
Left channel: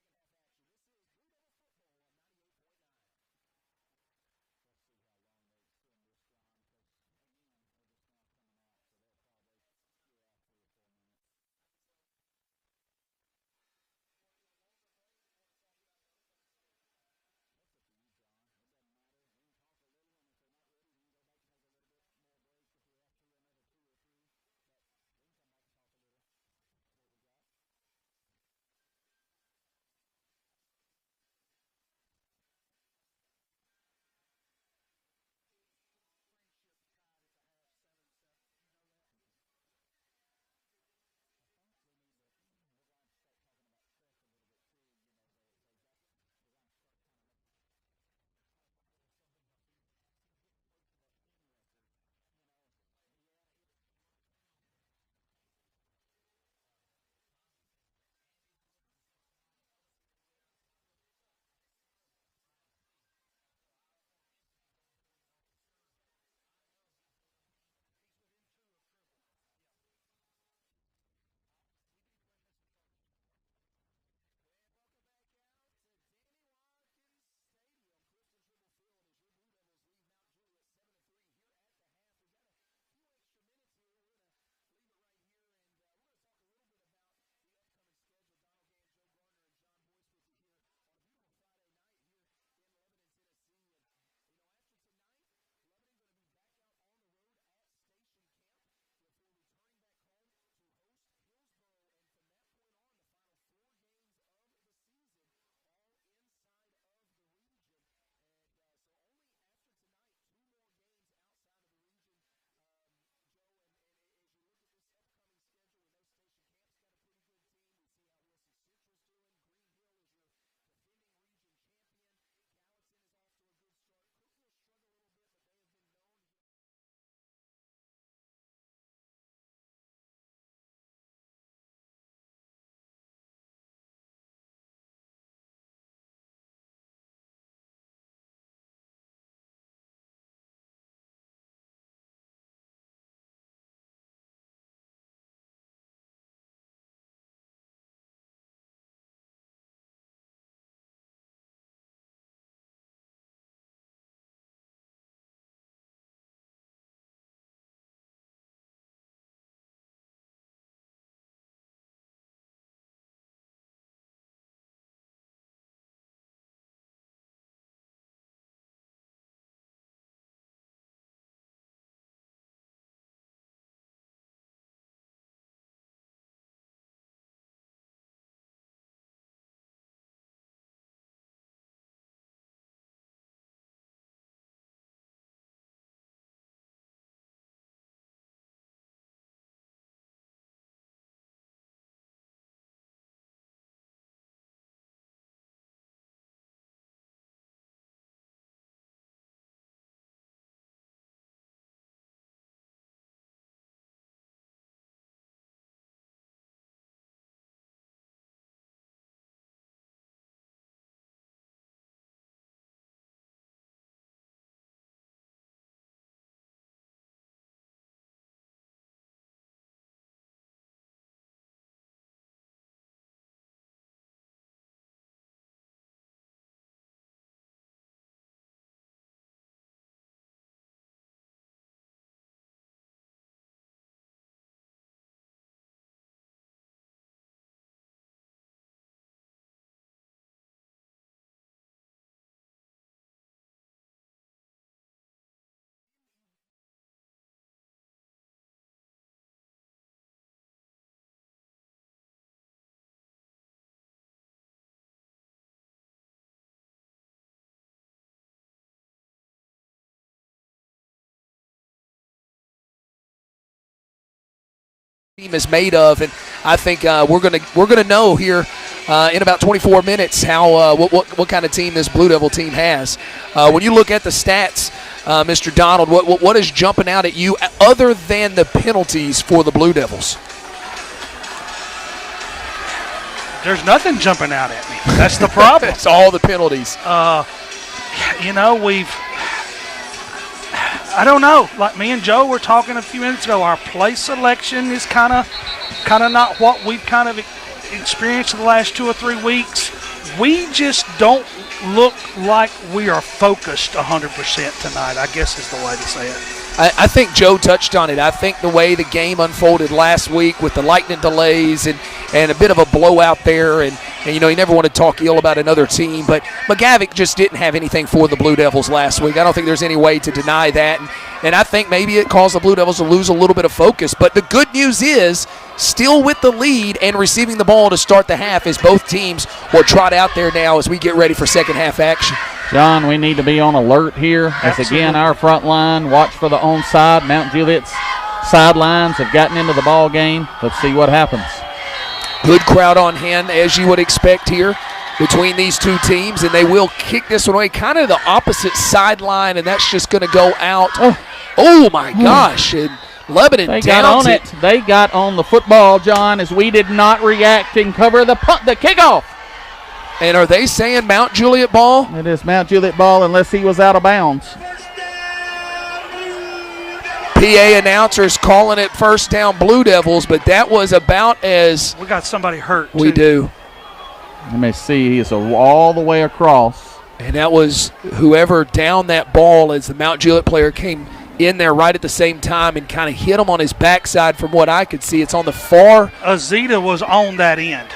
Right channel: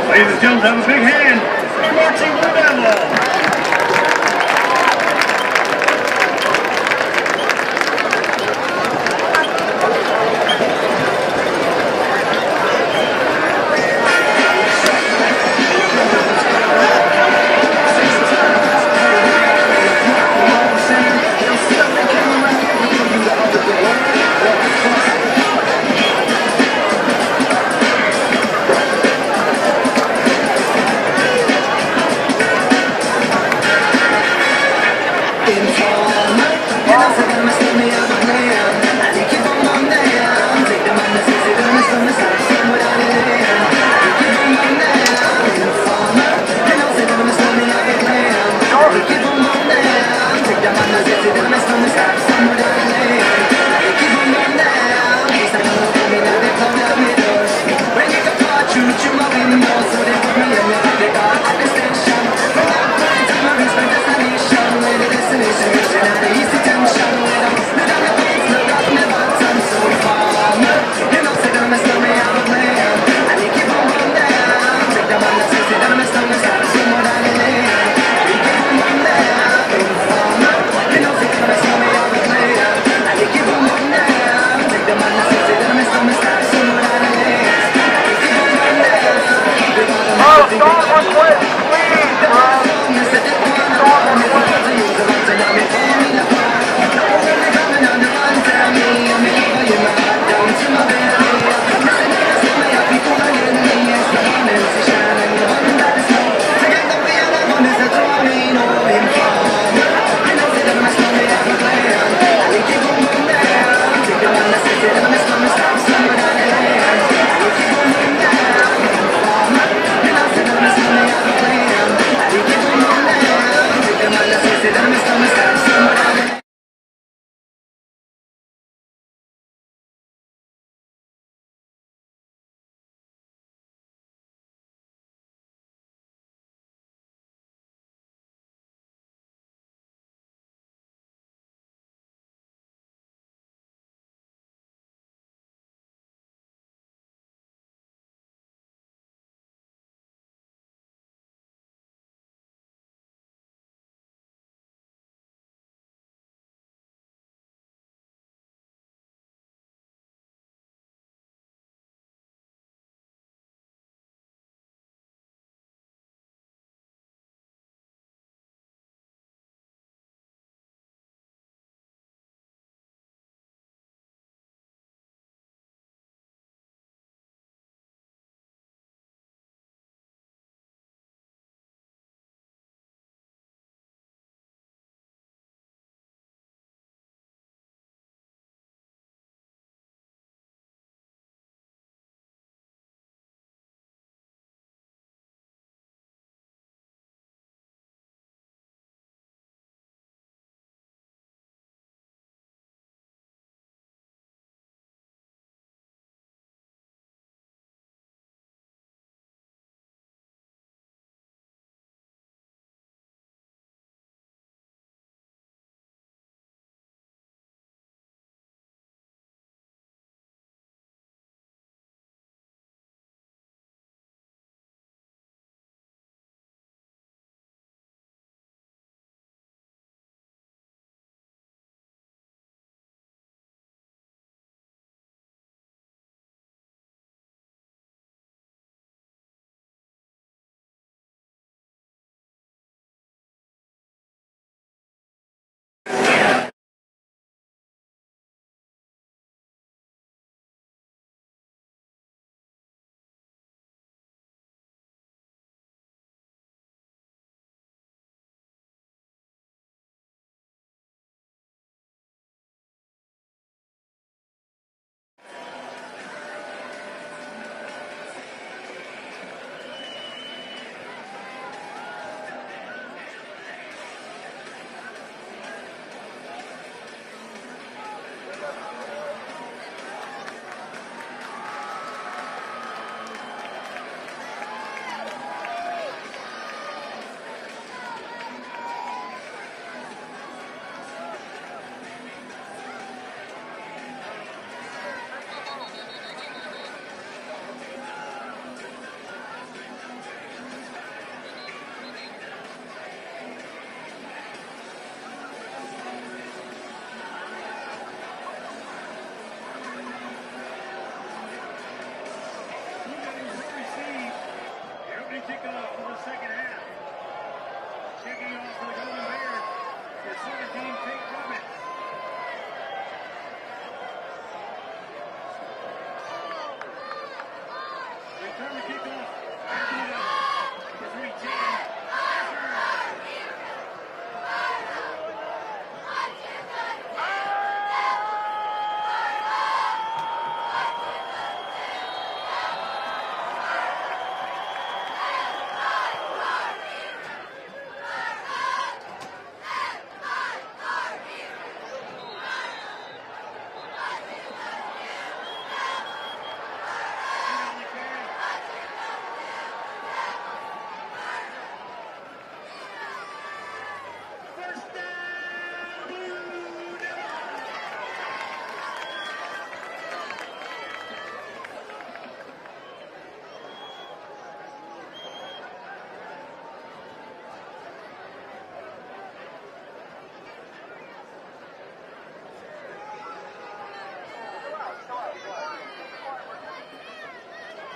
Ladies and gentlemen, have a big hand for Marching Blue Devils. team is made of, and I think we're gonna know here in about 24 minutes how what kind of team this Blue Devil team has. When you look at the stats, Mr. Donald, what is jumping out at you other than the penalties for the Blue Devils? There's nothing jumping out at me. That's the problem. It's all the penalties. I don't know. Like me and Joe were talking a few minutes ago, our play selection is kind of not what we've kind of experienced in the last 2 or 3 weeks. We just don't look like we are focused 100% tonight, I guess is the way to say it. I think Joe touched on it. I think the way the game unfolded last week with the lightning delays and a bit of a blowout there, and you never want to talk ill about another team, but McGavick just didn't have anything for the Blue Devils last week. I don't think there's any way to deny that, and I think maybe it caused the Blue Devils to lose a little bit of focus. But the good news is, still with the lead and receiving the ball to start the half, as both teams will trot out there now as we get ready for second half action. John, we need to be on alert here. As again, our front line, watch for the onside. Mount Juliet's sidelines have gotten into the ball game. Let's see what happens. Good crowd on hand, as you would expect here between these two teams, and they will kick this one away, kind of the opposite sideline, and that's just going to go out. Oh my gosh! And Lebanon they got on it. They got on the football, John, as we did not react and cover the kickoff. And are they saying Mount Juliet ball? It is Mount Juliet ball unless he was out of bounds. PA announcers calling it first down Blue Devils, but that was about as... We got somebody hurt, We do. You may see he is all the way across. And that was whoever downed that ball as the Mount Juliet player came in there right at the same time and kind of hit him on his backside from what I could see. It's on the far... Azita was on that end.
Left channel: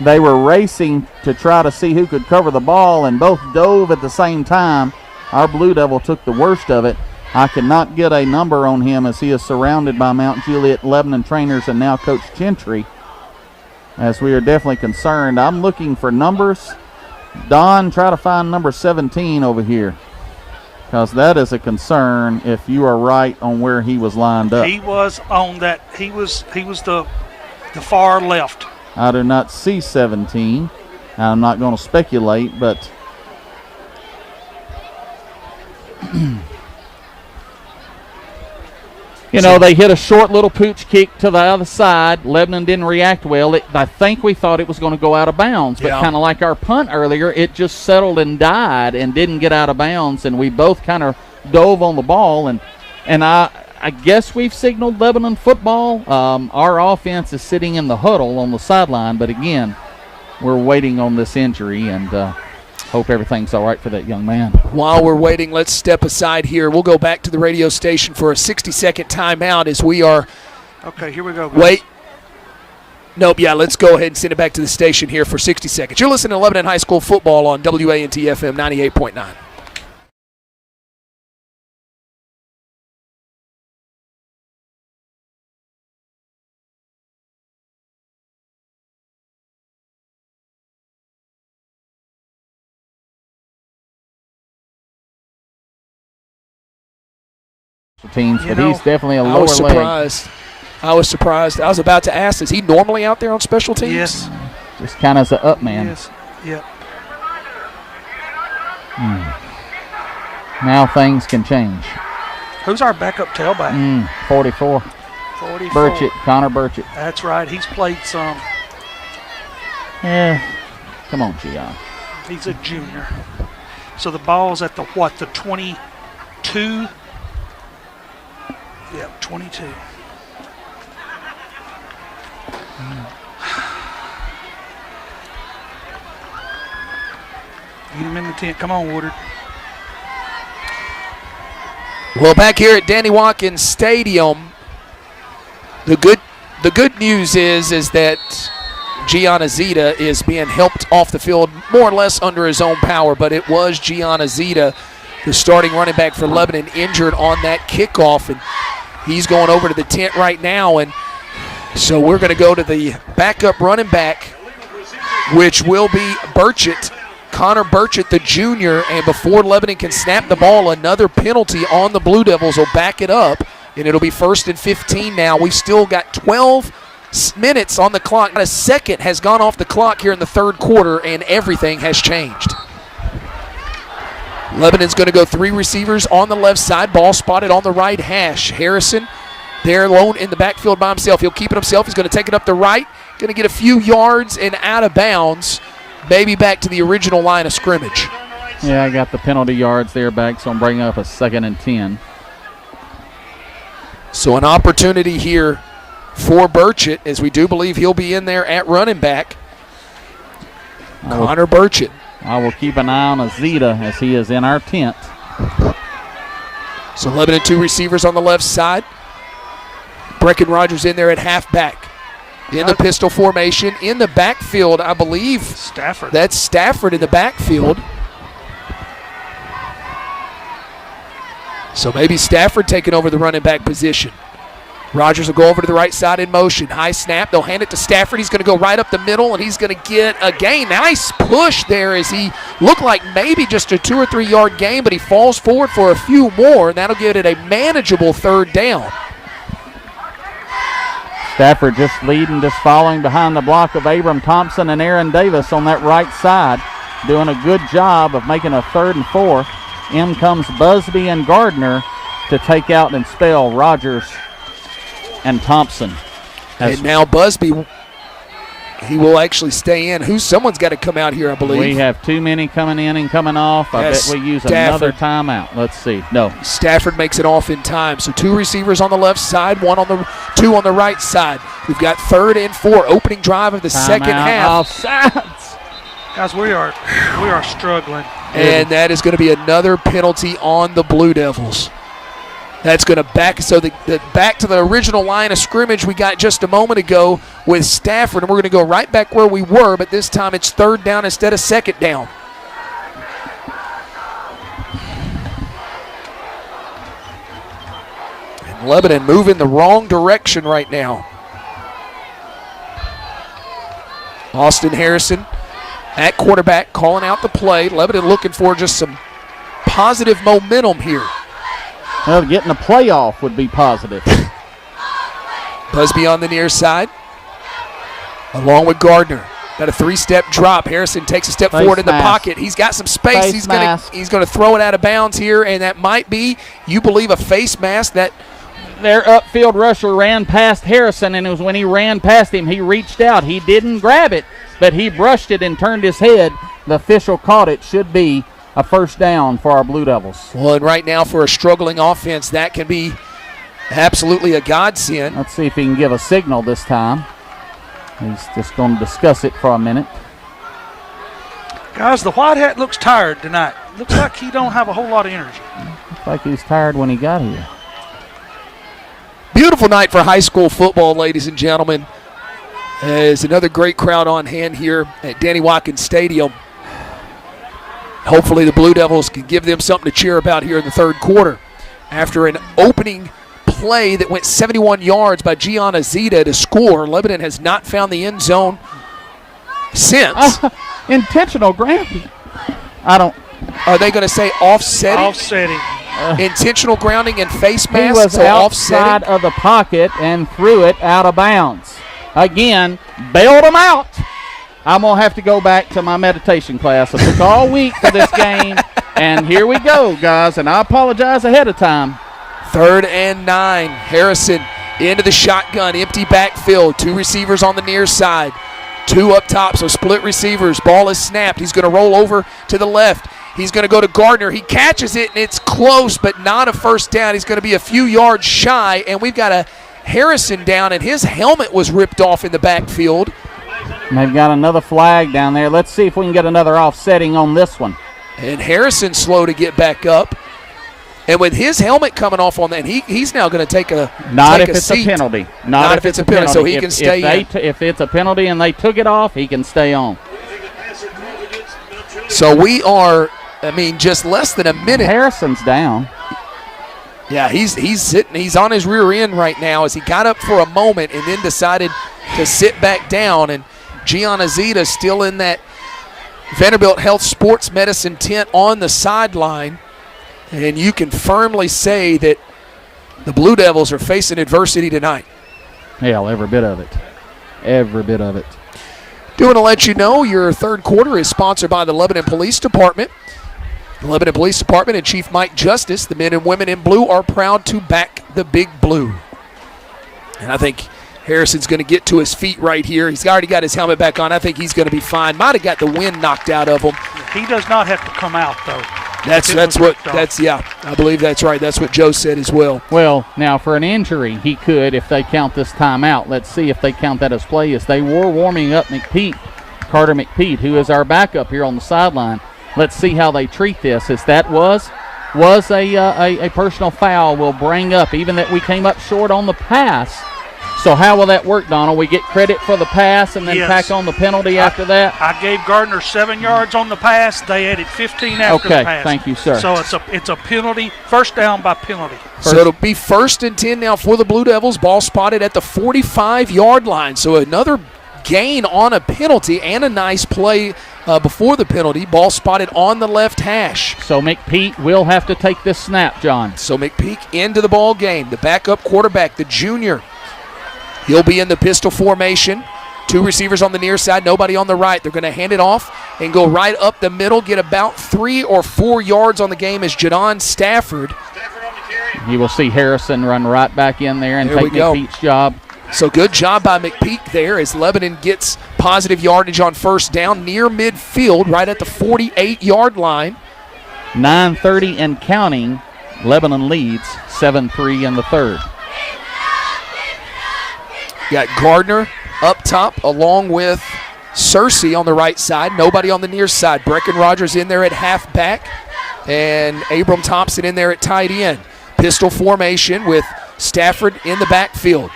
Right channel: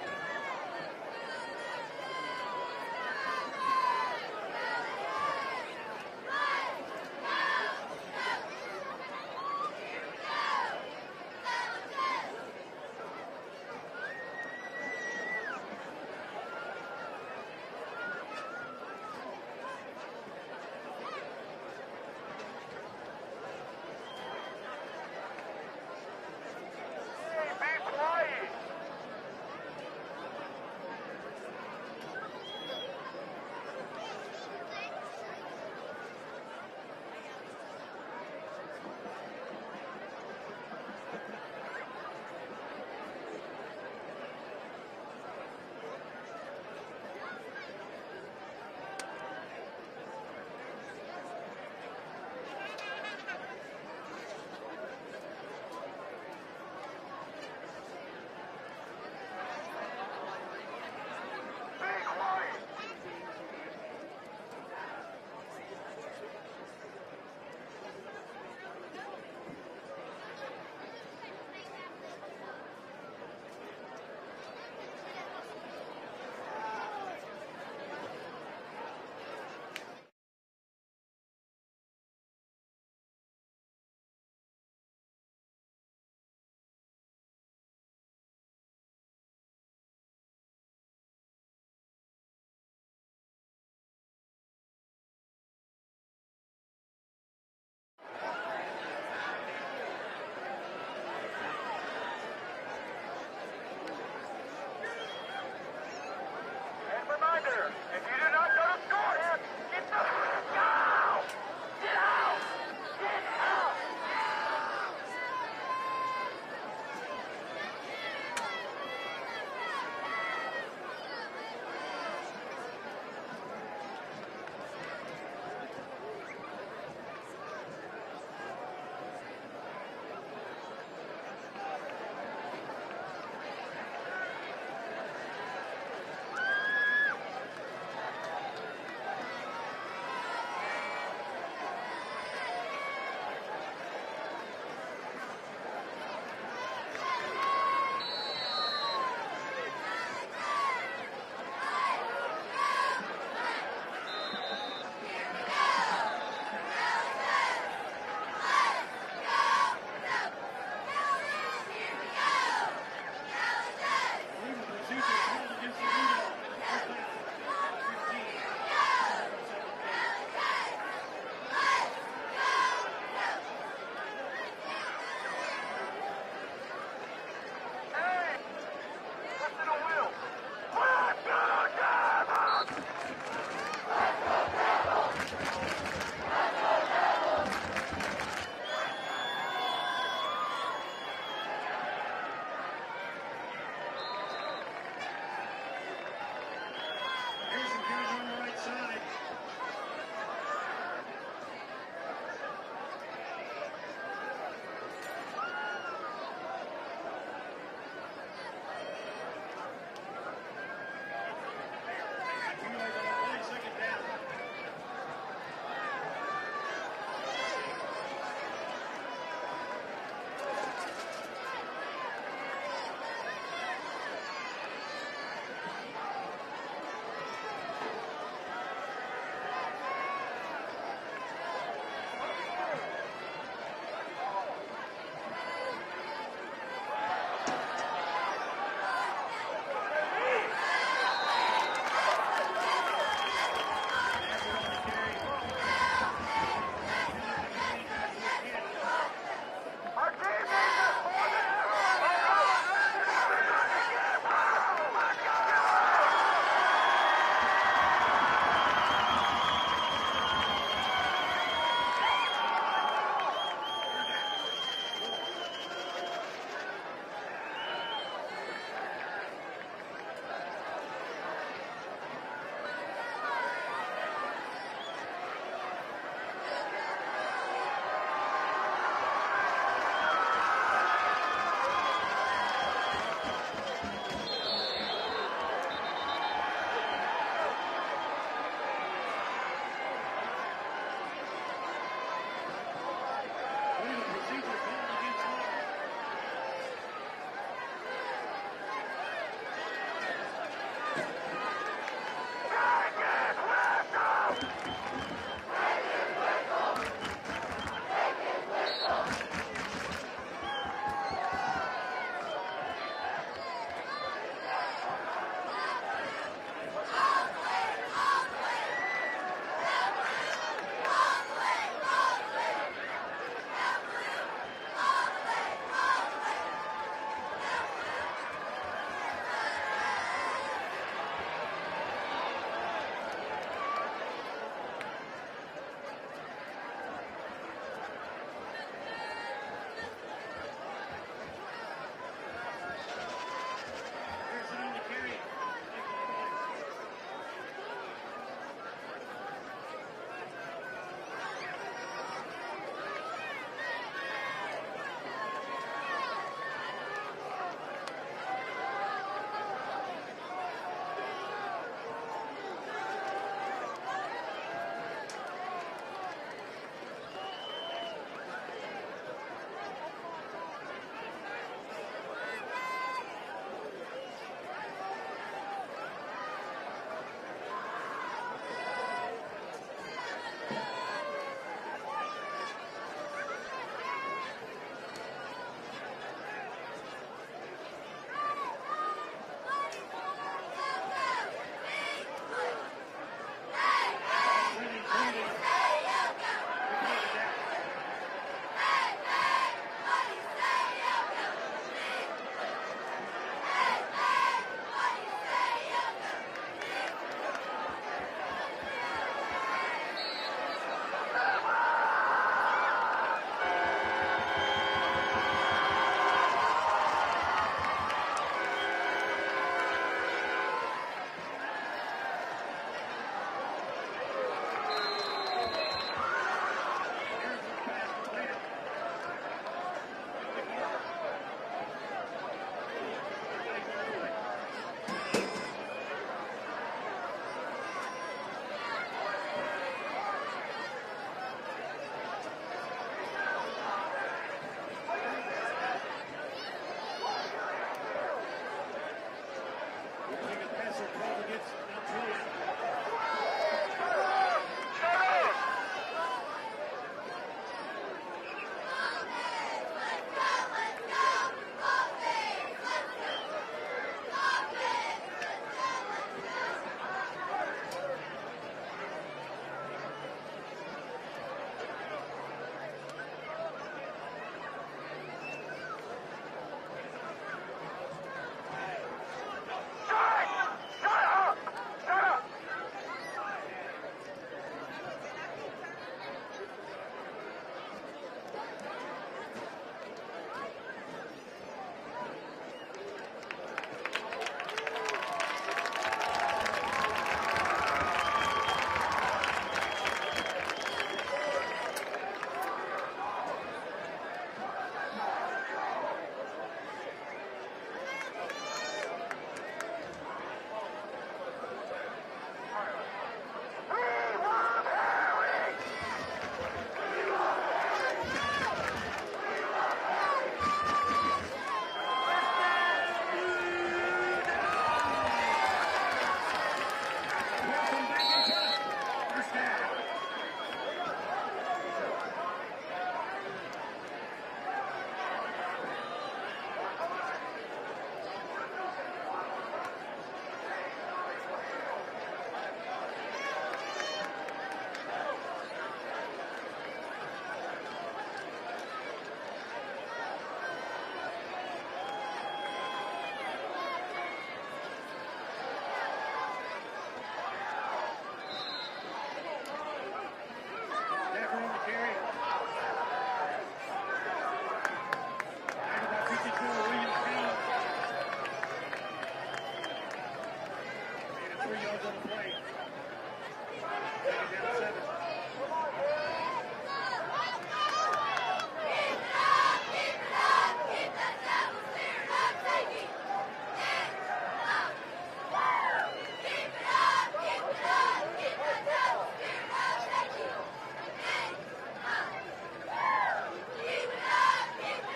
They were racing to try to see who could cover the ball, and both dove at the same time. Our Blue Devil took the worst of it. I cannot get a number on him as he is surrounded by Mount Juliet Lebanon trainers and now Coach Gentry, as we are definitely concerned. I'm looking for numbers. Don, try to find number 17 over here, because that is a concern if you are right on where he was lined up. He was on that. He was the far left. I do not see 17. I'm not going to speculate, but they hit a short little pooch kick to the other side. Lebanon didn't react well. I think we thought it was going to go out of bounds, but kind of like our punt earlier, it just settled and died and didn't get out of bounds, and we both kind of dove on the ball, and I guess we've signaled Lebanon football. Our offense is sitting in the huddle on the sideline, but again, we're waiting on this injury, and hope everything's all right for that young man. While we're waiting, let's step aside here. We'll go back to the radio station for a 60-second timeout as we are... Okay, here we go, guys. Wait. Nope, yeah, let's go ahead and send it back to the station here for 60 seconds. You're listening to Lebanon High School football on WANT FM 98.9. Teams, but he's definitely a lower leg. I was surprised. I was about to ask, is he normally out there on special teams? Yes. Just kind of as an up man. Yes. Yep. Now things can change. Who's our backup tailback? 44. 44. Burchett, Connor Burchett. That's right. He's played some. Yeah. Come on, Gian. He's a junior. So the ball's at the 22? Yep, 22. Get him in the tent. Come on, Woodard. Well, back here at Danny Watkins Stadium, the good news is that Gianna Zita is being helped off the field more or less under his own power, but it was Gianna Zita, the starting running back for Lebanon, injured on that kickoff, and he's going over to the tent right now, and so we're going to go to the backup running back, which will be Burchett, Connor Burchett, the junior, and before Lebanon can snap the ball, another penalty on the Blue Devils will back it up and it'll be 1st and 15 now. We've still got 12 minutes on the clock. Not a second has gone off the clock here in the third quarter, and everything has changed. Lebanon's going to go 3 receivers on the left side. Ball spotted on the right hash. Harrison there alone in the backfield by himself. He'll keep it himself. He's going to take it up the right. Going to get a few yards and out of bounds. Maybe back to the original line of scrimmage. Yeah, I got the penalty yards there back, so I'm bringing up a 2nd and 10. So an opportunity here for Burchett, as we do believe he'll be in there at running back. Connor Burchett. I will keep an eye on Azita as he is in our tent. So Lebanon 2 receivers on the left side. Brecken Rogers in there at halfback. In the pistol formation. In the backfield, I believe. Stafford. That's Stafford in the backfield. So maybe Stafford taking over the running back position. Rogers will go over to the right side in motion. High snap. They'll hand it to Stafford. He's going to go right up the middle, and he's going to get a gain. Nice push there as he looked like maybe just a 2 or 3 yard gain, but he falls forward for a few more, and that'll give it a manageable 3rd down. Stafford just leading, just following behind the block of Abram Thompson and Aaron Davis on that right side, doing a good job of making a 3rd and 4. In comes Busby and Gardner to take out and spell Rogers and Thompson. And now Busby, he will actually stay in. Someone's got to come out here, I believe. We have too many coming in and coming off. I bet we use another timeout. Let's see. No. Stafford makes it off in time. So 2 receivers on the left side, 2 on the right side. We've got 3rd and 4, opening drive of the second half. Offsides. Guys, we are struggling. And that is going to be another penalty on the Blue Devils. That's going to back to the original line of scrimmage we got just a moment ago with Stafford, and we're going to go right back where we were, but this time it's 3rd down instead of 2nd down. And Lebanon moving the wrong direction right now. Austin Harrison at quarterback, calling out the play. Lebanon looking for just some positive momentum here. Well, getting a playoff would be positive. Busby on the near side, along with Gardner. Got a 3-step drop. Harrison takes a step forward in the pocket. He's got some space. He's going to throw it out of bounds here, and that might be, you believe, a face mask. That their upfield rusher ran past Harrison, and it was when he ran past him, he reached out. He didn't grab it, but he brushed it and turned his head. The official caught it. Should be a 1st down for our Blue Devils. Well, and right now for a struggling offense, that can be absolutely a godsend. Let's see if he can give a signal this time. He's just going to discuss it for a minute. Guys, the white hat looks tired tonight. Looks like he don't have a whole lot of energy. Looks like he's tired when he got here. Beautiful night for high school football, ladies and gentlemen. There's another great crowd on hand here at Danny Watkins Stadium. Hopefully the Blue Devils can give them something to cheer about here in the 3rd quarter. After an opening play that went 71 yards by Gianna Zita to score, Lebanon has not found the end zone since. Intentional grounding. Are they going to say offsetting? Offsetting. Intentional grounding and face mask. He was so outside of the pocket and threw it out of bounds. Again, bailed him out. I'm going to have to go back to my meditation class. I took all week for this game, and here we go, guys, and I apologize ahead of time. 3rd and 9. Harrison into the shotgun, empty backfield. 2 receivers on the near side. 2 up top, so split receivers. Ball is snapped. He's going to roll over to the left. He's going to go to Gardner. He catches it, and it's close, but not a 1st down. He's going to be a few yards shy, and we've got a Harrison down, and his helmet was ripped off in the backfield. And they've got another flag down there. Let's see if we can get another offsetting on this one. And Harrison's slow to get back up. And with his helmet coming off on that, he's now going to take a Not take if a it's seat. a penalty. Not if it's a penalty, so he can stay in. If it's a penalty and they took it off, he can stay on. So we are, just less than a minute. Harrison's down. Yeah, he's sitting. He's on his rear end right now as he got up for a moment and then decided to sit back down. And Gianna Zita still in that Vanderbilt Health Sports Medicine tent on the sideline. And you can firmly say that The Blue Devils are facing adversity tonight. Hell, every bit of it. Every bit of it. Do want to let you know your third quarter is sponsored by the Lebanon Police Department. The Lebanon Police Department and Chief Mike Justice, the men and women in blue, are proud to back the Big Blue. And I think Harrison's going to get to his feet right here. He's already got his helmet back on. I think he's going to be fine. Might have got the wind knocked out of him. He does not have to come out, though. I believe that's right. That's what Joe said as well. Well, now for an injury, he could if they count this timeout. Let's see if they count that as play. As they were warming up Carter McPete, who is our backup here on the sideline. Let's see how they treat this. As that was a personal foul, we'll bring up, even that we came up short on the pass. So how will that work, Donald? We get credit for the pass and then tack on the penalty after that? I gave Gardner 7 yards on the pass. They added 15 after the pass. Okay, thank you, sir. So it's a penalty, first down by penalty. So it'll be 1st and 10 now for the Blue Devils. Ball spotted at the 45-yard line. So another gain on a penalty and a nice play before the penalty. Ball spotted on the left hash. So McPete will have to take this snap, John. So McPeak into the ball game. The backup quarterback, the junior. He'll be in the pistol formation. 2 receivers on the near side, nobody on the right. They're going to hand it off and go right up the middle, get about 3 or 4 yards on the game as Jadon Stafford. You will see Harrison run right back in there and take McPete's job. So good job by McPeak there as Lebanon gets positive yardage on first down near midfield, right at the 48-yard line. 9:30 and counting. Lebanon leads 7-3 in the third. Got Gardner up top along with Searcy on the right side. Nobody on the near side. Brecken Rogers in there at halfback and Abram Thompson in there at tight end. Pistol formation with Stafford in the backfield.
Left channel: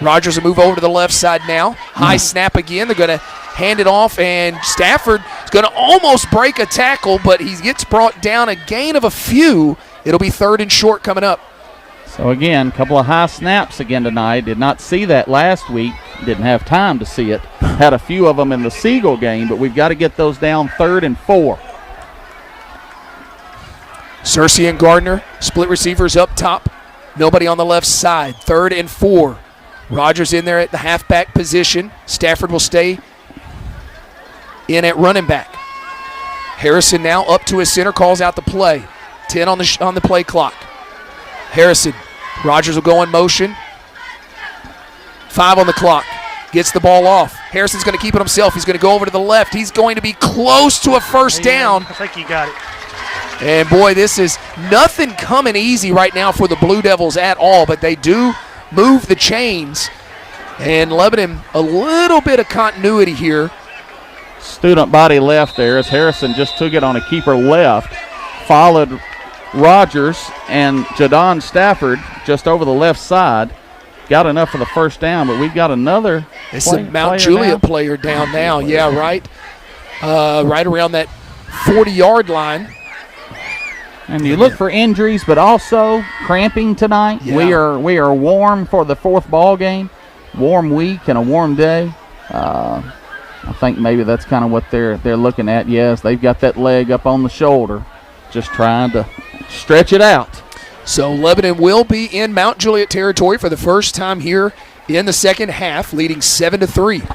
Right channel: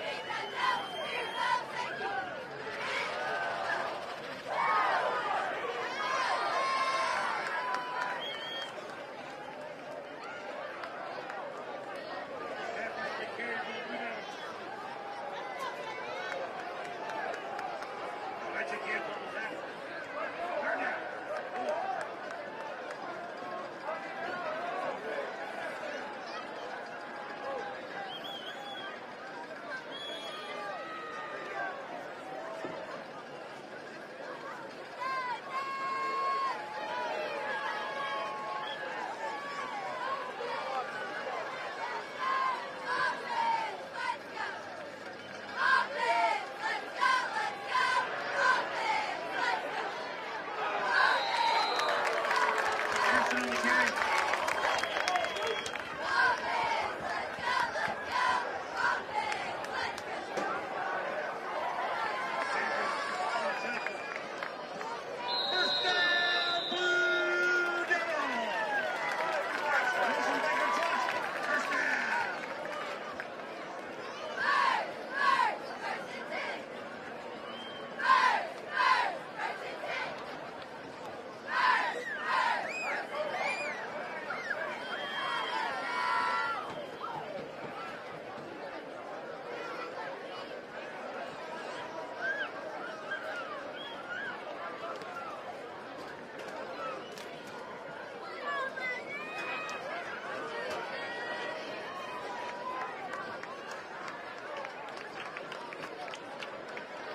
Rogers will move over to the left side now. High snap again. They're going to hand it off, and Stafford is going to almost break a tackle, but he gets brought down a gain of a few. It'll be 3rd and short coming up. So again, a couple of high snaps again tonight. Did not see that last week. Didn't have time to see it. Had a few of them in the Siegel game, but we've got to get those down 3rd and 4. Searcy and Gardner, split receivers up top. Nobody on the left side. 3rd and 4. Rogers in there at the halfback position. Stafford will stay in at running back. Harrison now up to his center, calls out the play. 10 on the play clock. Harrison, Rogers will go in motion. 5 on the clock. Gets the ball off. Harrison's going to keep it himself. He's going to go over to the left. He's going to be close to a first down. I think he got it. And boy, this is nothing coming easy right now for the Blue Devils at all, but they do move the chains. And Lebanon, a little bit of continuity here. Student body left there as Harrison just took it on a keeper left. Followed Rogers and Jadon Stafford just over the left side. Got enough for the first down, but we've got another It's a Mount Juliet player down now. Yeah, right. Right around that 40-yard line. And you look for injuries, but also cramping tonight. Yeah. We are warm for the 4th ball game. Warm week and a warm day. I think maybe that's kind of what they're looking at. Yes, they've got that leg up on the shoulder, just trying to stretch it out. So Lebanon will be in Mount Juliet territory for the first time here in the second half, leading 7-3.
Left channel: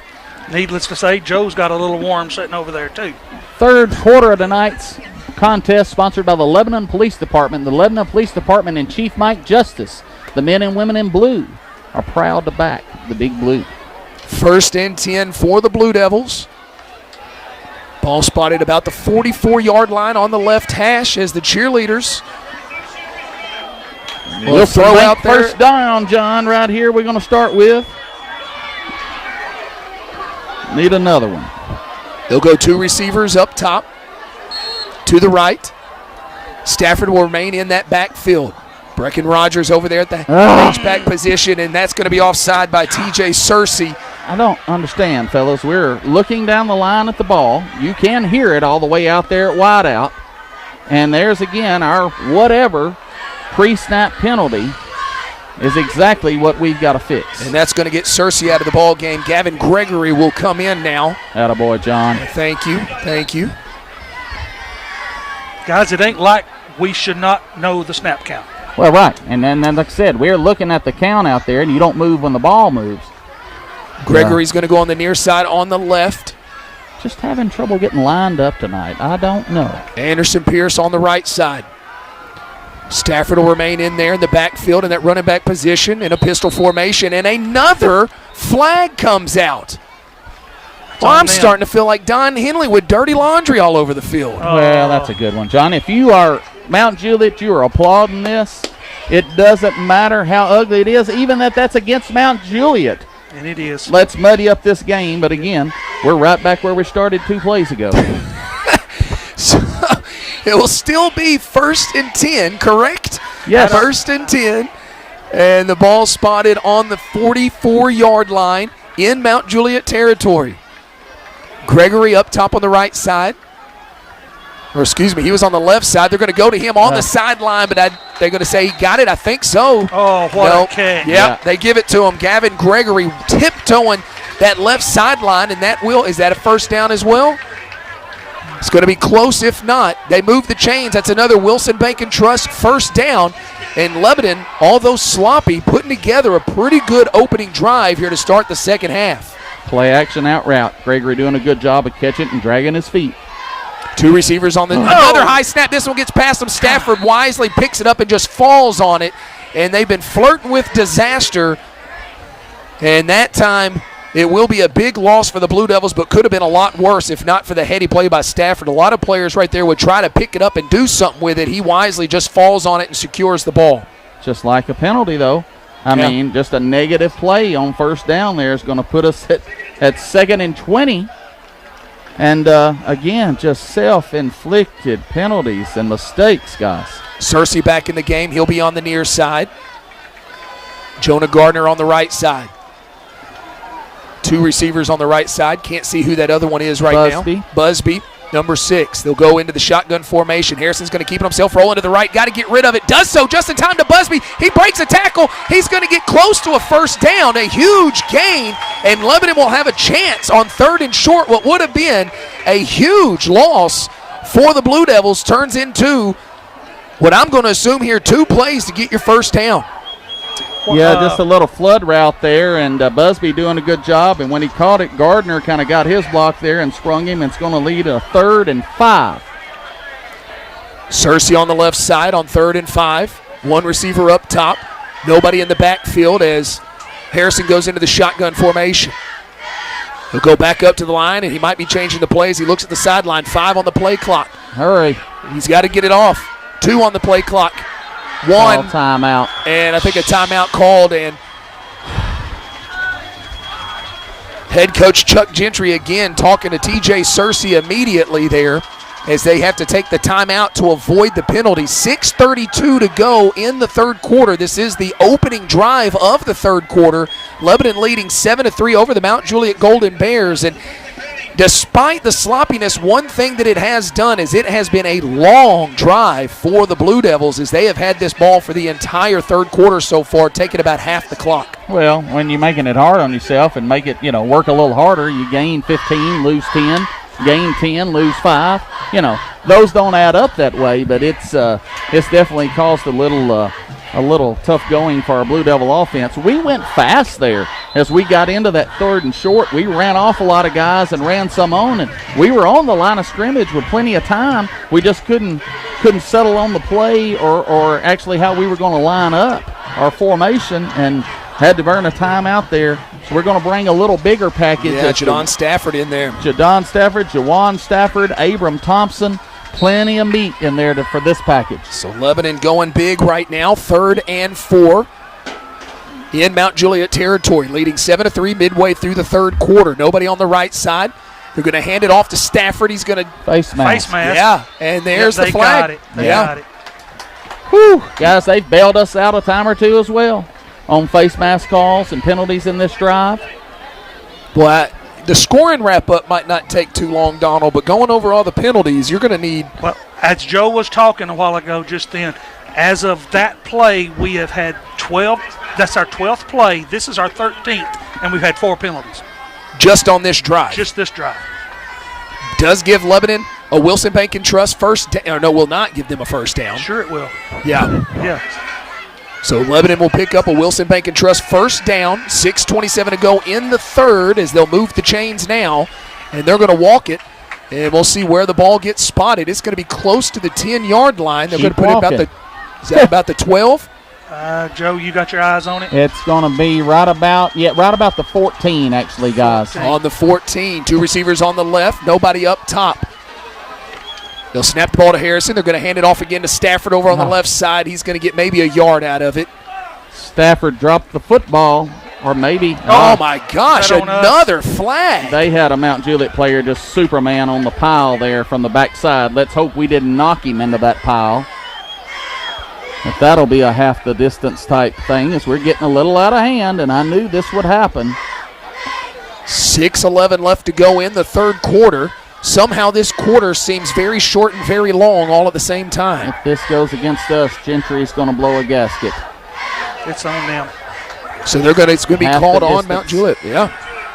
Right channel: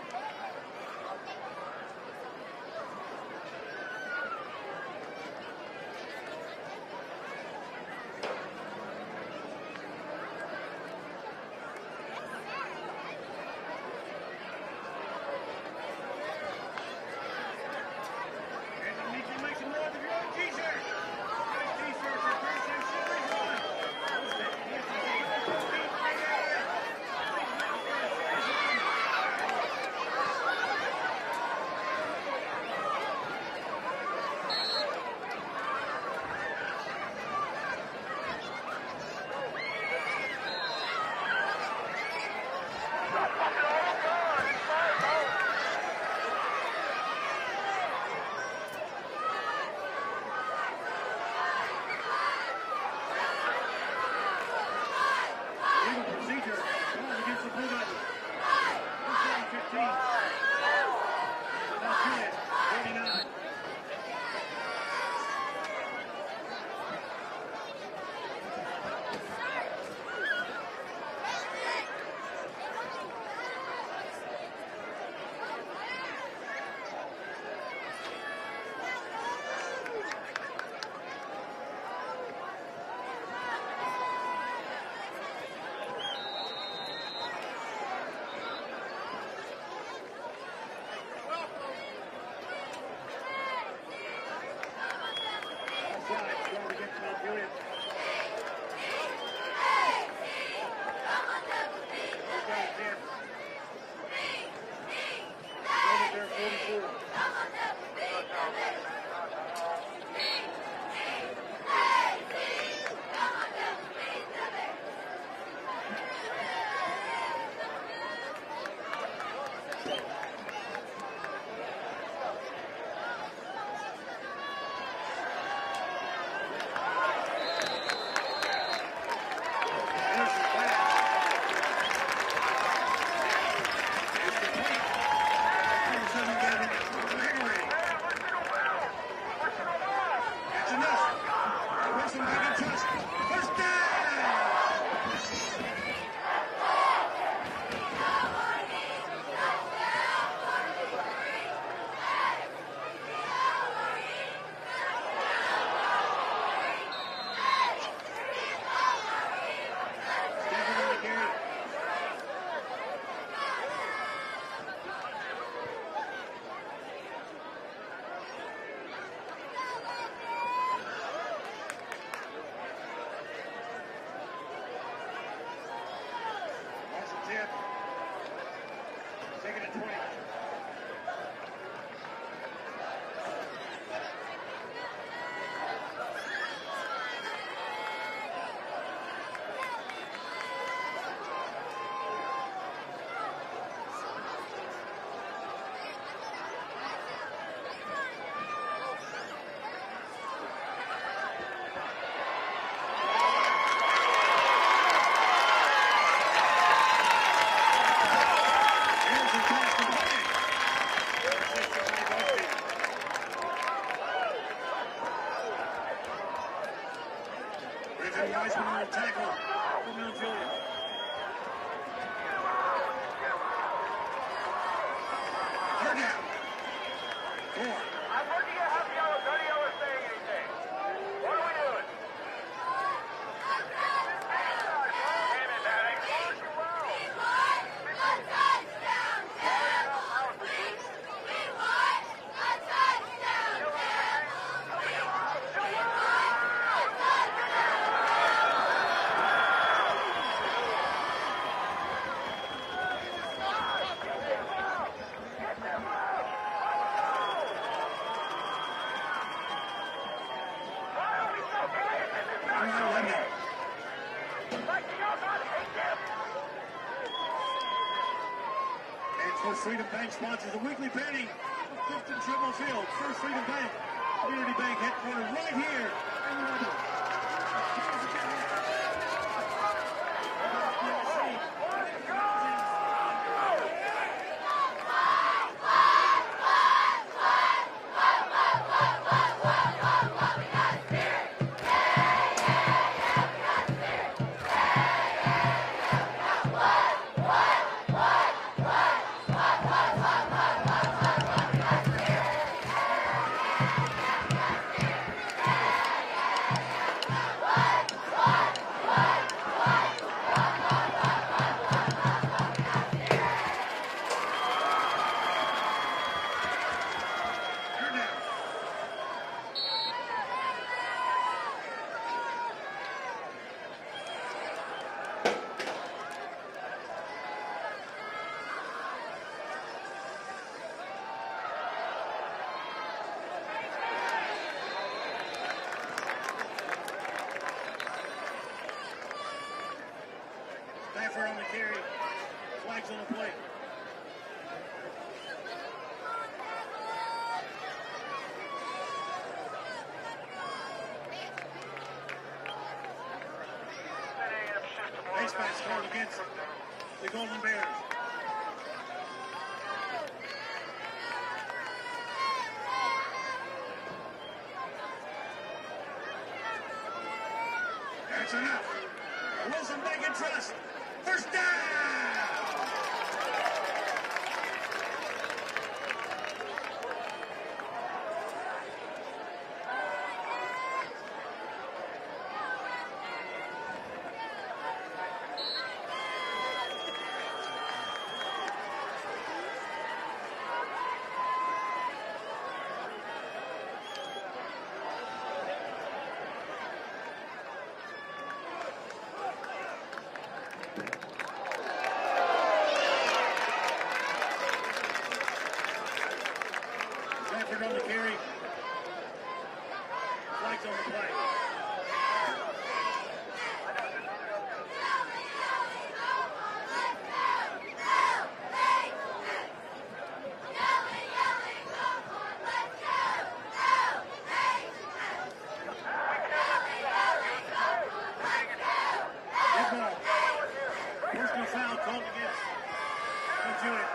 Needless to say, Joe's got a little warm sitting over there, too. Third quarter of tonight's contest sponsored by the Lebanon Police Department. The Lebanon Police Department and Chief Mike Justice, the men and women in blue, are proud to back the Big Blue. 1st and 10 for the Blue Devils. Ball spotted about the 44-yard line on the left hash as the cheerleaders will throw out there. First down, John, right here we're going to start with. Need another one. They'll go 2 receivers up top to the right. Stafford will remain in that backfield. Brecken Rogers over there at the H-back position, and that's going to be offside by T.J. Searcy. I don't understand, fellas. We're looking down the line at the ball. You can hear it all the way out there at wideout. And there's again our whatever pre-snap penalty is exactly what we've got to fix. And that's going to get Searcy out of the ball game. Gavin Gregory will come in now. Attaboy, John. Thank you. Thank you. Guys, it ain't like we should not know the snap count. Well, right. And then like I said, we're looking at the count out there, and you don't move when the ball moves. Gregory's going to go on the near side on the left. Just having trouble getting lined up tonight. I don't know. Anderson Pierce on the right side. Stafford will remain in there in the backfield in that running back position in a pistol formation, and another flag comes out. Well, I'm starting to feel like Don Henley with dirty laundry all over the field. Well, that's a good one, John. If you are Mount Juliet, you are applauding this. It doesn't matter how ugly it is, even that's against Mount Juliet. And it is. Let's muddy up this game, but again, we're right back where we started 2 plays ago. So it will still be 1st and 10, correct? Yes. 1st and 10. And the ball spotted on the 44-yard line in Mount Juliet territory. Gregory up top on the right side. Or excuse me, he was on the left side. They're going to go to him on the sideline, but they're going to say he got it. I think so. Oh, what a catch. Yeah, they give it to him. Gavin Gregory tiptoeing that left sideline, and is that a first down as well? It's going to be close if not. They move the chains. That's another Wilson Bank and Trust first down. And Lebanon, although sloppy, putting together a pretty good opening drive here to start the second half. Play action out route. Gregory doing a good job of catching and dragging his feet. 2 receivers on another high snap. This one gets past him. Stafford wisely picks it up and just falls on it. And they've been flirting with disaster. And that time it will be a big loss for the Blue Devils, but could have been a lot worse if not for the heady play by Stafford. A lot of players right there would try to pick it up and do something with it. He wisely just falls on it and secures the ball. Just like a penalty, though. I mean, just a negative play on first down there is going to put us at 2nd and 20. And, again, just self-inflicted penalties and mistakes, guys. Searcy back in the game. He'll be on the near side. Jonah Gardner on the right side. 2 receivers on the right side. Can't see who that other one is right now. Busby, number 6. They'll go into the shotgun formation. Harrison's going to keep it himself, rolling to the right. Got to get rid of it. Does so just in time to Busby. He breaks a tackle. He's going to get close to a first down. A huge gain, and Lebanon will have a chance on 3rd and short. What would have been a huge loss for the Blue Devils turns into what I'm going to assume here 2 plays to get your first down. Yeah, just a little flood route there, and Busby doing a good job. And when he caught it, Gardner kind of got his block there and sprung him. And it's going to lead a 3rd and 5. Searcy on the left side on 3rd and 5. 1 receiver up top. Nobody in the backfield as Harrison goes into the shotgun formation. He'll go back up to the line, and he might be changing the plays. He looks at the sideline. 5 on the play clock. Hurry. He's got to get it off. 2 on the play clock. 1 timeout, and I think a timeout called, and head coach Chuck Gentry again talking to TJ Searcy immediately there as they have to take the timeout to avoid the penalty. 6:32 to go in the 3rd quarter. This is the opening drive of the 3rd quarter. Lebanon leading 7-3 over the Mount Juliet Golden Bears, and despite the sloppiness, one thing that it has done is it has been a long drive for the Blue Devils as they have had this ball for the entire 3rd quarter so far, taking about half the clock. Well, when you're making it hard on yourself and make it, work a little harder, you gain 15, lose 10, gain 10, lose 5. Those don't add up that way, but it's definitely caused a little tough going for our Blue Devil offense. We went fast there as we got into that 3rd and short. We ran off a lot of guys and ran some on, and we were on the line of scrimmage with plenty of time. We just couldn't settle on the play or actually how we were going to line up our formation, and had to burn a timeout there. So we're going to bring a little bigger package. Yeah, Jadon Stafford in there. Jadon Stafford, Jawan Stafford, Abram Thompson. Plenty of meat in there for this package. So Lebanon going big right now, 3rd and 4 in Mount Juliet territory, leading 7-3 midway through the 3rd quarter. Nobody on the right side. They're going to hand it off to Stafford. He's going to face mask. Yeah, and there's the flag. They got it. Whew. Guys, they've bailed us out a time or 2 as well on face mask calls and penalties in this drive. Well, the scoring wrap-up might not take too long, Donald, but going over all the penalties, you're going to need. Well, as Joe was talking a while ago just then, as of that play, we have had 12. That's our 12th play. This is our 13th, and we've had 4 penalties. Just on this drive. Just this drive. Does give Lebanon a Wilson Bank and Trust first down. Or no, will not give them a first down. Sure it will. Yeah. Yeah. So Lebanon will pick up a Wilson Bank and Trust first down, 6:27 to go in the third as they'll move the chains now, and they're going to walk it, and we'll see where the ball gets spotted. It's going to be close to the 10-yard line. They're going to put it about the 12? Joe, you got your eyes on it? It's going to be right about the 14, actually, guys. On the 14, 2 receivers on the left, nobody up top. They'll snap the ball to Harrison. They're going to hand it off again to Stafford over on the left side. He's going to get maybe a yard out of it. Stafford dropped the football, or maybe. Oh, my gosh, another flag. They had a Mount Juliet player just Superman on the pile there from the backside. Let's hope we didn't knock him into that pile. But that'll be a half the distance type thing as we're getting a little out of hand, and I knew this would happen. 6:11 left to go in the third quarter. Somehow this quarter seems very short and very long all at the same time. If this goes against us, Gentry's going to blow a gasket. It's on them. So it's going to be called on Mount Juliet.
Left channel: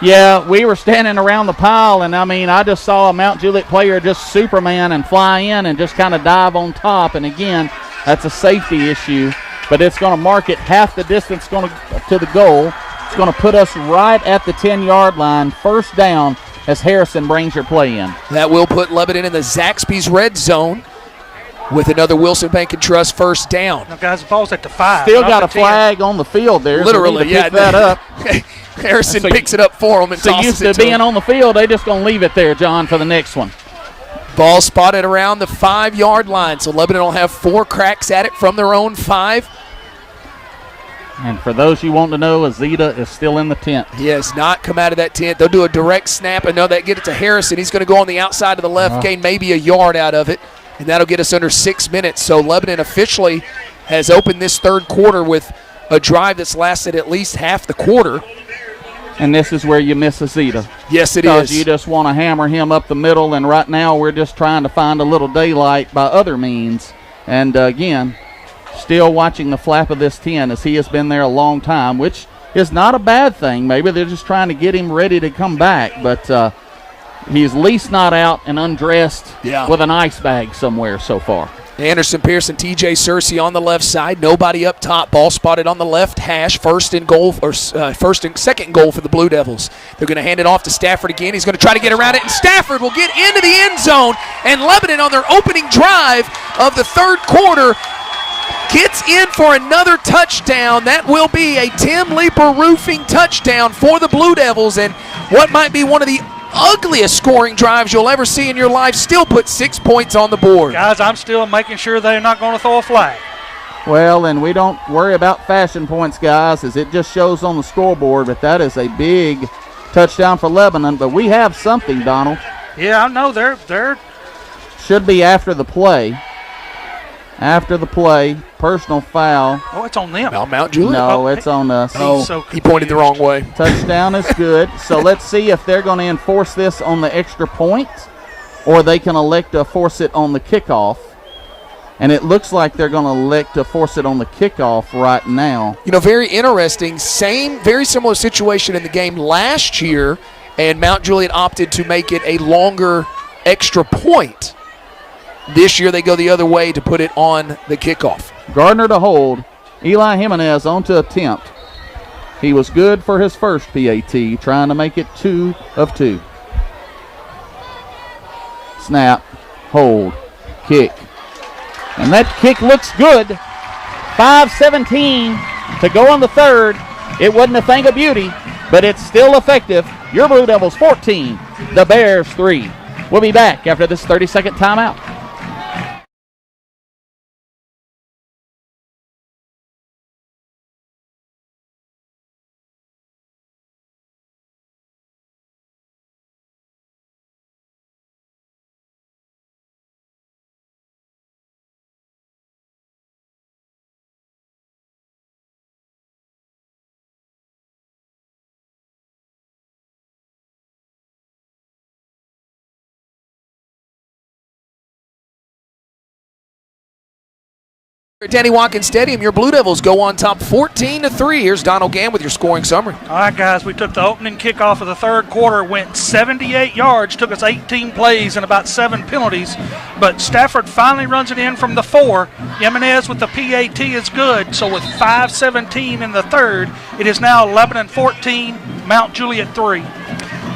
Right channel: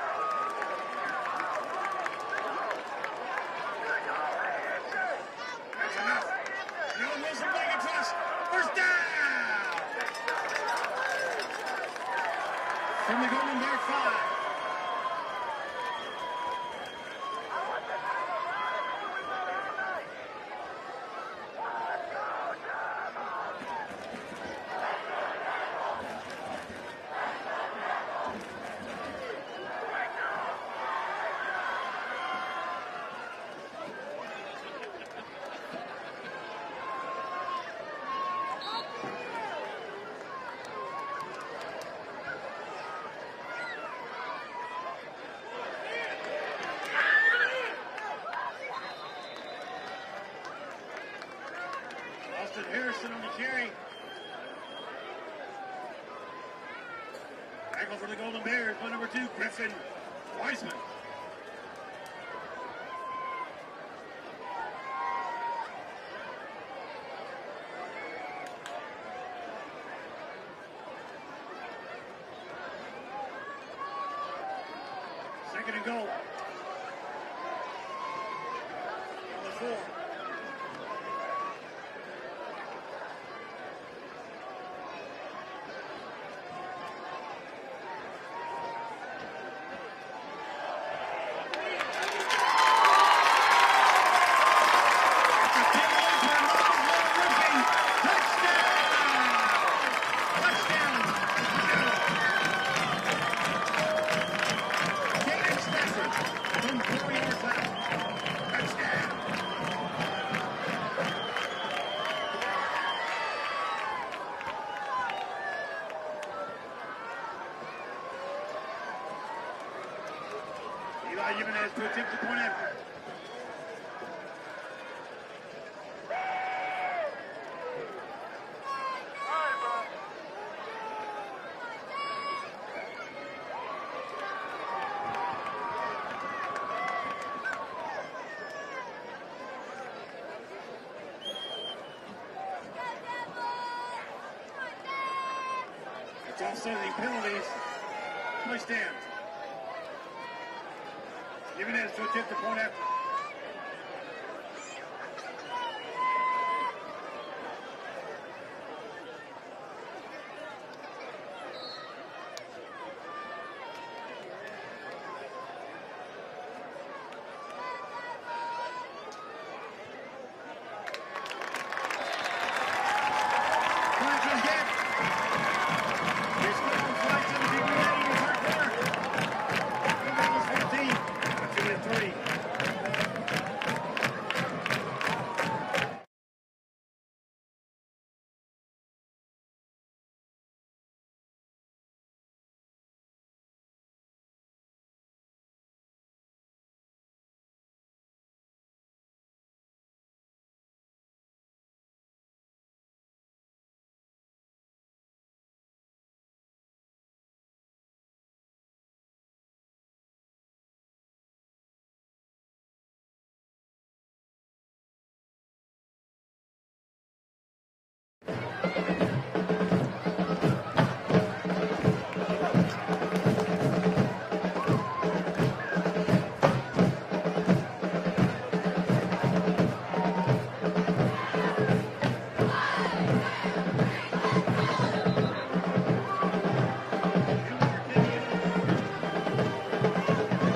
Yeah, we were standing around the pile, and I just saw a Mount Juliet player just Superman and fly in and just kind of dive on top. And again, that's a safety issue, but it's going to mark it half the distance to the goal. It's going to put us right at the 10-yard line, first down, as Harrison brings your play in. That will put Lebanon in the Zaxby's red zone with another Wilson Bank and Trust first down. Now, guys, the ball's at the 5. Still got a flag on the field there. Literally, so pick that up. Harrison picks it up for them and tosses used it to being on the field, they just going to leave it there, John, for the next one. Ball spotted around the 5-yard line, so Lebanon will have 4 cracks at it from their own 5. And for those you want to know, Azita is still in the tent. He has not come out of that tent. They'll do a direct snap, and they get it to Harrison. He's going to go on the outside of the left, gain maybe a yard out of it, and that'll get us under 6 minutes. So Lebanon officially has opened this third quarter with a drive that's lasted at least half the quarter. And this is where you miss Azita. Yes, it because is. You just want to hammer him up the middle, and right now we're just trying to find a little daylight by other means. And again, still watching the flap of this 10 as he has been there a long time, which is not a bad thing. Maybe they're just trying to get him ready to come back, but he's at least not out and undressed with an ice bag somewhere so far. Anderson Pearson, TJ Searcy on the left side. Nobody up top. Ball spotted on the left hash. First and second goal for the Blue Devils. They're going to hand it off to Stafford again. He's going to try to get around it, and Stafford will get into the end zone. And Lebanon on their opening drive of the third quarter gets in for another touchdown. That will be a Tim Leeper roofing touchdown for the Blue Devils, and what might be one of the ugliest scoring drives you'll ever see in your life still put 6 points on the board. Guys, I'm still making sure they're not going to throw a flag. Well, and we don't worry about fashion points, guys, as it just shows on the scoreboard, but that is a big touchdown for Lebanon. But we have something, Donald. Yeah, I know. They're should be after the play. After the play, personal foul. Oh, it's on them. Mount Juliet? No, it's on us. He pointed the wrong way. Touchdown is good. So let's see if they're going to enforce this on the extra point, or they can elect to force it on the kickoff. And it looks like they're going to elect to force it on the kickoff right now. Very interesting. Very similar situation in the game last year, and Mount Juliet opted to make it a longer extra point. This year they go the other way to put it on the kickoff. Gardner to hold. Eli Jimenez on to attempt. He was good for his first PAT, trying to make it 2 of 2. Snap, hold, kick. And that kick looks good. 5:17 to go on the third. It wasn't a thing of beauty, but it's still effective. Your Blue Devils 14, the Bears 3. We'll be back after this 30-second timeout. At Danny Watkins Stadium, your Blue Devils go on top 14-3. Here's Donald Gann with your scoring summary. All right, guys, we took the opening kickoff of the third quarter, went 78 yards, took us 18 plays and about 7 penalties, but Stafford finally runs it in from the 4. Jimenez with the PAT is good, so with 5:17 in the third, it is now Lebanon 14, Mount Juliet 3.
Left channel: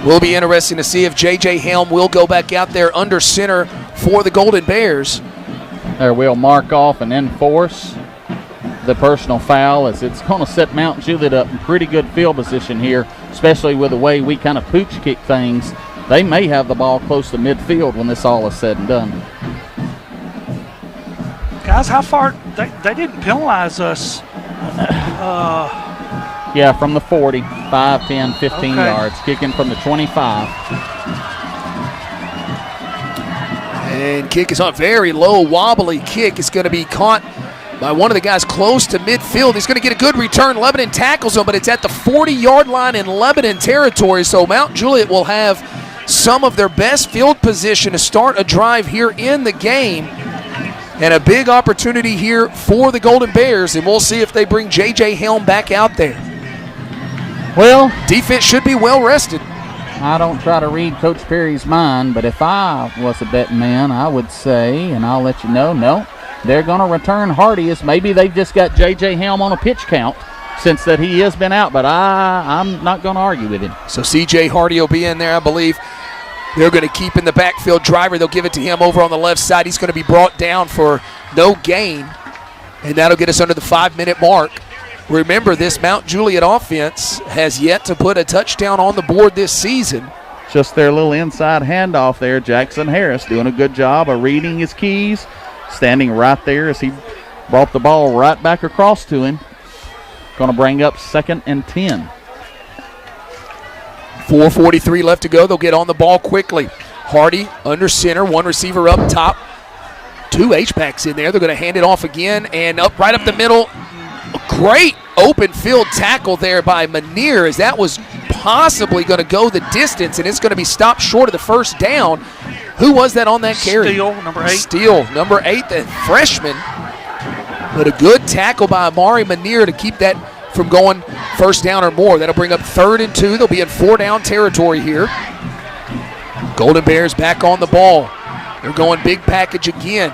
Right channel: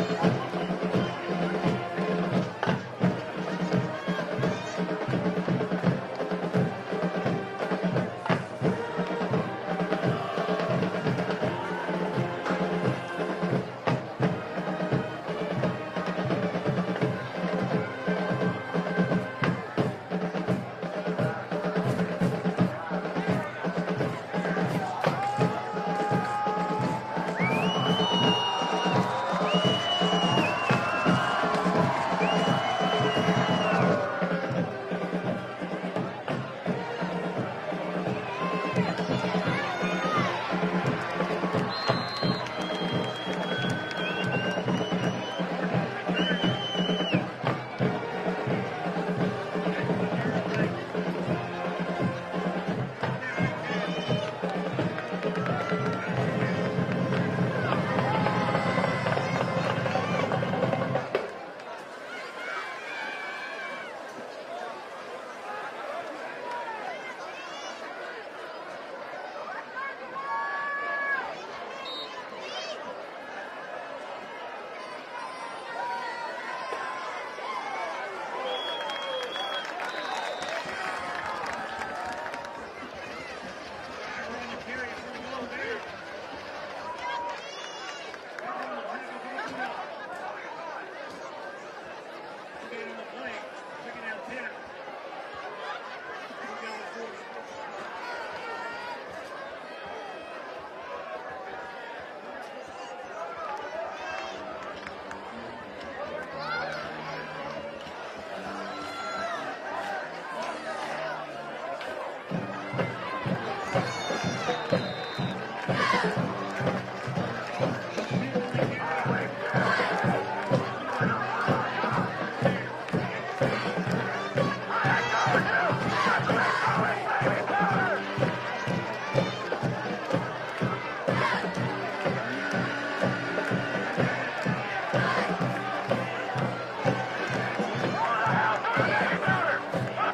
Will be interesting to see if J.J. Helm will go back out there under center for the Golden Bears. There we'll mark off and enforce the personal foul, as it's going to set Mount Juliet up in pretty good field position here, especially with the way we kind of pooch kick things. They may have the ball close to midfield when this all is said and done. Guys, how far? They didn't penalize us. Yeah, from the 40, 5, 10, 15 yards, kicking from the 25. And kick is on, very low, wobbly kick. It's going to be caught by one of the guys close to midfield. He's going to get a good return. Lebanon tackles him, but it's at the 40-yard line in Lebanon territory. So Mount Juliet will have some of their best field position to start a drive here in the game. And a big opportunity here for the Golden Bears, and we'll see if they bring J.J. Helm back out there. Well, defense should be well rested. I don't try to read Coach Perry's mind, but if I was a betting man, I would say, and I'll let you know, no, they're going to return Hardy. Maybe they've just got J.J. Helm on a pitch count since that he has been out, but I'm not going to argue with him. So C.J. Hardy will be in there, I believe. They're going to keep in the backfield. Driver, they'll give it to him over on the left side. He's going to be brought down for no gain, and that'll get us under the 5-minute mark. Remember, this Mount Juliet offense has yet to put a touchdown on the board this season. Just their little inside handoff there. Jackson Harris doing a good job of reading his keys, standing right there as he brought the ball right back across to him. Going to bring up 2nd and 10. 4:43 left to go. They'll get on the ball quickly. Hardy under center, one receiver up top. 2 H-backs in there. They're going to hand it off again, and right up the middle. A great open field tackle there by Manier, as that was possibly going to go the distance, and it's going to be stopped short of the first down. Who was that on that carry? Steele, number 8. Steele, number 8, the freshman. But a good tackle by Amari Manier to keep that from going first down or more. That'll bring up 3rd and 2. They'll be in 4-down territory here. Golden Bears back on the ball. They're going big package again.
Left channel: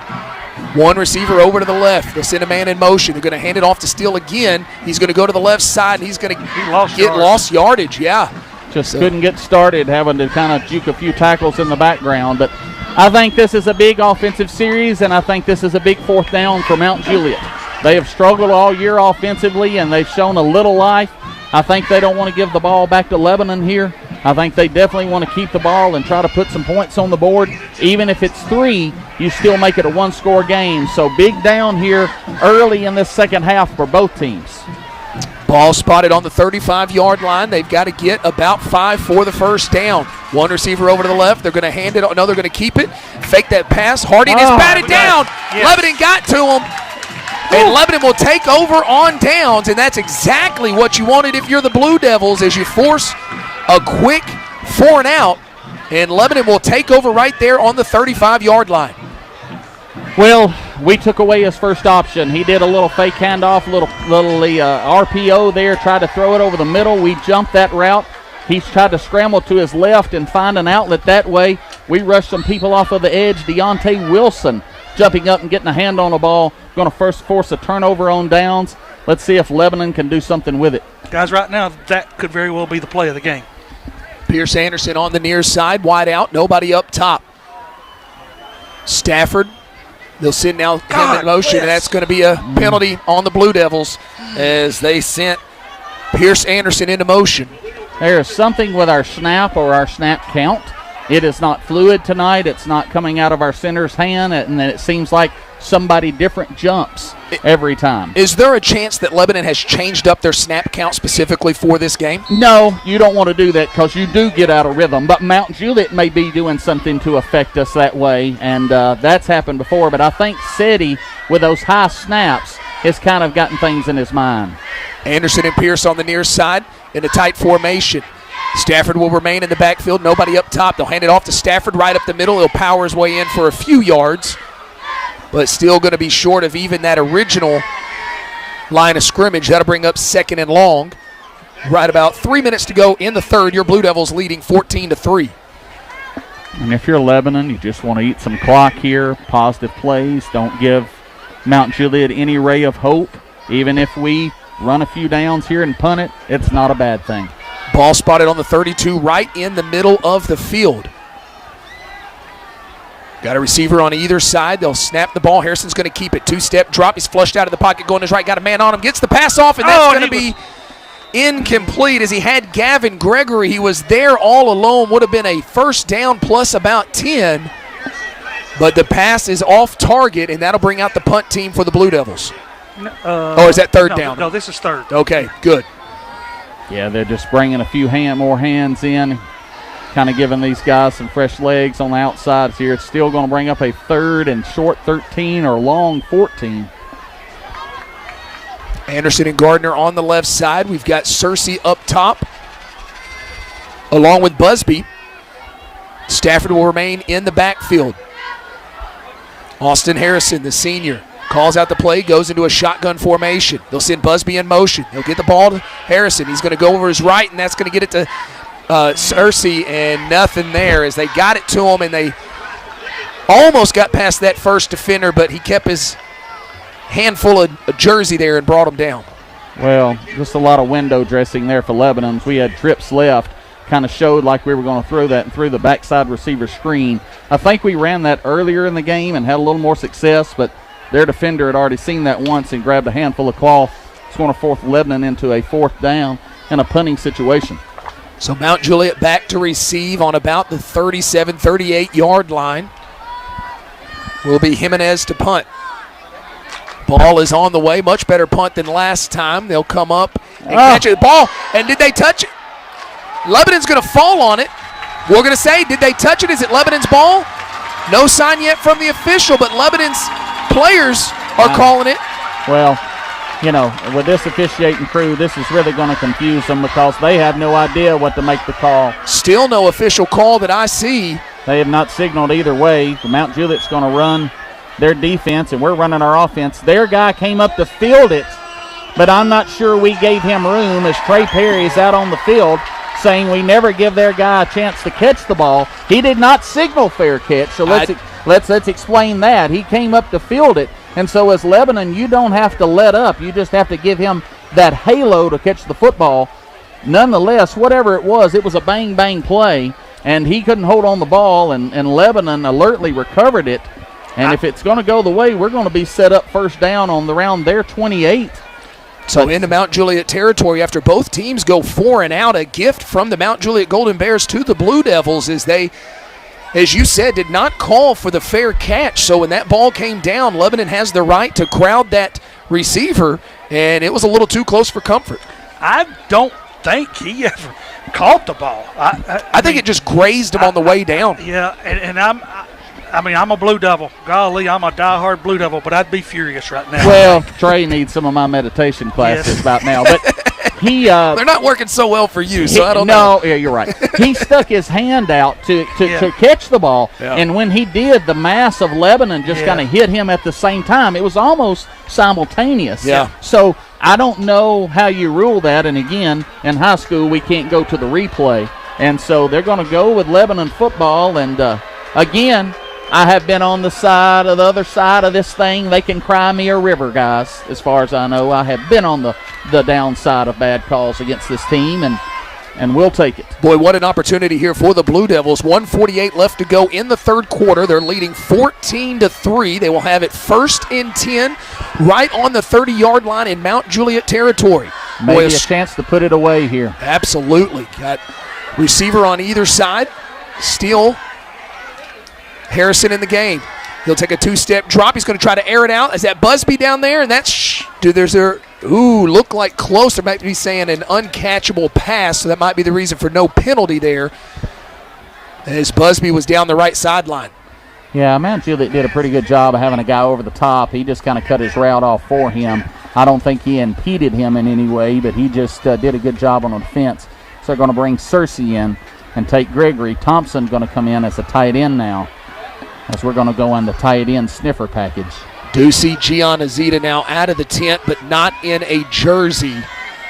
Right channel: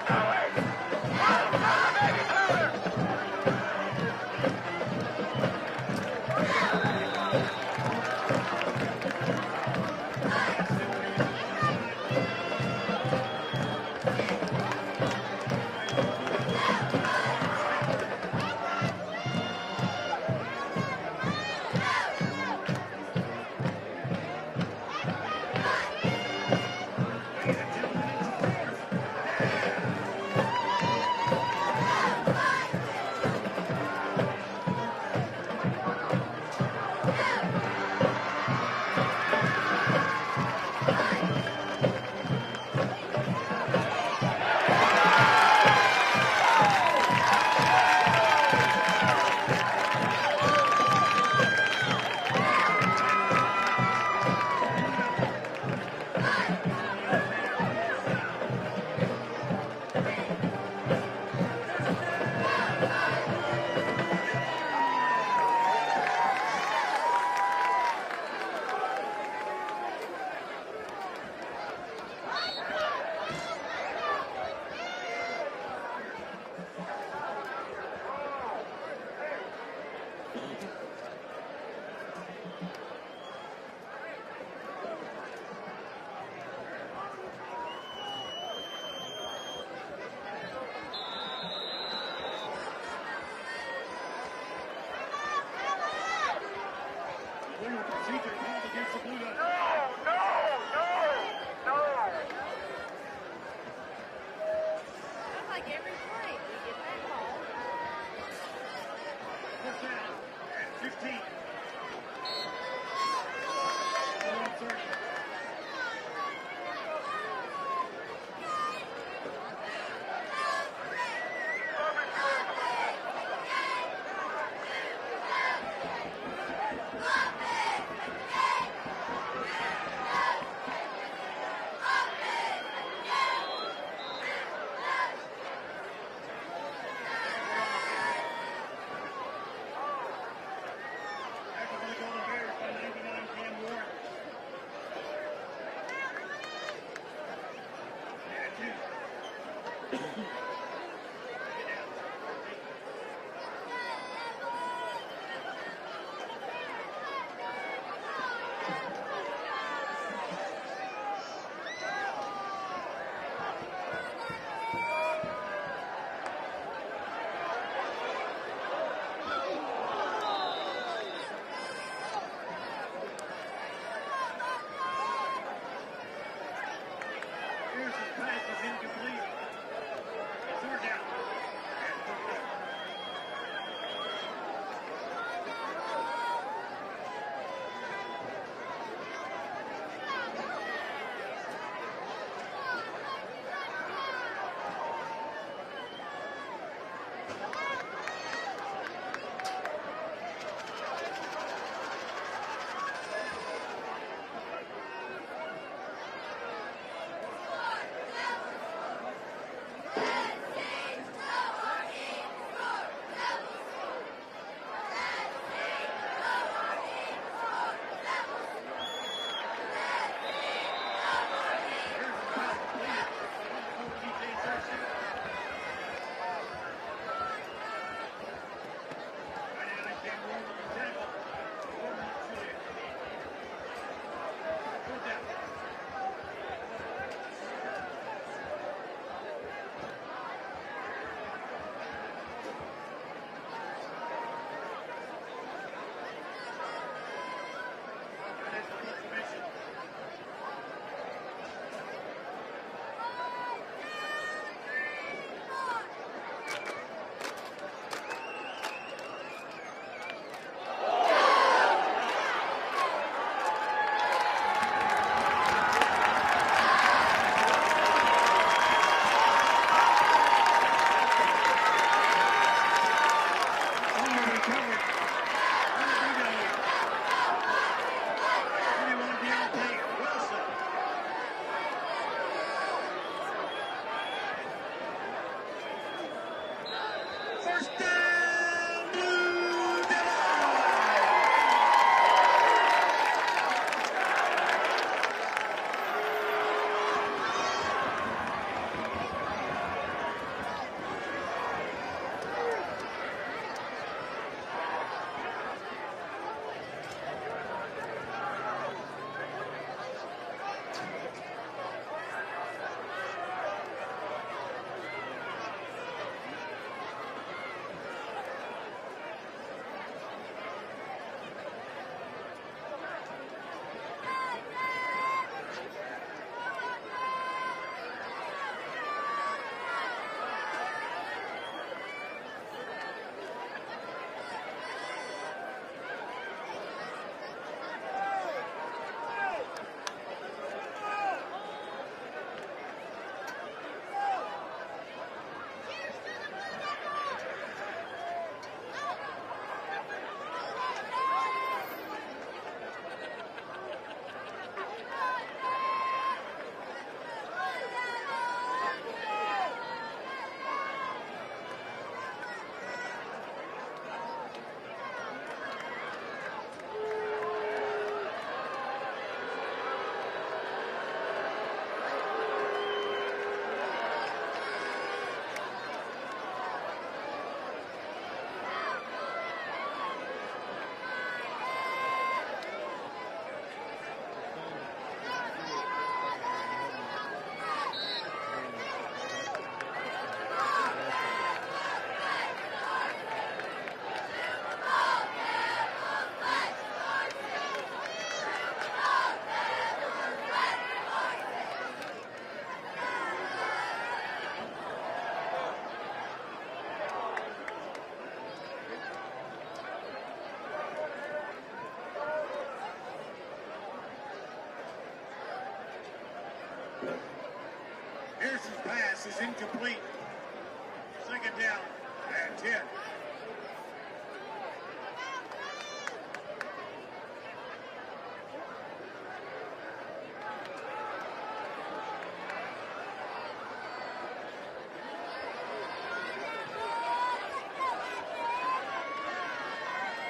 One receiver over to the left. They'll send a man in motion. They're going to hand it off to Steele again. He's going to go to the left side, and he's going to get lost yardage. Yeah. Just couldn't get started, having to kind of juke a few tackles in the background. But I think this is a big offensive series, and I think this is a big 4th down for Mount Juliet. They have struggled all year offensively, and they've shown a little life. I think they don't want to give the ball back to Lebanon here. I think they definitely want to keep the ball and try to put some points on the board. Even if it's 3, you still make it a 1-score game. So big down here early in this second half for both teams. Ball spotted on the 35-yard line. They've got to get about 5 for the first down. One receiver over to the left. They're going to hand it. No, they're going to keep it. Fake that pass. Hardy is batted down. Yes. Lebanon got to him. And Lebanon will take over on downs, and that's exactly what you wanted if you're the Blue Devils, as you force a quick 4 and out, and Lebanon will take over right there on the 35-yard line. Well, we took away his first option. He did a little fake handoff, little RPO there, tried to throw it over the middle. We jumped that route. He's tried to scramble to his left and find an outlet that way. We rushed some people off of the edge. Deontay Wilson jumping up and getting a hand on the ball. Going to first force a turnover on downs. Let's see if Lebanon can do something with it. Guys, right now, that could very well be the play of the game. Pierce Anderson on the near side, wide out, nobody up top. Stafford, they'll send now him in motion, and that's going to be a penalty on the Blue Devils as they sent Pierce Anderson into motion. There is something with our snap or our snap count. It is not fluid tonight. It's not coming out of our center's hand, and then it seems like somebody different jumps every time. Is there a chance that Lebanon has changed up their snap count specifically for this game? No, you don't want to do that because you do get out of rhythm. But Mount Juliet may be doing something to affect us that way, and that's happened before. But I think Seti, with those high snaps, has kind of gotten things in his mind. Anderson and Pierce on the near side in a tight formation. Stafford will remain in the backfield. Nobody up top. They'll hand it off to Stafford right up the middle. He'll power his way in for a few yards. but still going to be short of even that original line of scrimmage. That'll bring up 2nd and long. Right about 3 minutes to go in the third. Your Blue Devils leading 14-3. And if you're Lebanon, you just want to eat some clock here, positive plays. Don't give Mount Juliet any ray of hope. Even if we run a few downs here and punt it, it's not a bad thing. Ball spotted on the 32 right in the middle of the field. Got a receiver on either side. They'll snap the ball. Harrison's going to keep it. 2-step drop. He's flushed out of the pocket, going his right. Got a man on him. Gets the pass off, and that's going to be incomplete as he had Gavin Gregory. He was there all alone. Would have been a first down plus about 10. But the pass is off target, and that'll bring out the punt team for the Blue Devils. Is that third down? No, this is third. Okay, good. Yeah, they're just bringing a few more hands in, kind of giving these guys some fresh legs on the outsides here. It's still going to bring up a 3rd and short 13 or long 14. Anderson and Gardner on the left side. We've got Searcy up top, along with Busby. Stafford will remain in the backfield. Austin Harrison, the senior, calls out the play, goes into a shotgun formation. They'll send Busby in motion. He'll get the ball to Harrison. He's going to go over his right, and that's going to get it to Searcy, and nothing there as they got it to him, and they almost got past that first defender, but he kept his handful of jersey there and brought him down. Well, just a lot of window dressing there for Lebanon. We had trips left. Kind of showed like we were going to throw that and threw the backside receiver screen. I think we ran that earlier in the game and had a little more success, but their defender had already seen that once and grabbed a handful of cloth. It's going to force Lebanon into a 4th down in a punting situation. So Mount Juliet back to receive on about the 37, 38-yard line. Will be Jimenez to punt. Ball is on the way. Much better punt than last time. They'll come up and catch it. Ball, and did they touch it? Lebanon's going to fall on it. We're going to say, did they touch it? Is it Lebanon's ball? No sign yet from the official, but Lebanon's players are calling it. Well, you know, with this officiating crew, this is really going to confuse them because they have no idea what to make the call. Still no official call that I see. They have not signaled either way. Mount Juliet's going to run their defense, and we're running our offense. Their guy came up to field it, but I'm not sure we gave him room as Trey Perry's out on the field saying we never give their guy a chance to catch the ball. He did not signal fair catch, so let's explain that. He came up to field it, and so as Lebanon, you don't have to let up. You just have to give him that halo to catch the football. Nonetheless, whatever it was a bang-bang play, and he couldn't hold on the ball, and Lebanon alertly recovered it. And if it's going to go the way, we're going to be set up first down on around their 28. So into Mount Juliet territory after both teams go 4 and out. A gift from the Mount Juliet Golden Bears to the Blue Devils as they, as you said, did not call for the fair catch. So when that ball came down, Lebanon has the right to crowd that receiver, and it was a little too close for comfort. I don't think he ever caught the ball. I think it just grazed him on the way down. Yeah, and I'm a Blue Devil. Golly, I'm a diehard Blue Devil, but I'd be furious right now. Well, Trey needs some of my meditation classes about now. But he they're not working so well for you, so I don't know. No, yeah, you're right. He stuck his hand out to catch the ball, and when he did, the mass of Lebanon just kind of hit him at the same time. It was almost simultaneous. Yeah. So I don't know how you rule that, and again, in high school, we can't go to the replay. And so they're going to go with Lebanon football, and again, I have been on the other side of this thing. They can cry me a river, guys, as far as I know. I have been on the downside of bad calls against this team, and we'll take it. Boy, what an opportunity here for the Blue Devils. 1:48 left to go in the third quarter. They're leading 14-3. They will have it 1st and 10 right on the 30-yard line in Mount Juliet territory. Maybe a chance to put it away here. Absolutely. Got receiver on either side. Still Harrison in the game. He'll take a 2-step drop. He's going to try to air it out. Is that Busby down there? And that's, look like close. There might be saying an uncatchable pass, so that might be the reason for no penalty there as Busby was down the right sideline. Yeah, Mount Juliet did a pretty good job of having a guy over the top. He just kind of cut his route off for him. I don't think he impeded him in any way, but he just did a good job on the defense. So they're going to bring Searcy in and take Gregory. Thompson's going to come in as a tight end now. as we're going to go on the tight end sniffer package. Do see Gianna Zeta now out of the tent, but not in a jersey.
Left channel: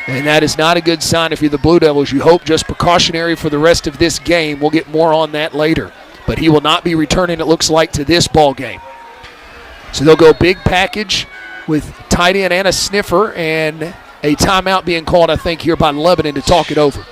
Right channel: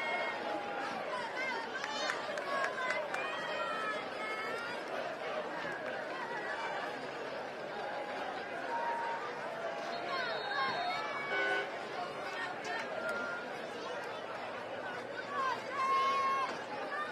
And that is not a good sign if you're the Blue Devils. You hope just precautionary for the rest of this game. We'll get more on that later. But he will not be returning, it looks like, to this ball game. So they'll go big package with tight end and a sniffer, and a timeout being called, I think, here by Lebanon to talk it over.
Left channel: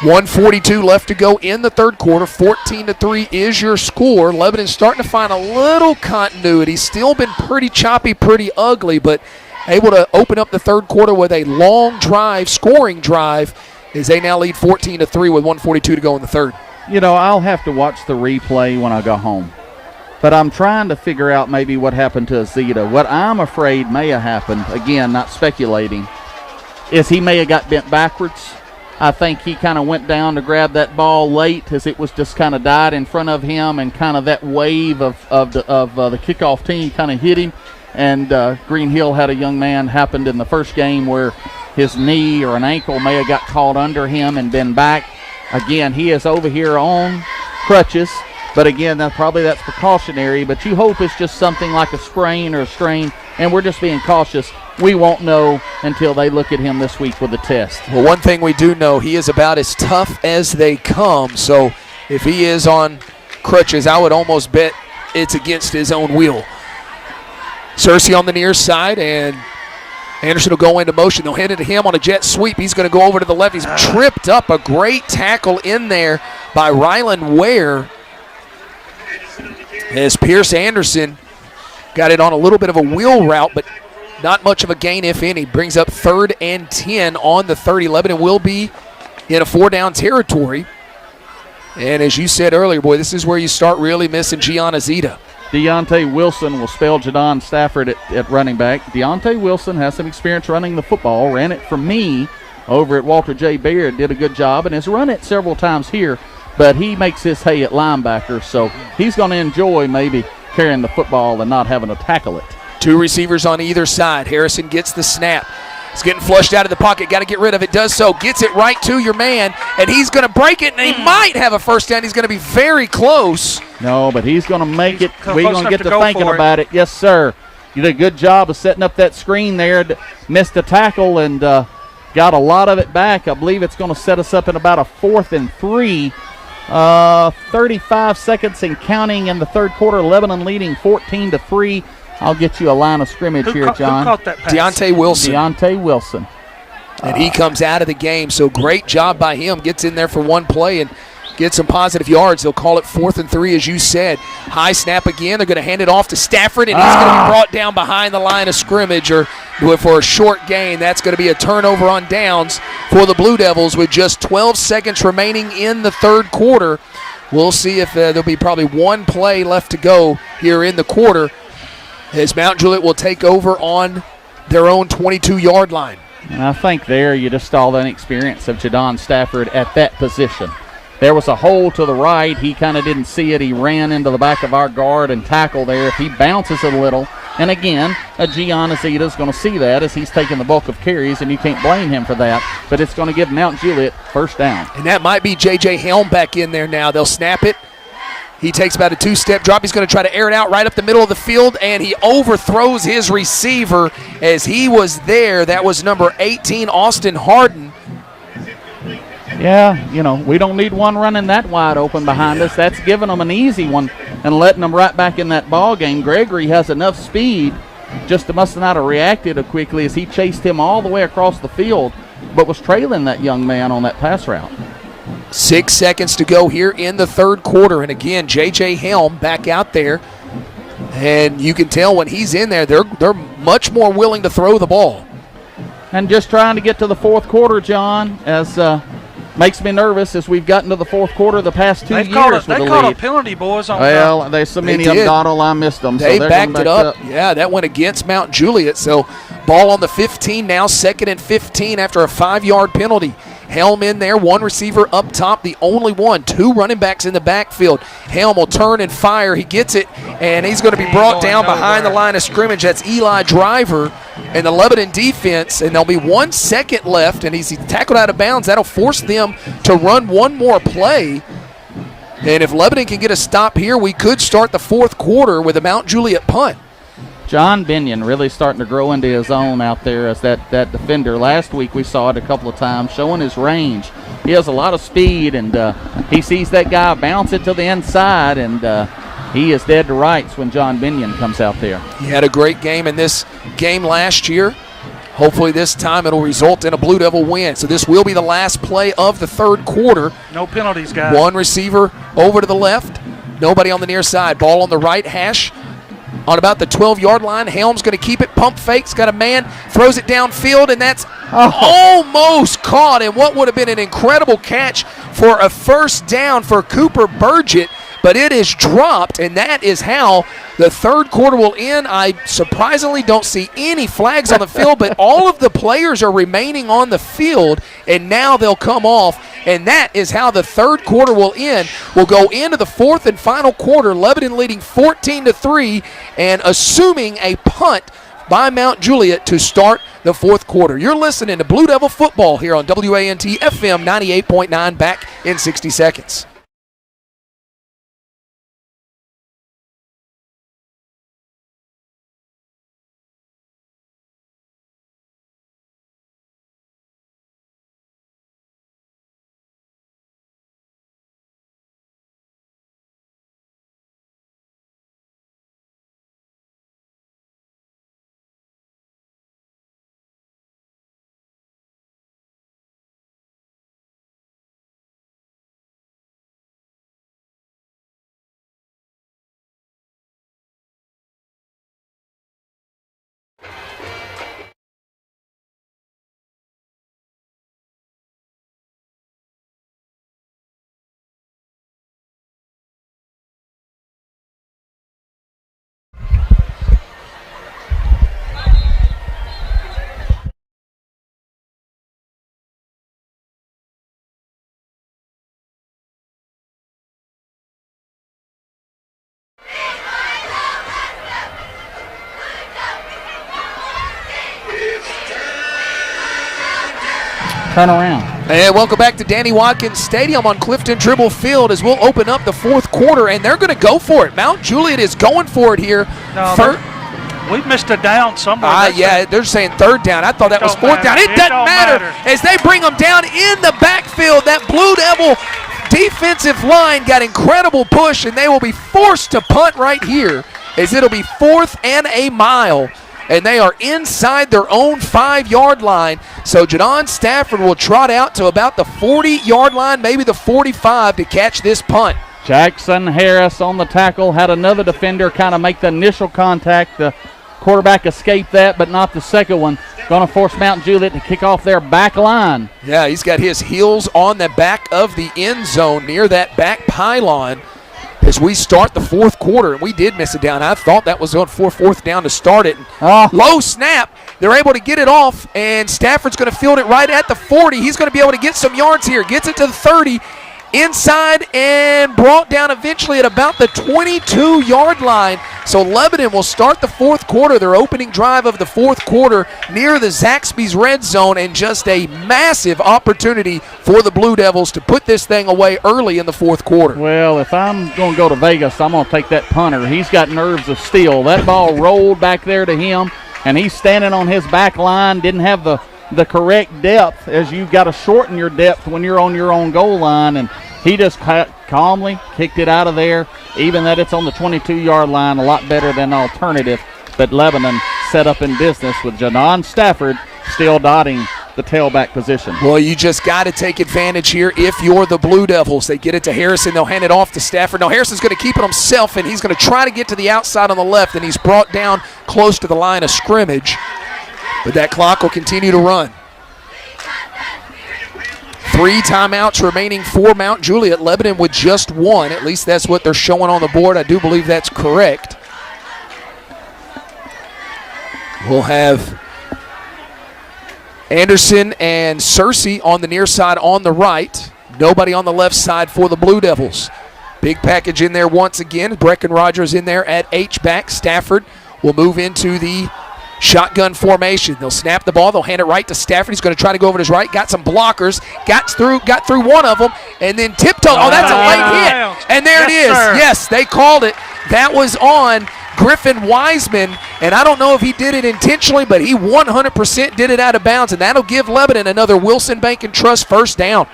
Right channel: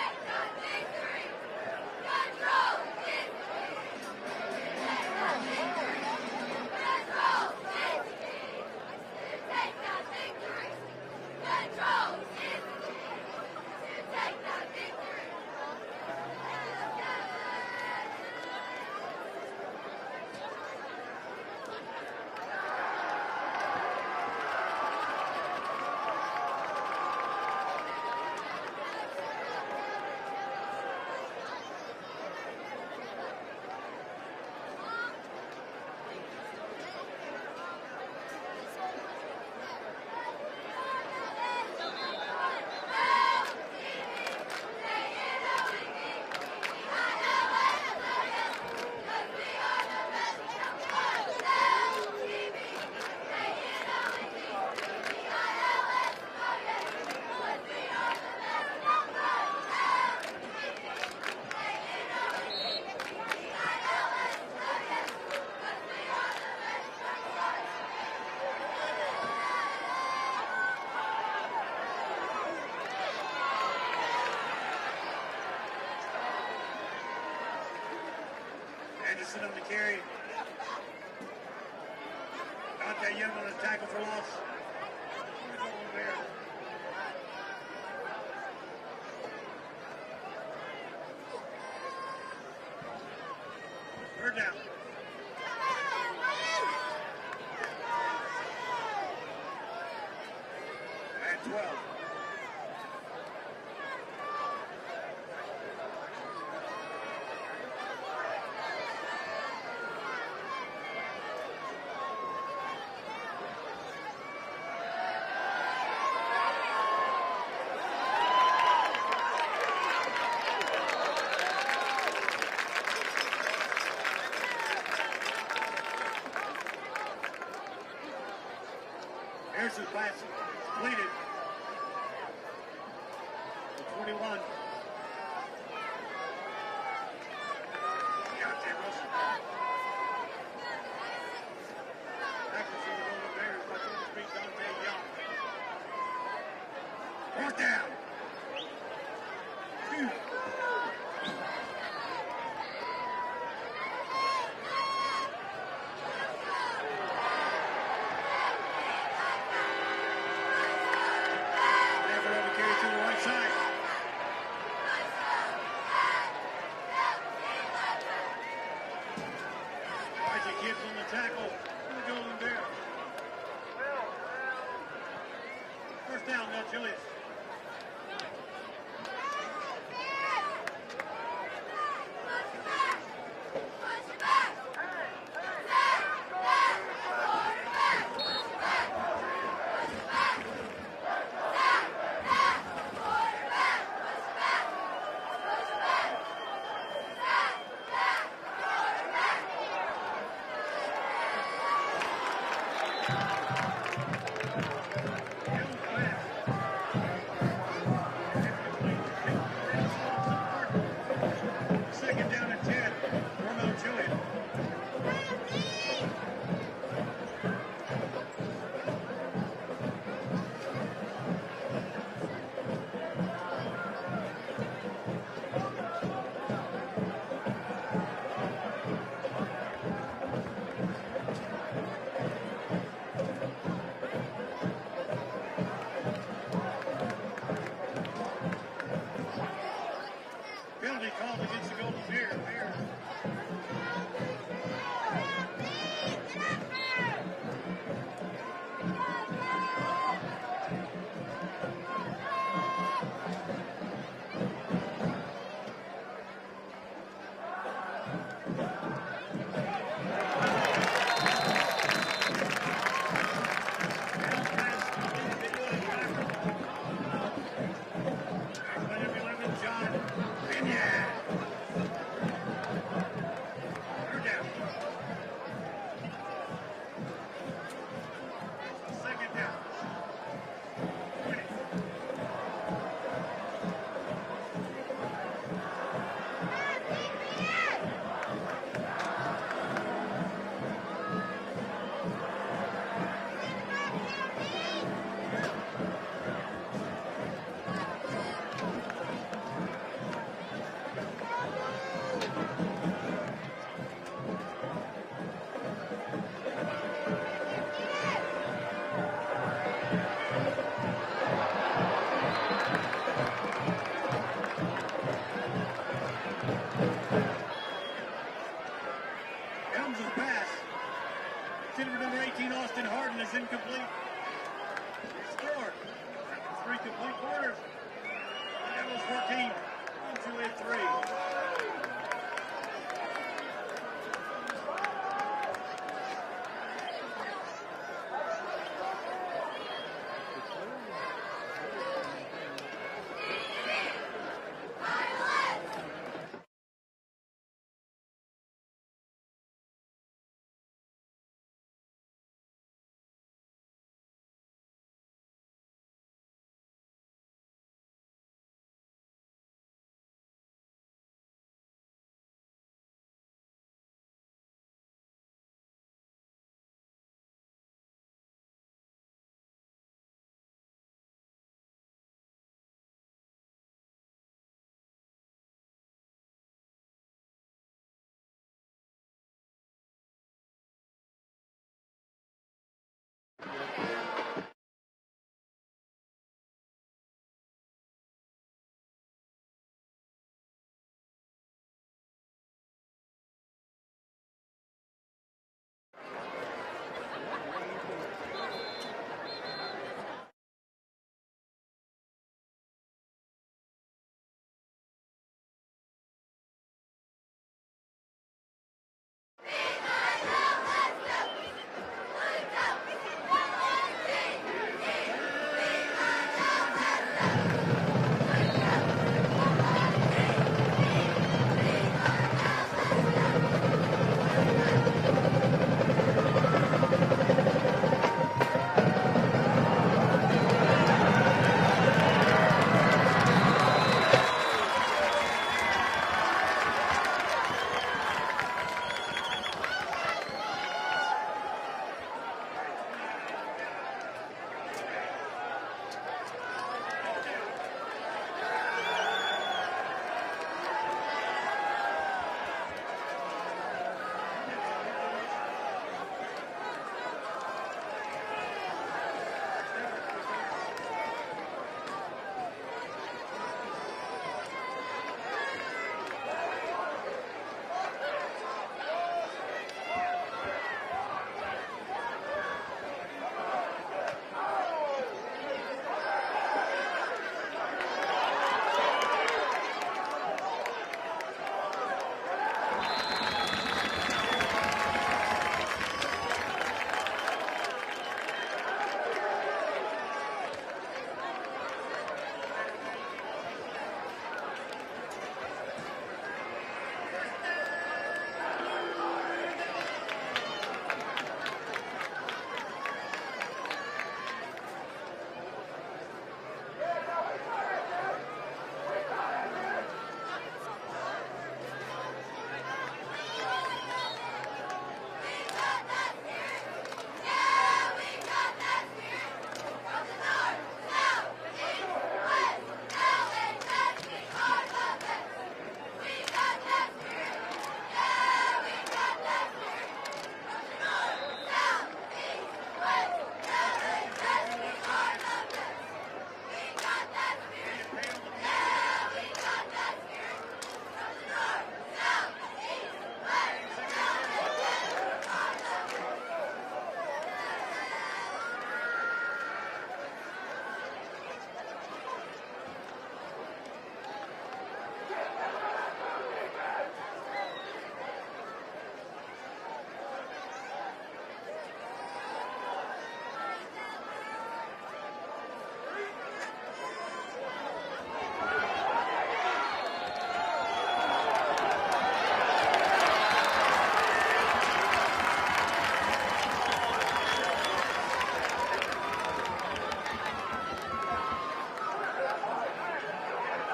1:42 left to go in the third quarter. 14-3 is your score. Lebanon's starting to find a little continuity. Still been pretty choppy, pretty ugly, but able to open up the third quarter with a long drive, scoring drive, as they now lead 14-3 with 1:42 to go in the third. You know, I'll have to watch the replay when I go home. But I'm trying to figure out maybe what happened to Azita. What I'm afraid may have happened, again, not speculating, is he may have got bent backwards. I think he kind of went down to grab that ball late as it was just kind of died in front of him, and kind of that wave of the kickoff team kind of hit him. And Green Hill had a young man happened in the first game where his knee or an ankle may have got caught under him and been back. Again, he is over here on crutches. But again, that's precautionary. But you hope it's just something like a sprain or a strain, and we're just being cautious. We won't know until they look at him this week with a test. Well, one thing we do know, he is about as tough as they come. So if he is on crutches, I would almost bet it's against his own will. Searcy on the near side, and Anderson will go into motion. They'll hand it to him on a jet sweep. He's going to go over to the left. He's tripped up. A great tackle in there by Rylan Ware, as Pierce Anderson got it on a little bit of a wheel route, but not much of a gain, if any. Brings up 3rd and 10 on the 30. Lebanon will be in a 4-down territory. And as you said earlier, boy, this is where you start really missing Gianna Zeta. Deontay Wilson will spell Jadon Stafford at running back. Deontay Wilson has some experience running the football. Ran it for me over at Walter J. Baird. Did a good job and has run it several times here. But he makes his hay at linebacker, so he's going to enjoy maybe carrying the football and not having to tackle it. 2 receivers on either side. Harrison gets the snap. He's getting flushed out of the pocket. Got to get rid of it. Does so. Gets it right to your man, and he's going to break it, and he might have a first down. He's going to be very close. No, but he's going to make it. We're going to get to thinking about it. Yes, sir. You did a good job of setting up that screen there. Missed a tackle and got a lot of it back. I believe it's going to set us up in about a 4th and 3. 35 seconds and counting in the third quarter. Lebanon leading 14-3. I'll get you a line of scrimmage here, John. Who caught that pass? Deontay Wilson. Deontay Wilson. And he comes out of the game, so great job by him. Gets in there for one play and gets some positive yards. They'll call it 4th and 3, as you said. High snap again. They're going to hand it off to Stafford, and he's going to be brought down behind the line of scrimmage or for a short gain. That's going to be a turnover on downs for the Blue Devils with just 12 seconds remaining in the third quarter. We'll see if there'll be probably one play left to go here in the quarter, as Mount Juliet will take over on their own 22-yard line. And I think there you just saw the inexperience of Jadon Stafford at that position. There was a hole to the right. He kind of didn't see it. He ran into the back of our guard and tackled there. If he bounces a little, and again, Gianna Zeta is going to see that as he's taking the bulk of carries, and you can't blame him for that. But it's going to give Mount Juliet first down. And that might be J.J. Helm back in there now. They'll snap it. He takes about a 2-step drop. He's going to try to air it out right up the middle of the field, and he overthrows his receiver as he was there. That was number 18, Austin Harden. Yeah, you know, we don't need one running that wide open behind us. That's giving them an easy one and letting them right back in that ball game. Gregory has enough speed, just must not have reacted quickly as he chased him all the way across the field, but was trailing that young man on that pass route. 6 seconds to go here in the third quarter. And again, J.J. Helm back out there. And you can tell when he's in there, they're much more willing to throw the ball. And just trying to get to the fourth quarter, John, as makes me nervous as we've gotten to the fourth quarter the past 2 years with the lead. They called a penalty, boys. Well, there's so many of them, Donald, I missed them. They so backed it up. Yeah, that went against Mount Juliet. So ball on the 15 now, 2nd and 15 after a 5-yard penalty. Helm in there, one receiver up top, the only one. 2 running backs in the backfield. Helm will turn and fire. He gets it, and he's going to be brought down behind the line of scrimmage. That's Eli Driver and the Lebanon defense, and there'll be 1 second left, and he's tackled out of bounds. That'll force them to run one more play. And if Lebanon can get a stop here, we could start the fourth quarter with a Mount Juliet punt. John Binion really starting to grow into his own out there as that defender. Last week we saw it a couple of times, showing his range. He has a lot of speed, and he sees that guy bounce it to the inside, and he is dead to rights when John Binion comes out there. He had a great game in this game last year. Hopefully this time it'll result in a Blue Devil win. So this will be the last play of the third quarter. No penalties, guys. One receiver over to the left. Nobody on the near side. Ball on the right hash. On about the 12-yard line. Helm's going to keep it. Pump fakes. Got a man. Throws it downfield, and that's almost caught. And what would have been an incredible catch for a first down for Cooper Burgett. But it is dropped, and that is how the third quarter will end. I surprisingly don't see any flags on the field, but all of the players are remaining on the field, and now they'll come off, and that is how the third quarter will end. We'll go into the fourth and final quarter, Lebanon leading 14-3, and assuming a punt by Mount Juliet to start the fourth quarter. You're listening to Blue Devil Football here on WANT FM 98.9, back in 60 seconds. Turn around. And welcome back to Danny Watkins Stadium on Clifton Tribble Field as we'll open up the fourth quarter, and they're going to go for it. Mount Juliet is going for it here. No, we've missed a down somewhere. Yeah, they're saying third down. I thought that was fourth down. It doesn't matter as they bring them down in the backfield. That Blue Devil defensive line got incredible push, and they will be forced to punt right here as it'll be 4th and a mile. And they are inside their own 5-yard line. So Jadon Stafford will trot out to about the 40-yard line, maybe the 45 to catch this punt. Jackson Harris on the tackle, had another defender kind of make the initial contact. The quarterback escaped that, but not the second one. Going to force Mount Juliet to kick off their back line. Yeah, he's got his heels on the back of the end zone near that back pylon as we start the fourth quarter, and we did miss it down. I thought that was on fourth down to start it. Low snap. They're able to get it off, and Stafford's going to field it right at the 40. He's going to be able to get some yards here. Gets it to the 30, inside, and brought down eventually at about the 22-yard line. So Lebanon will start the fourth quarter, their opening drive of the fourth quarter, near the Zaxby's red zone, and just a massive opportunity for the Blue Devils to put this thing away early in the fourth quarter. Well, if I'm going to go to Vegas, I'm going to take that punter. He's got nerves of steel. That ball rolled back there to him, and he's standing on his back line, didn't have the correct depth, as you've got to shorten your depth when you're on your own goal line, and he just calmly kicked it out of there, even that it's on the 22-yard line, a lot better than alternative. But Lebanon set up in business with Jadon Stafford still dotting the tailback position. Well, you just got to take advantage here if you're the Blue Devils. They get it to Harrison. They'll hand it off to Stafford. Now Harrison's going to keep it himself, and he's going to try to get to the outside on the left, and he's brought down close to the line of scrimmage. But that clock will continue to run. 3 timeouts remaining for Mount Juliet. Lebanon with just 1. At least that's what they're showing on the board. I do believe that's correct. We'll have Anderson and Searcy on the near side on the right. Nobody on the left side for the Blue Devils. Big package in there once again. Brecken Rogers in there at H-back. Stafford will move into the Shotgun formation. They'll snap the ball. They'll hand it right to Stafford. He's going to try to go over to his right. Got some blockers. Got through one of them, and then tiptoe. Oh, that's a late hit. And there it is. Sir. Yes, they called it. That was on Griffin Wiseman, and I don't know if he did it intentionally, but he 100% did it out of bounds, and that'll give Lebanon another Wilson Bank and Trust first down.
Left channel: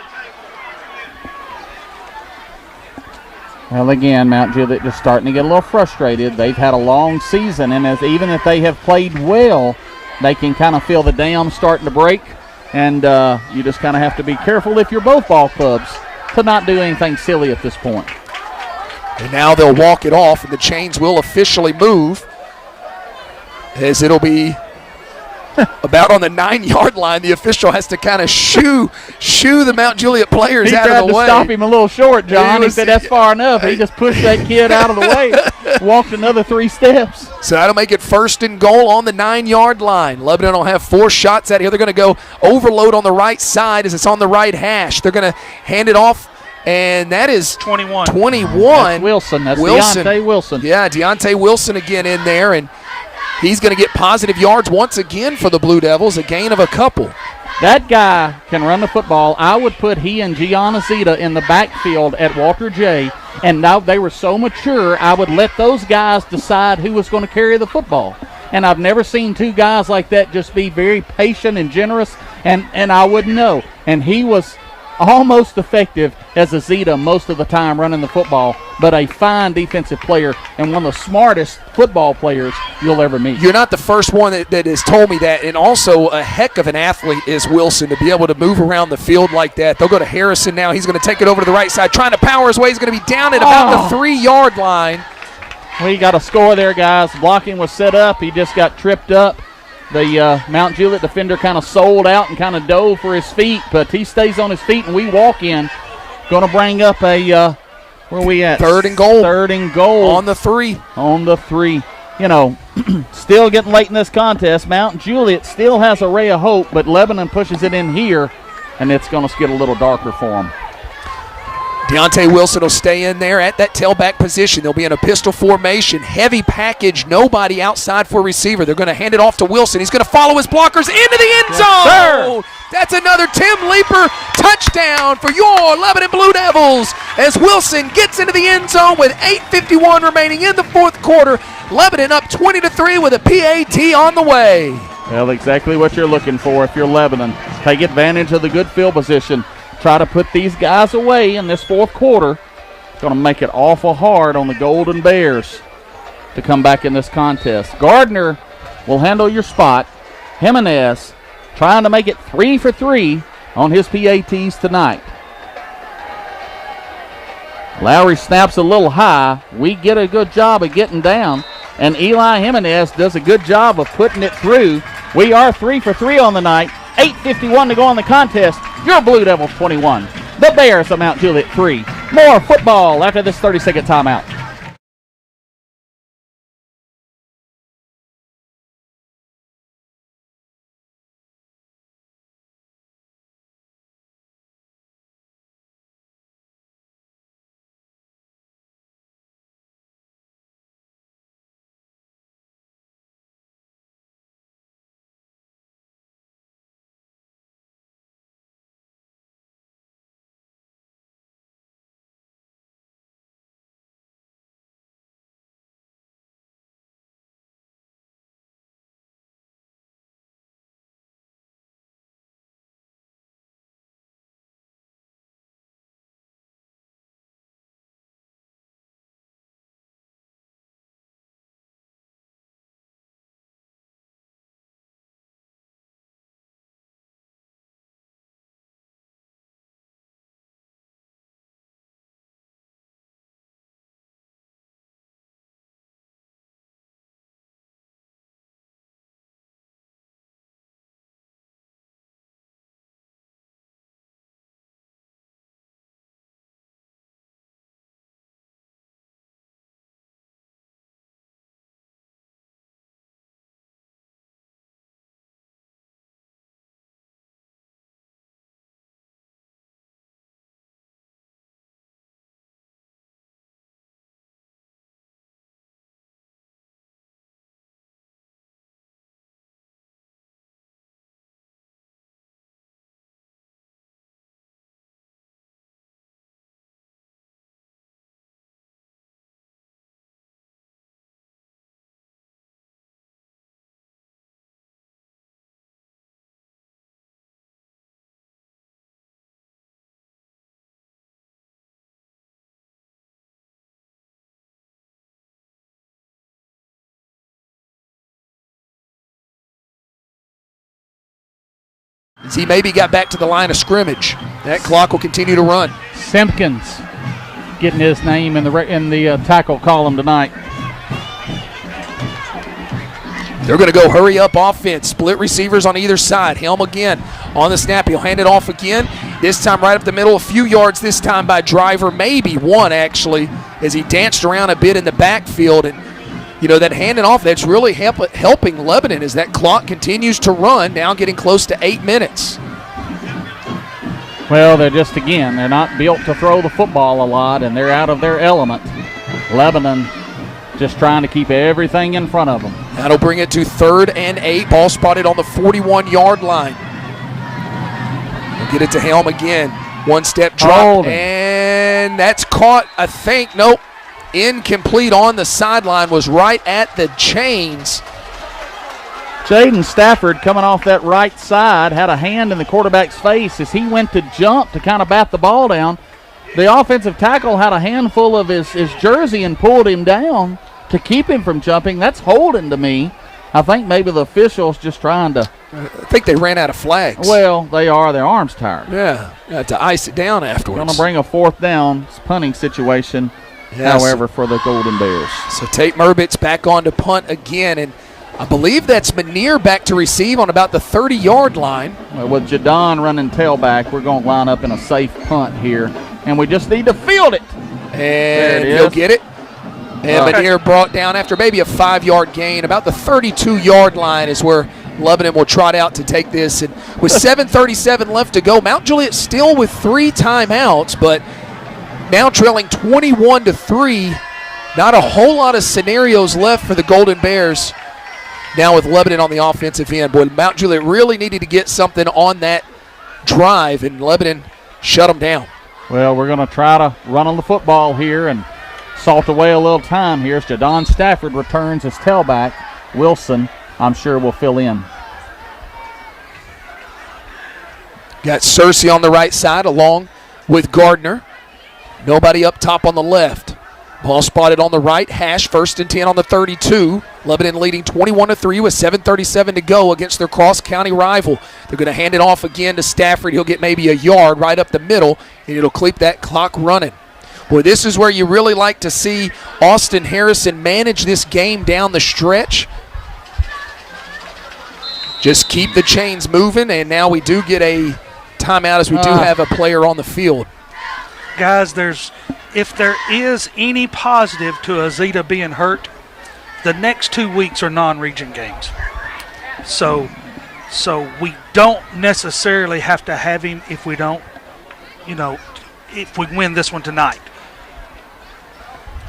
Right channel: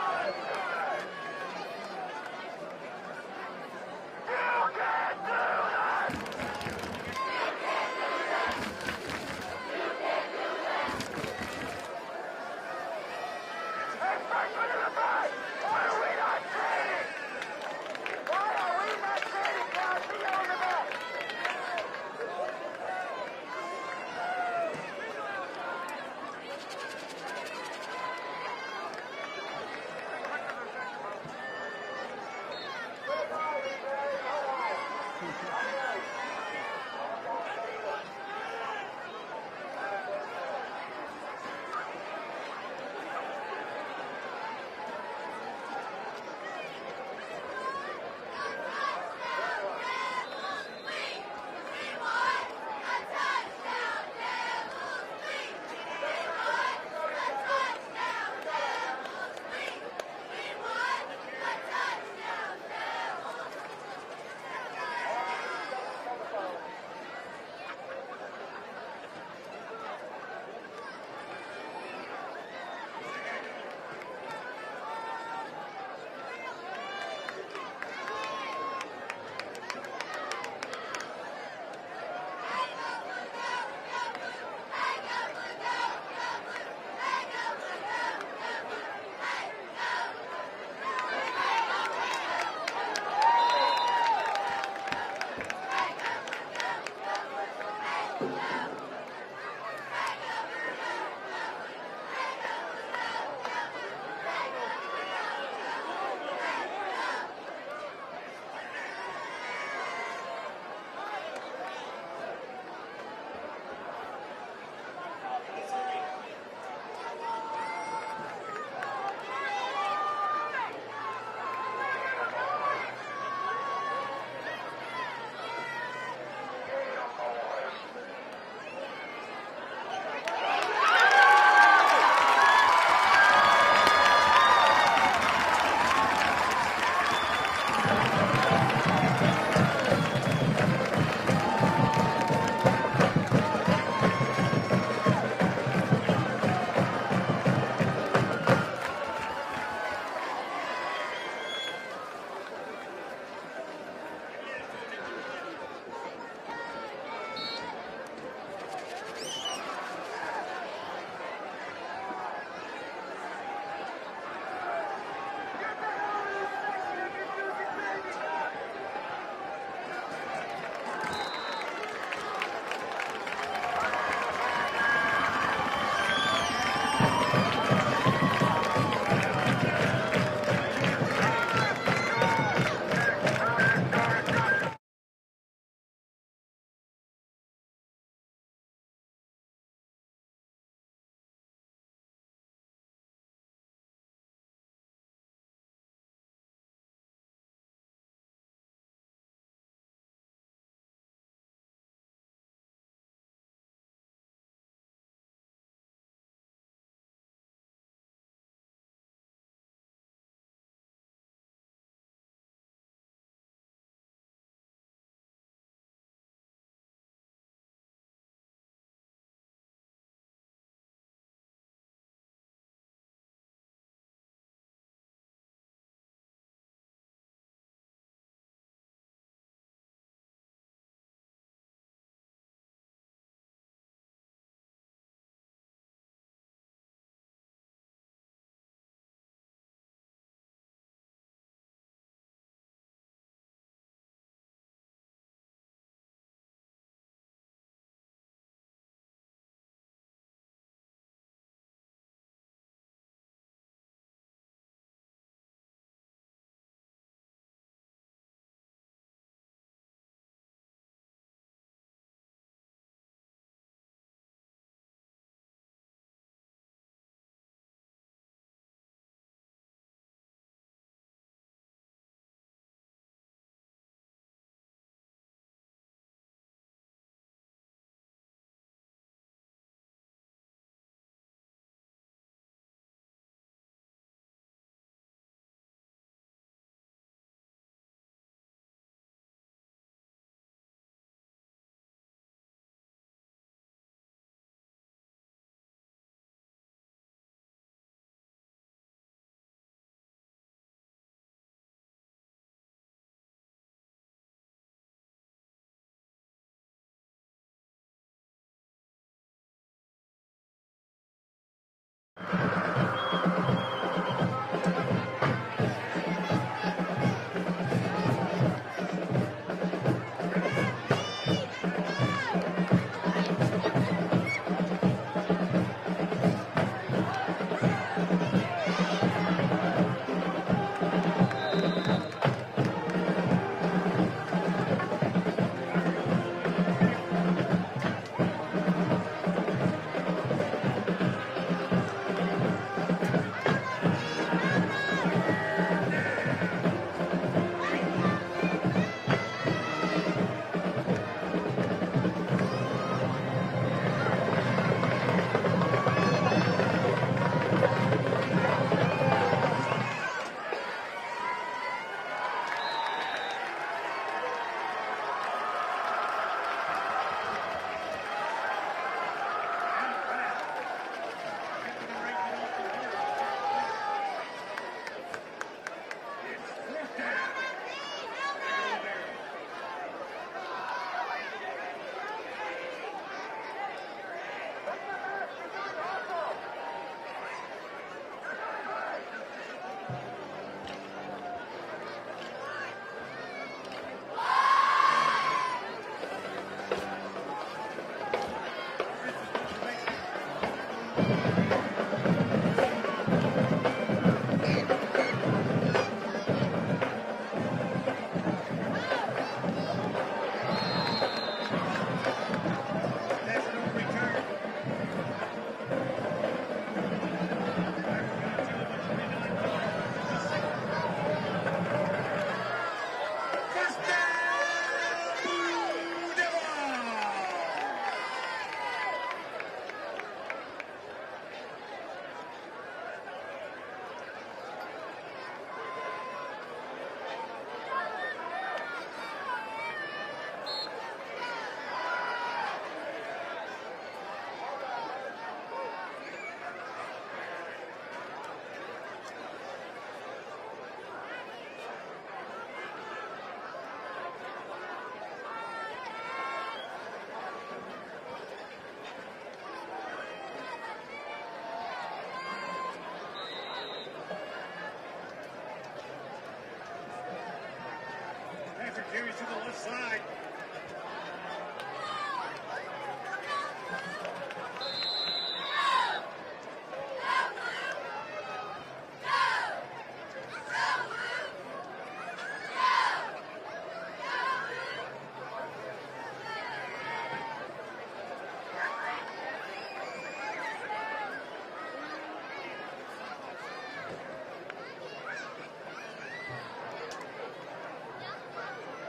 Well, again, Mount Juliet just starting to get a little frustrated. They've had a long season, and even if they have played well, they can kind of feel the dam starting to break, and you just kind of have to be careful if you're both ball clubs to not do anything silly at this point. And now they'll walk it off, and the chains will officially move, as it'll be about on the 9-yard line. The official has to kind of shoo the Mount Juliet players out of the way. He tried to stop him a little short, John. He said that's far enough. He just pushed that kid out of the way, walked another 3 steps. So that'll make it first and goal on the 9-yard line. Lebanon will have 4 shots out here. They're going to go overload on the right side as it's on the right hash. They're going to hand it off, and that is 21. That's Wilson. That's Wilson. Deontay Wilson. Yeah, Deontay Wilson again in there, and he's going to get positive yards once again for the Blue Devils, a gain of a couple. That guy can run the football. I would put he and Gianna in the backfield at Walter J., and now they were so mature, I would let those guys decide who was going to carry the football. And I've never seen 2 guys like that just be very patient and generous, and I wouldn't know. And he was almost effective as a Zeta most of the time running the football, but a fine defensive player and one of the smartest football players you'll ever meet. You're not the first one that has told me that, and also a heck of an athlete is Wilson to be able to move around the field like that. They'll go to Harrison now. He's going to take it over to the right side, trying to power his way. He's going to be down at about the 3-yard line. We got a score there, guys. Blocking was set up. He just got tripped up. The Mount Juliet defender kind of sold out and kind of dove for his feet, but he stays on his feet, and we walk in. Going to bring up a, where are we at? 3rd and goal. 3rd and goal. On the 3. On the 3. You know, still getting late in this contest. Mount Juliet still has a ray of hope, but Lebanon pushes it in here, and it's going to get a little darker for them. Deontay Wilson will stay in there at that tailback position. They'll be in a pistol formation, heavy package, nobody outside for a receiver. They're going to hand it off to Wilson. He's going to follow his blockers into the end zone. Yes, that's another Tim Leeper touchdown for your Lebanon Blue Devils as Wilson gets into the end zone with 8:51 remaining in the 4th quarter. Lebanon up 20-3 with a PAT on the way. Well, exactly what you're looking for if you're Lebanon. Take advantage of the good field position. Try to put these guys away in this 4th quarter. It's going to make it awful hard on the Golden Bears to come back in this contest. Gardner will handle your spot. Jimenez trying to make it 3 for 3 on his PATs tonight. Lowry snaps a little high. We get a good job of getting down, and Eli Jimenez does a good job of putting it through. We are 3 for 3 on the night. 8:51 to go on the contest. Your Blue Devils 21. The Bears of Mount Juliet 3. More football after this 30-second timeout. as he maybe got back to the line of scrimmage. That clock will continue to run. Simpkins getting his name in the tackle column tonight. They're going to go hurry up offense. Split receivers on either side. Helm again on the snap. He'll hand it off again. This time right up the middle. A few yards this time by Driver. Maybe one, actually, as he danced around a bit in the backfield. And, that handing off, that's really helping Lebanon as that clock continues to run, now getting close to 8 minutes. Well, they're not built to throw the football a lot, and they're out of their element. Lebanon just trying to keep everything in front of them. That'll bring it to 3rd and 8. Ball spotted on the 41-yard line. Get it to Helm again. One-step drop, and that's caught, I think. Nope. Incomplete on the sideline, was right at the chains. Jaden Stafford coming off that right side had a hand in the quarterback's face as he went to jump to kind of bat the ball down. The offensive tackle had a handful of his jersey and pulled him down to keep him from jumping. That's holding to me. I think maybe the officials just trying to. I think they ran out of flags. Well, they are. Their arms tired. Yeah, got to ice it down afterwards. Going to bring a 4th down punting situation, however, for the Golden Bears. So Tate Murbitz back on to punt again, and I believe that's Manier back to receive on about the 30-yard line. With Jadon running tailback, we're going to line up in a safe punt here, and we just need to field it. And he'll get it. And Manier brought down after maybe a 5-yard gain. About the 32-yard line is where Lebanon will trot out to take this. And with 7:37 left to go, Mount Juliet still with 3 timeouts, but now trailing 21-3. Not a whole lot of scenarios left for the Golden Bears. Now with Lebanon on the offensive end. Boy, Mount Juliet really needed to get something on that drive, and Lebanon shut them down. Well, we're going to try to run on the football here and salt away a little time here. Jadon Stafford returns his tailback. Wilson, I'm sure, will fill in. Got Searcy on the right side along with Gardner. Nobody up top on the left. Ball spotted on the right hash, 1st and 10 on the 32. Lebanon leading 21-3 with 7:37 to go against their cross-county rival. They're going to hand it off again to Stafford. He'll get maybe a yard right up the middle, and it'll keep that clock running. Boy, this is where you really like to see Austin Harrison manage this game down the stretch. Just keep the chains moving, and now we do get a timeout as we do have a player on the field. Guys, if there is any positive to Azita being hurt, the next 2 weeks are non-region games. So we don't necessarily have to have him if we don't, if we win this one tonight.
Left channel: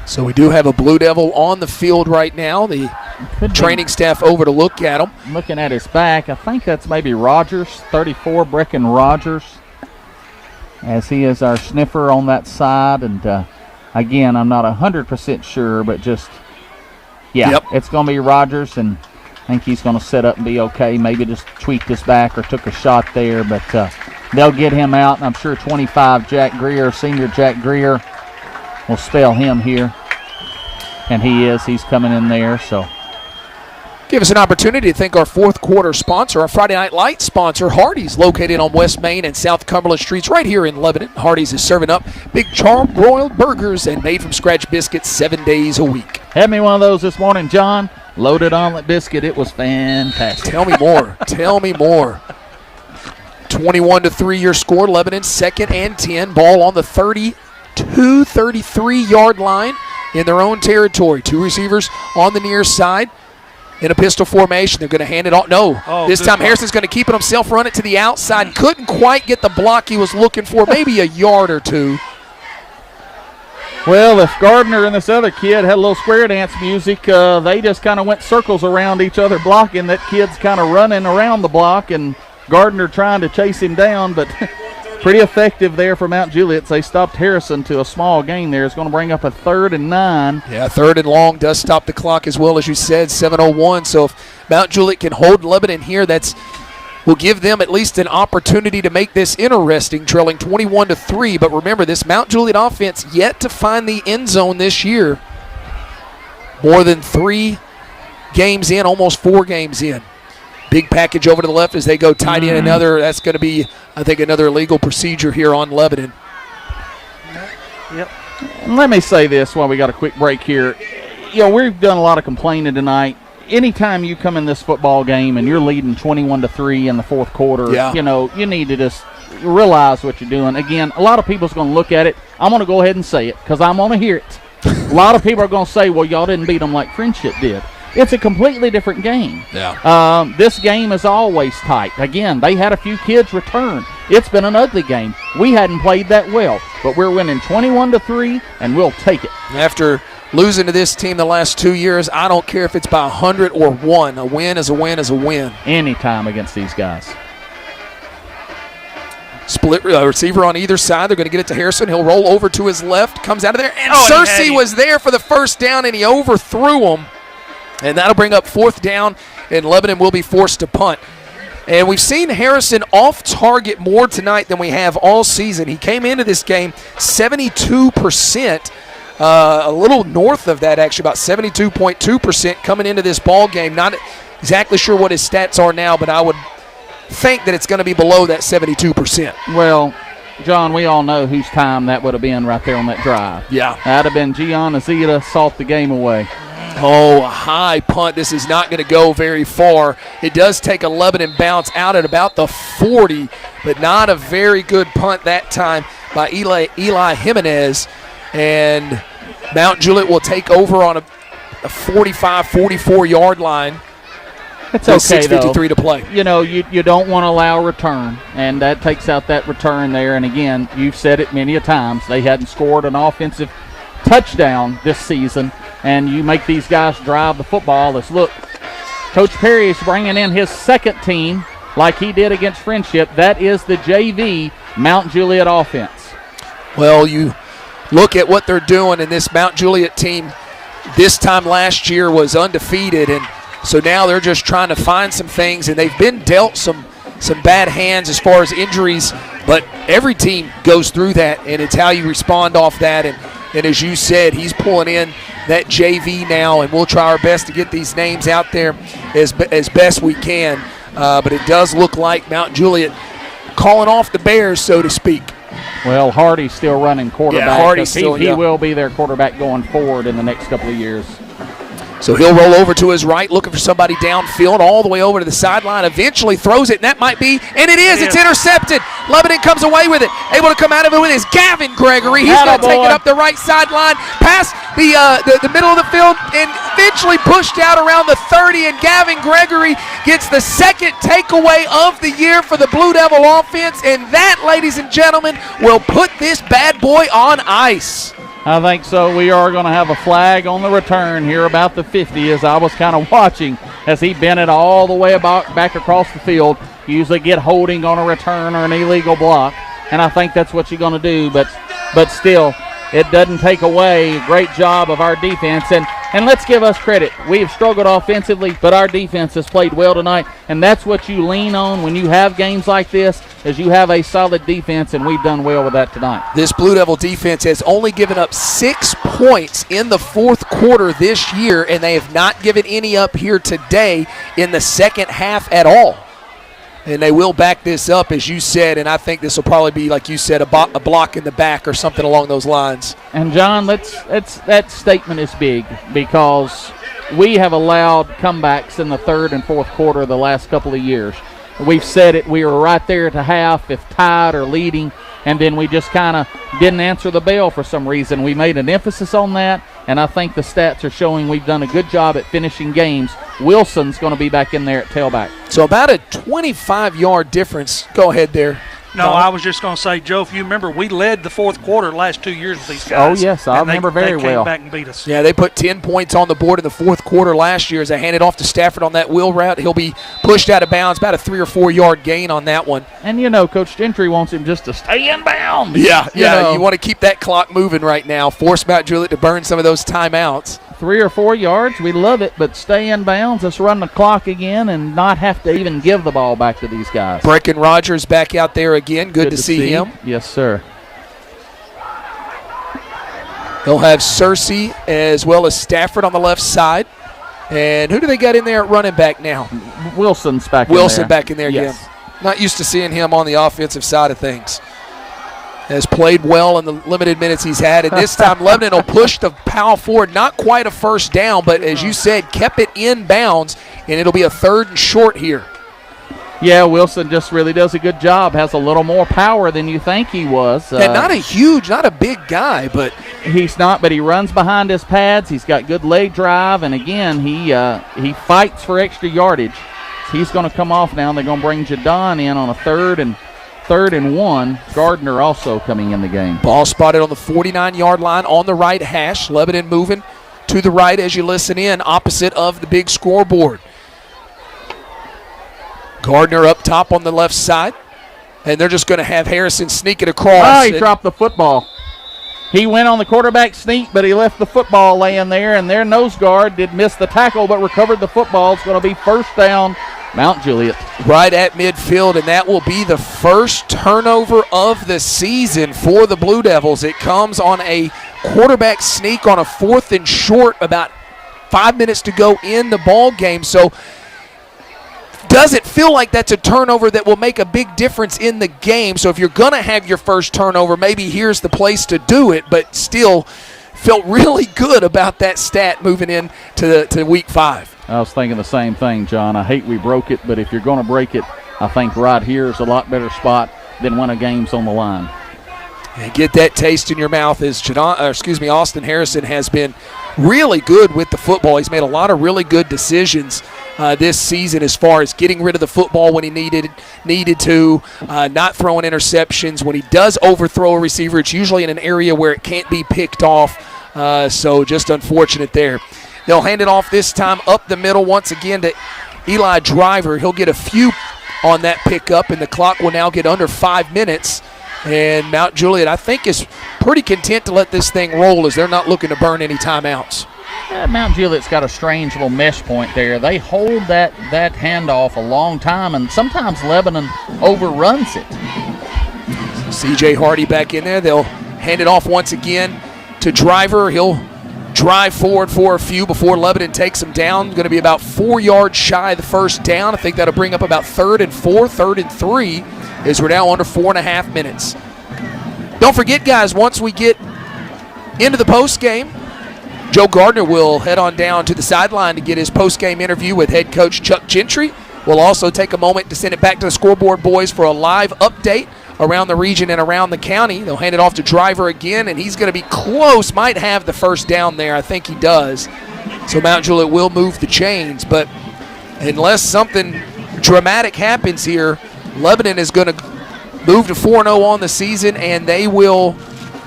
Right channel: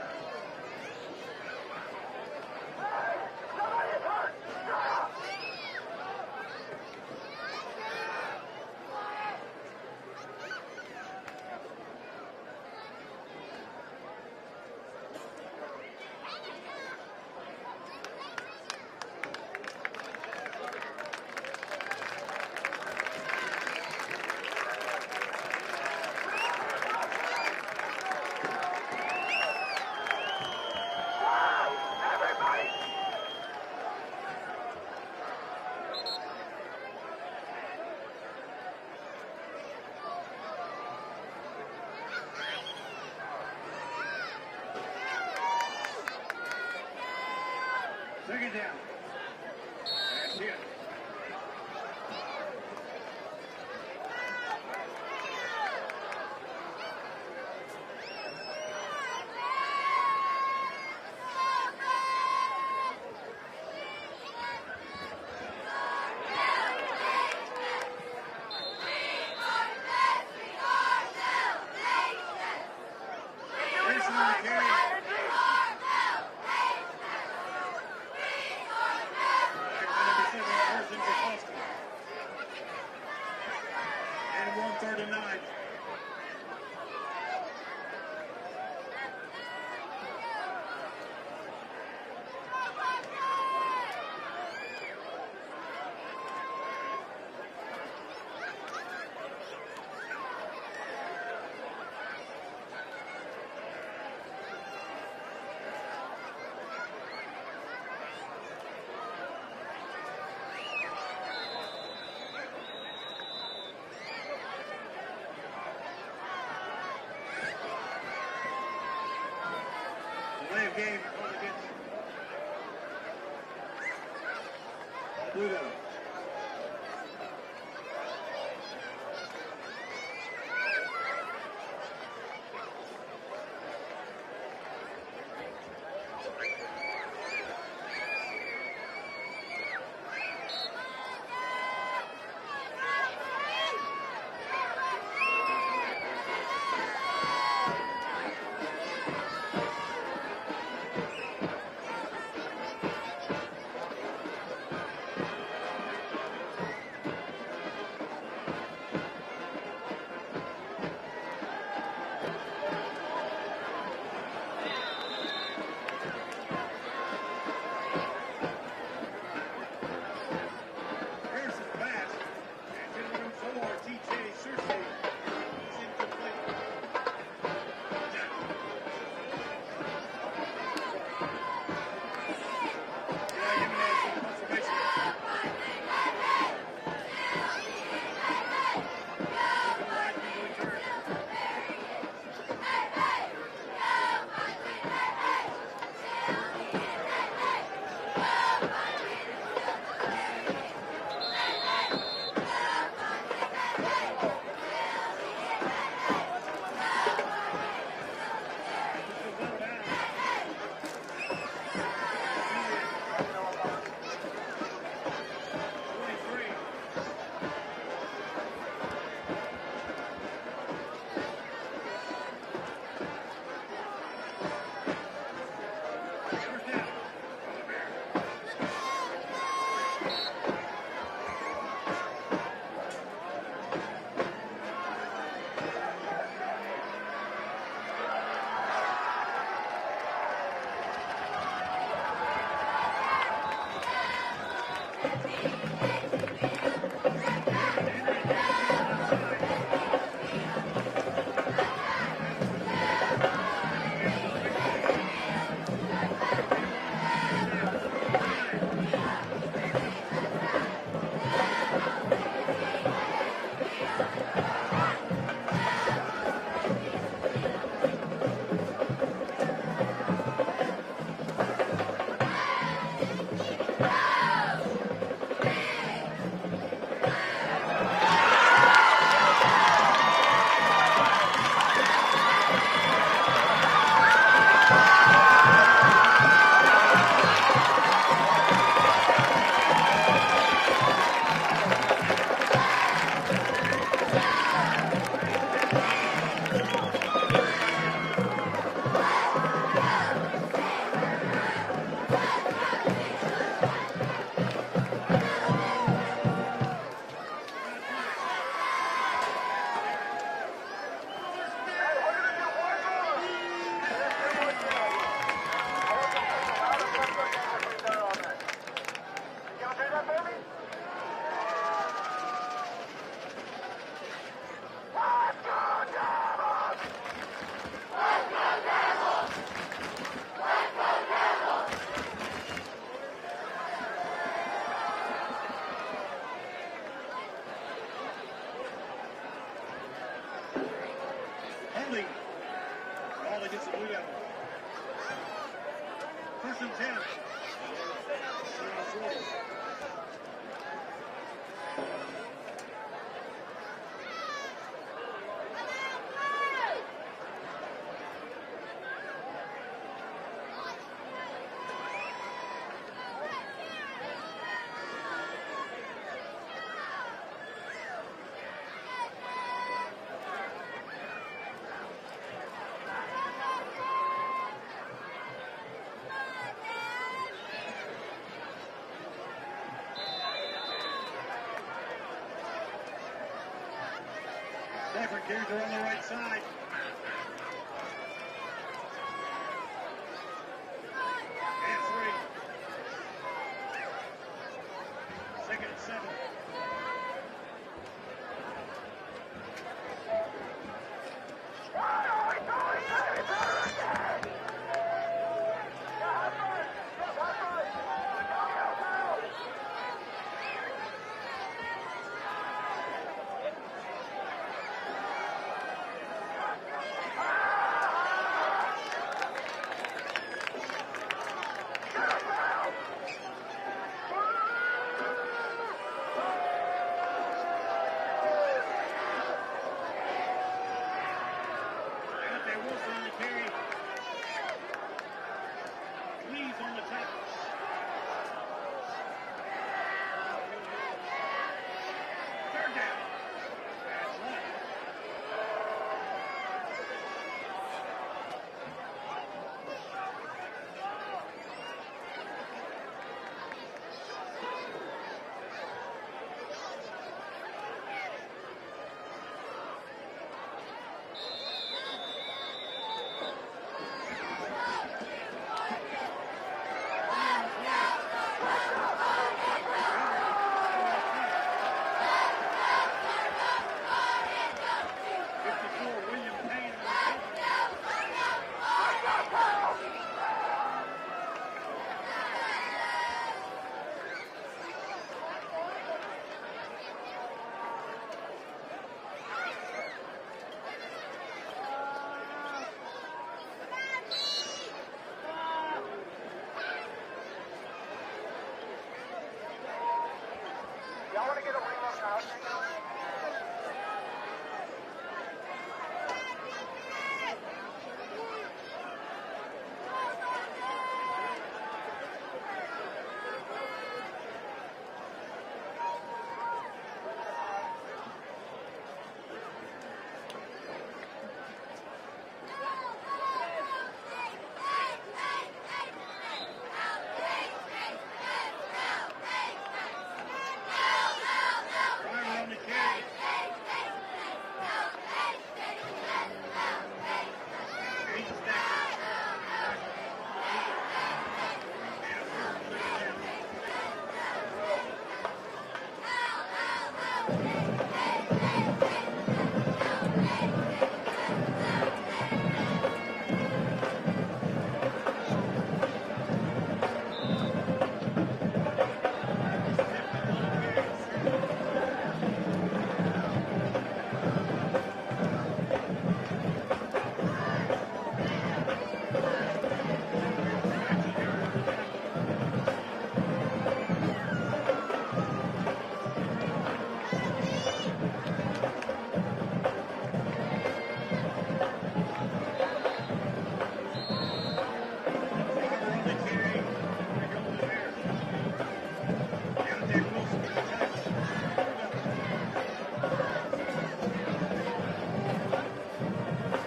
So we do have a Blue Devil on the field right now. The training staff over to look at him. Looking at his back, I think that's maybe Rogers, 34, Brecken Rogers, as he is our sniffer on that side. And again, I'm not 100% sure, but it's going to be Rogers, and I think he's going to set up and be okay. Maybe just tweaked his back or took a shot there, but they'll get him out, and I'm sure 25 Jack Greer, senior Jack Greer, will spell him here. And he's coming in there, so. Give us an opportunity to thank our 4th quarter sponsor, our Friday Night Lights sponsor, Hardee's, located on West Main and South Cumberland Streets right here in Lebanon. Hardee's is serving up big char-broiled burgers and made-from-scratch biscuits 7 days a week. Had me one of those this morning, John. Loaded omelet biscuit. It was fantastic. Tell me more. Tell me more. 21-3 your score. Lebanon 2nd and 10. Ball on the 33-yard line in their own territory. 2 receivers on the near side in a pistol formation. They're going to hand it off. This time Harrison's going to keep it himself, run it to the outside. Couldn't quite get the block he was looking for, maybe a yard or 2. Well, if Gardner and this other kid had a little square dance music, they just kind of went circles around each other blocking. That kid's kind of running around the block, and Gardner trying to chase him down, but pretty effective there for Mount Juliet. They stopped Harrison to a small gain there. It's going to bring up a 3rd and 9. Yeah, 3rd and long does stop the clock as well, as you said, 7:01. So if Mount Juliet can hold Lebanon here, will give them at least an opportunity to make this interesting, trailing 21-3. But remember, this Mount Juliet offense yet to find the end zone this year. More than 3 games in, almost 4 games in. Big package over to the left as they go tight end. That's going to be, I think, another illegal procedure here on Lebanon. Yep. And let me say this while we got a quick break here. We've done a lot of complaining tonight. Anytime you come in this football game and you're leading 21-3 in the fourth quarter, you need to just realize what you're doing. Again, a lot of people's going to look at it. I'm going to go ahead and say it because I'm going to hear it. A lot of people are going to say, well, y'all didn't beat them like Friendship did. It's a completely different game. Yeah. This game is always tight. Again, they had a few kids return. It's been an ugly game. We hadn't played that well, but we're winning 21-3, and we'll take it. After losing to this team the last 2 years, I don't care if it's by 100 or 1. A win is a win is a win. Anytime against these guys. Split receiver on either side. They're going to get it to Harrison. He'll roll over to his left, comes out of there, and Cersei was there for the first down, and he overthrew him. And that'll bring up fourth down, and Lebanon will be forced to punt. And we've seen Harrison off target more tonight than we have all season. He came into this game 72%, a little north of that actually, about 72.2% coming into this ball game. Not exactly sure what his stats are now, but I would think that it's going to be below that 72%. Well, John, we all know whose time that would have been right there on that drive. Yeah. That'd have been Gianna Zeta, salt the game away. Oh, a high punt. This is not going to go very far. It does take a Lebanon bounce out at about the 40, but not a very good punt that time by Eli Jimenez. And Mount Juliet will take over on a 45, 44-yard line. It's okay, 6:53 to play. You don't want to allow a return, and that takes out that return there. And, again, you've said it many a times. They hadn't scored an offensive touchdown this season, and you make these guys drive the football. Look, Coach Perry is bringing in his second team like he did against Friendship. That is the JV Mount Juliet offense. Well, you look at what they're doing, and this Mount Juliet team this time last year was undefeated, and so now they're just trying to find some things, and they've been dealt some bad hands as far as injuries, but every team goes through that, and it's how you respond off that. And as you said, he's pulling in that JV now, and we'll try our best to get these names out there as best we can. But it does look like Mount Juliet calling off the Bears, so to speak. Well, Hardy's still running quarterback. Yeah, Hardy's still, he will be their quarterback going forward in the next couple of years. So he'll roll over to his right, looking for somebody downfield, all the way over to the sideline, eventually throws it, and that might be, and it is, it's intercepted. Lebanon comes away with it. Able to come out of it with his Gavin Gregory. He's going to take it up the right sideline, past the middle of the field, and eventually pushed out around the 30, and Gavin Gregory gets the second takeaway of the year for the Blue Devil offense, and that, ladies and gentlemen, will put this bad boy on ice. I think so. We are going to have a flag on the return here about the 50 as I was kind of watching as he bent it all the way back across the field. You usually get holding on a return or an illegal block, and I think that's what you're going to do. But still, it doesn't take away a great job of our defense. And let's give us credit. We've struggled offensively, but our defense has played well tonight, and that's what you lean on when you have games like this, is you have a solid defense, and we've done well with that tonight. This Blue Devil defense has only given up 6 points in the fourth quarter this year, and they have not given any up here today in the second half at all. And they will back this up, as you said, and I think this will probably be, like you said, a block in the back or something along those lines. And, John, that statement is big because we have allowed comebacks in the third and fourth quarter of the last couple of years. We've said it. We were right there at the half, if tied or leading, and then we just kind of didn't answer the bell for some reason. We made an emphasis on that, and I think the stats are showing we've done a good job at finishing games. Wilson's going to be back in there at tailback. So about a 25-yard difference. Go ahead there. No, I was just going to say, Joe, if you remember, we led the fourth quarter the last 2 years with these guys. Oh, yes, I remember very well. They came back and beat us. Yeah, they put 10 points on the board in the fourth quarter last year as they handed off to Stafford on that wheel route. He'll be pushed out of bounds, about a 3 or 4 yard gain on that one. And, Coach Gentry wants him just to stay in bounds. Yeah, you want to keep that clock moving right now, force Mount Juliet to burn some of those timeouts. 3 or 4 yards, we love it, but stay in bounds. Let's run the clock again and not have to even give the ball back to these guys. Brecken Rogers back out there again. Good to see him. Yes, sir. They'll have Cersei as well as Stafford on the left side. And who do they got in there at running back now? Wilson's back Wilson in there. back in there Yes. again. Not used to seeing him on the offensive side of things. Has played well in the limited minutes he's had. And this time Lebanon will push the Powell forward. Not quite a first down, but as you said, kept it in bounds. And it'll be a 3rd and short here. Yeah, Wilson just really does a good job. Has a little more power than you think he was. And not a big guy, but he's not. But he runs behind his pads. He's got good leg drive, and again, he fights for extra yardage. He's going to come off now. And they're going to bring Jadon in on a 3rd and 1. Gardner also coming in the game. Ball spotted on the 49-yard line on the right hash. Lebanon moving to the right as you listen in, opposite of the big scoreboard. Gardner up top on the left side, and they're just going to have Harrison sneak it across. Oh, he dropped the football. He went on the quarterback sneak, but he left the football laying there, and their nose guard did miss the tackle but recovered the football. It's going to be 1st down, Mount Juliet. Right at midfield, and that will be the first turnover of the season for the Blue Devils. It comes on a quarterback sneak on a 4th and short, about 5 minutes to go in the ball game. So doesn't feel like that's a turnover that will make a big difference in the game. So if you're going to have your first turnover, maybe here's the place to do it, but still felt really good about that stat moving in to week 5. I was thinking the same thing, John. I hate we broke it, but if you're going to break it, I think right here is a lot better spot than when a game's on the line. And get that taste in your mouth as Austin Harrison has been really good with the football. He's made a lot of really good decisions this season as far as getting rid of the football when he needed to, not throwing interceptions. When he does overthrow a receiver, it's usually in an area where it can't be picked off, so just unfortunate there. They'll hand it off this time up the middle once again to Eli Driver. He'll get a few on that pickup, and the clock will now get under 5 minutes. And Mount Juliet, I think, is pretty content to let this thing roll as they're not looking to burn any timeouts. Mount Juliet's got a strange little mesh point there. They hold that handoff a long time, and sometimes Lebanon overruns it. C.J. Hardy back in there. They'll hand it off once again to Driver. He'll drive forward for a few before Lebanon takes him down. Going to be about 4 yards shy of the first down. I think that'll bring up about 3rd and 4, 3rd and 3, as we're now under 4.5 minutes. Don't forget, guys, once we get into the post game, Joe Gardner will head on down to the sideline to get his post-game interview with head coach Chuck Gentry. We'll also take a moment to send it back to the scoreboard boys for a live update around the region and around the county. They'll hand it off to Driver again, and he's going to be close, might have the first down there. I think he does. So Mount Juliet will move the chains, but unless something dramatic happens here, Lebanon is going to move to 4-0 on the season, and they will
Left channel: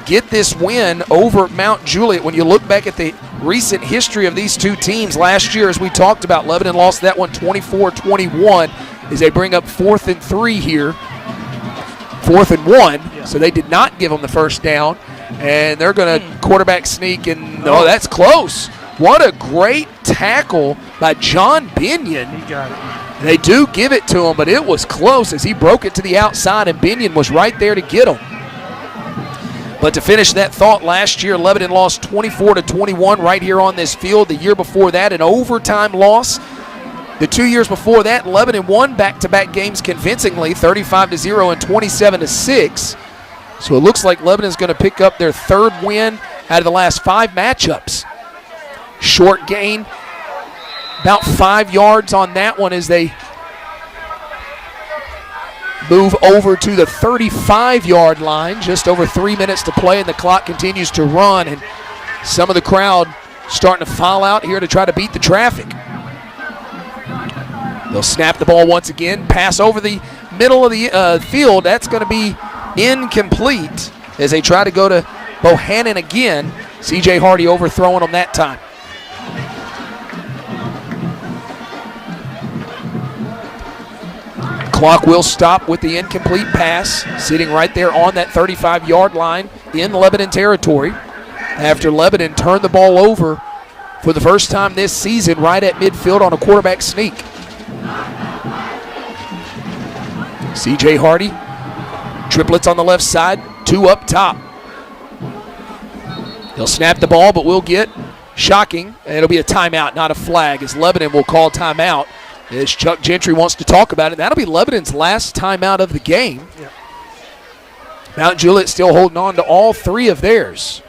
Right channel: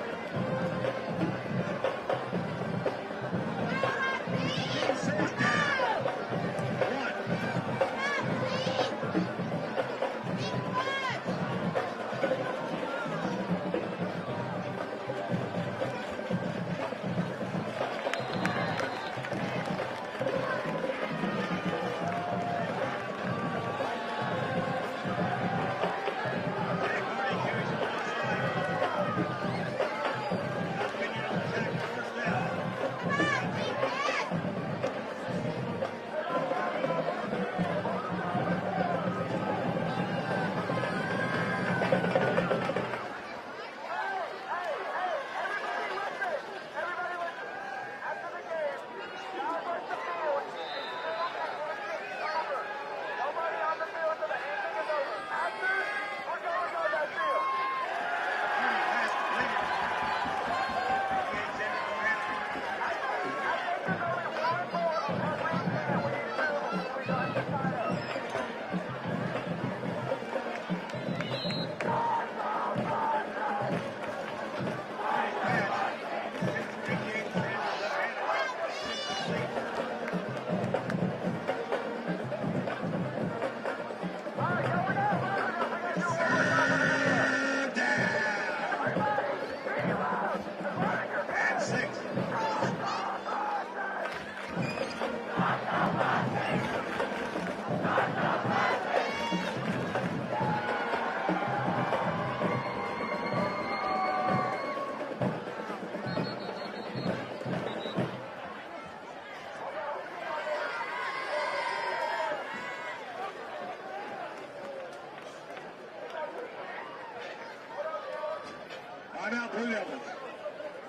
get this win over Mount Juliet. When you look back at the recent history of these two teams, last year, as we talked about, Lebanon lost that one 24-21 as they bring up 4th and 3 here. 4th and 1, so they did not give them the first down, and they're going to quarterback sneak, and that's close. What a great tackle by John Binion. He got it. They do give it to him, but it was close as he broke it to the outside, and Binion was right there to get him. But to finish that thought, last year Lebanon lost 24-21 right here on this field. The year before that, an overtime loss. The 2 years before that, Lebanon won back-to-back games convincingly, 35-0 and 27-6. So it looks like Lebanon's going to pick up their 3rd win out of the last 5 matchups. Short gain, about 5 yards on that one as they move over to the 35-yard line. Just over 3 minutes to play, and the clock continues to run. And some of the crowd starting to file out here to try to beat the traffic. They'll snap the ball once again, pass over the middle of the field. That's going to be incomplete as they try to go to Bohannon again. C.J. Hardy overthrowing them that time. Clock will stop with the incomplete pass, sitting right there on that 35-yard line in Lebanon territory after Lebanon turned the ball over for the first time this season right at midfield on a quarterback sneak. C.J. Hardy, triplets on the left side, 2 up top. He'll snap the ball, but we'll get Shocking. And it'll be a timeout, not a flag, as Lebanon will call timeout. As Chuck Gentry wants to talk about it. That'll be Lebanon's last timeout of the game. Yeah. Mount Juliet still holding on to all 3 of theirs.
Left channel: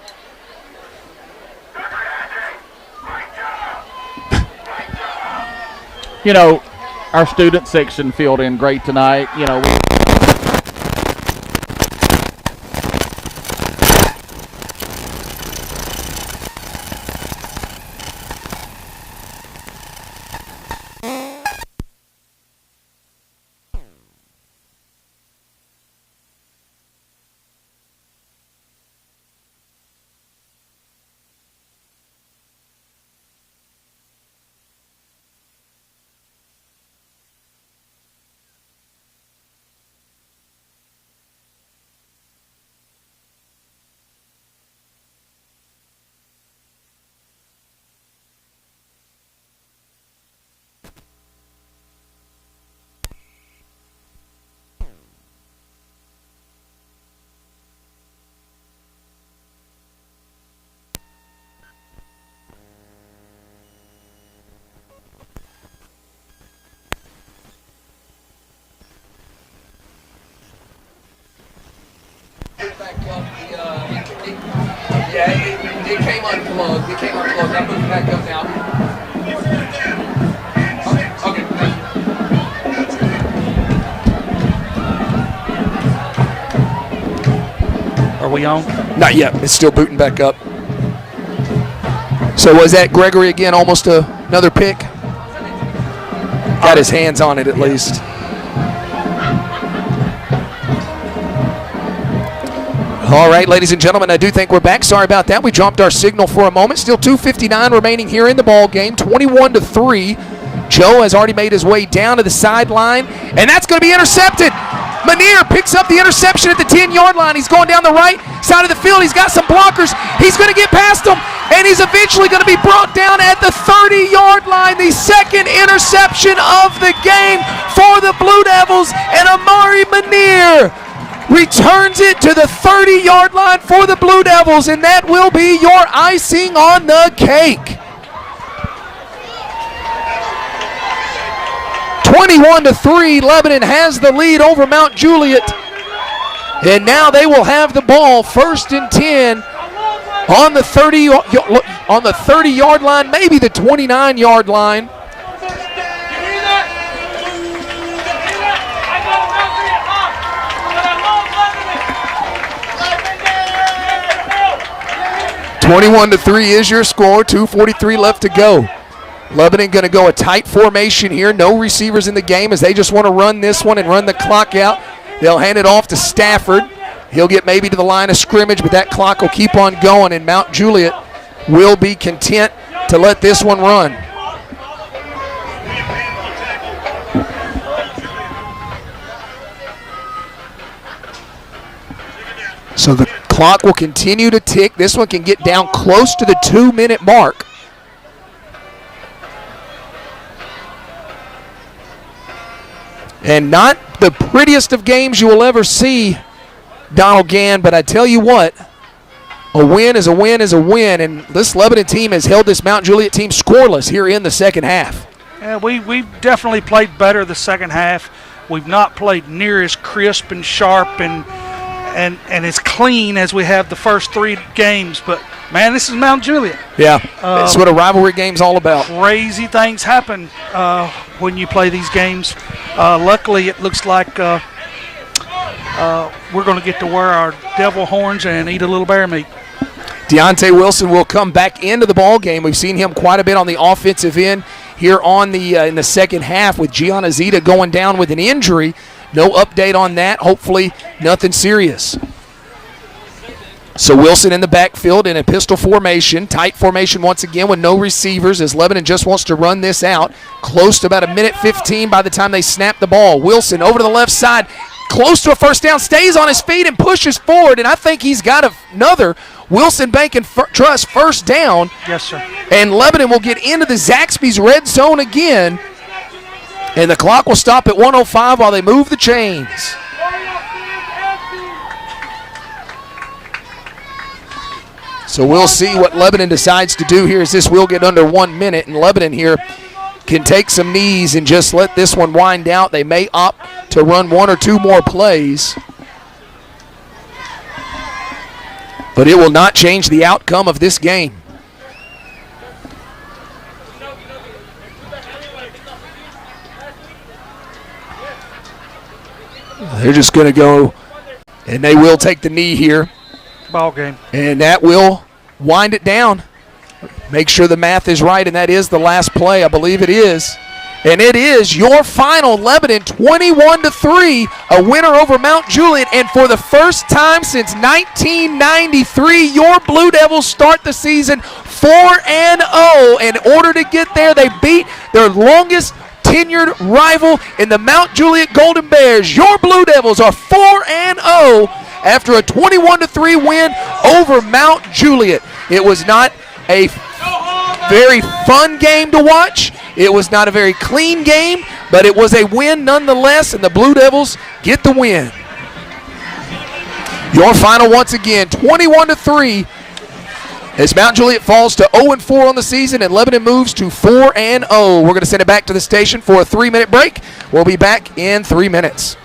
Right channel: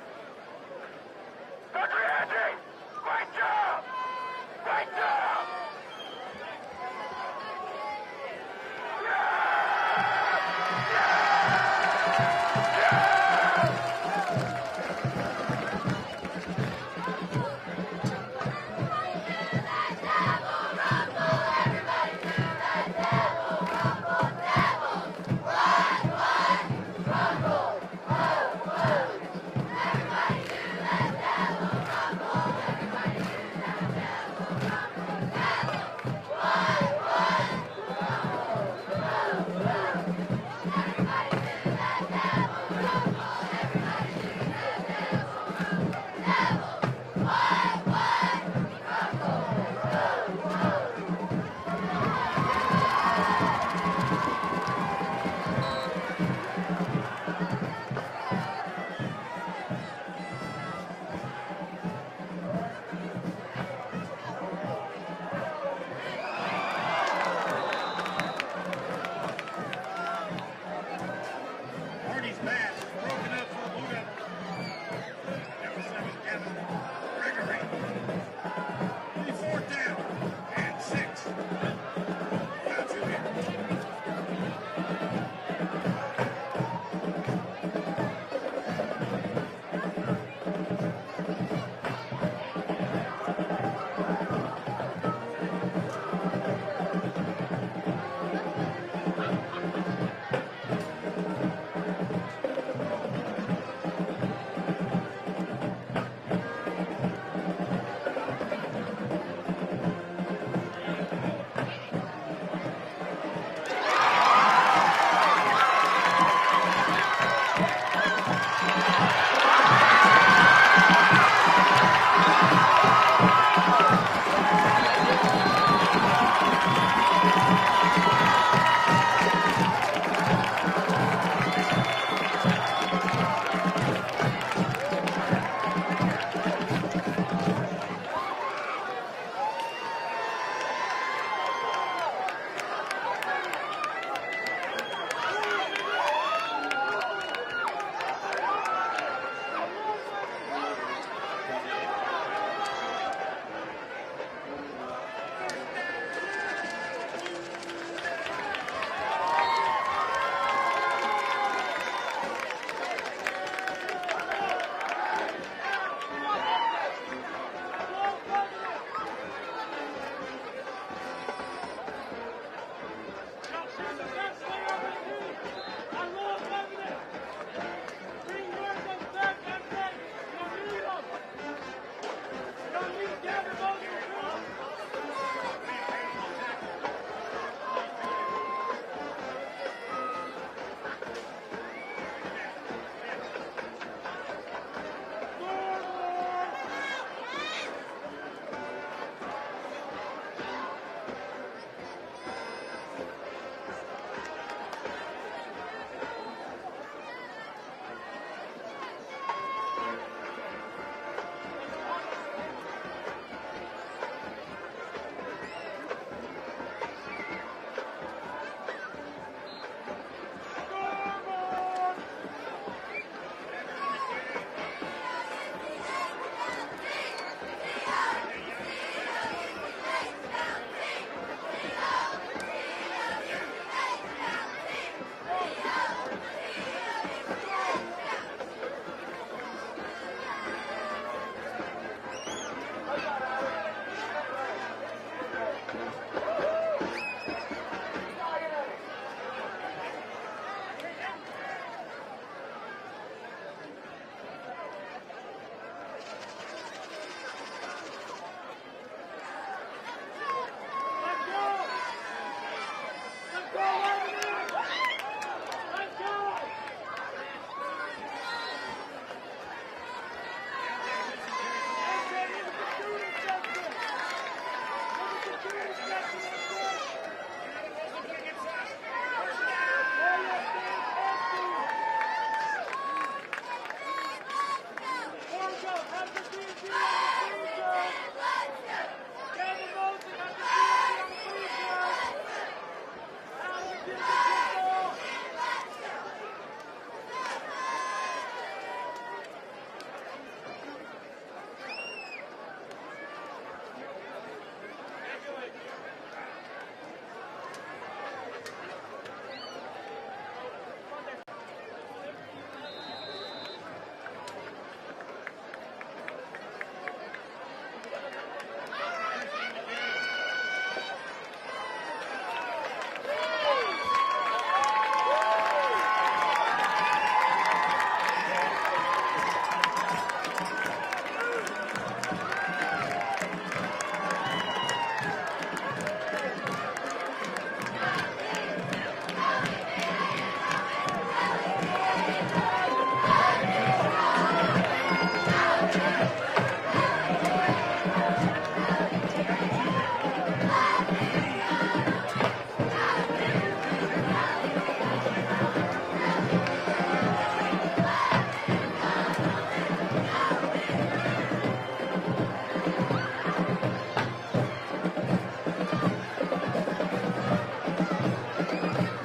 You know, our student section filled in great tonight. You know, It came unplugged. I'll put it back up now. Okay. Are we on? Not yet. It's still booting back up. So was that Gregory again, almost another pick? Got his hands on it at least. All right, ladies and gentlemen, I do think we're back. Sorry about that. We dropped our signal for a moment. Still 2:59 remaining here in the ball game, 21-3. Joe has already made his way down to the sideline, and that's going to be intercepted. Manier picks up the interception at the 10-yard line. He's going down the right side of the field. He's got some blockers. He's going to get past them, and he's eventually going to be brought down at the 30-yard line. The second interception of the game for the Blue Devils, and Amari Manier returns it to the 30-yard line for the Blue Devils, and that will be your icing on the cake. 21-3, Lebanon has the lead over Mount Juliet, and now they will have the ball 1st and 10 on the 30-yard line, maybe the 29-yard line. (21-3) is your score. 2:43 left to go. Lebanon going to go a tight formation here. No receivers in the game as they just want to run this one and run the clock out. They'll hand it off to Stafford. He'll get maybe to the line of scrimmage, but that clock will keep on going, and Mount Juliet will be content to let this one run. So the clock will continue to tick. This one can get down close to the 2-minute mark. And not the prettiest of games you will ever see, Donald Gann, but I tell you what, a win is a win is a win, and this Lebanon team has held this Mount Juliet team scoreless here in the second half. Yeah, we definitely played better the second half. We've not played near as crisp and sharp and as clean as we have the first 3 games, but man, this is Mount Juliet. Yeah, that's what a rivalry game's all about. Crazy things happen when you play these games. Luckily, it looks like we're going to get to wear our devil horns and eat a little bear meat. Deontay Wilson will come back into the ball game. We've seen him quite a bit on the offensive end here on the in the second half with Gianna Zita going down with an injury. No update on that. Hopefully nothing serious. So Wilson in the backfield in a pistol formation, tight formation once again with no receivers as Lebanon just wants to run this out. Close to about 1:15 by the time they snap the ball. Wilson over to the left side, close to a first down, stays on his feet and pushes forward, and I think he's got another Wilson Bank and Trust first down. Yes, sir. And Lebanon will get into the Zaxby's red zone again, and the clock will stop at 1:05 while they move the chains. So we'll see what Lebanon decides to do here as this will get under 1 minute, and Lebanon here can take some knees and just let this one wind out. They may opt to run 1 or 2 more plays, but it will not change the outcome of this game. They're just going to go, and they will take the knee here. Ball game. And that will wind it down. Make sure the math is right, and that is the last play. I believe it is. And it is your final, Lebanon 21-3, a winner over Mount Juliet. And for the first time since 1993, your Blue Devils start the season 4-0. In order to get there, they beat their longest tenured rival in the Mount Juliet Golden Bears. Your Blue Devils are 4-0 after a 21-3 win over Mount Juliet. It was not a very fun game to watch. It was not a very clean game, but it was a win nonetheless, and the Blue Devils get the win. Your final once again, 21-3, as Mount Juliet falls to 0-4 on the season and Lebanon moves to 4-0. We're going to send it back to the station for a 3-minute break. We'll be back in 3 minutes.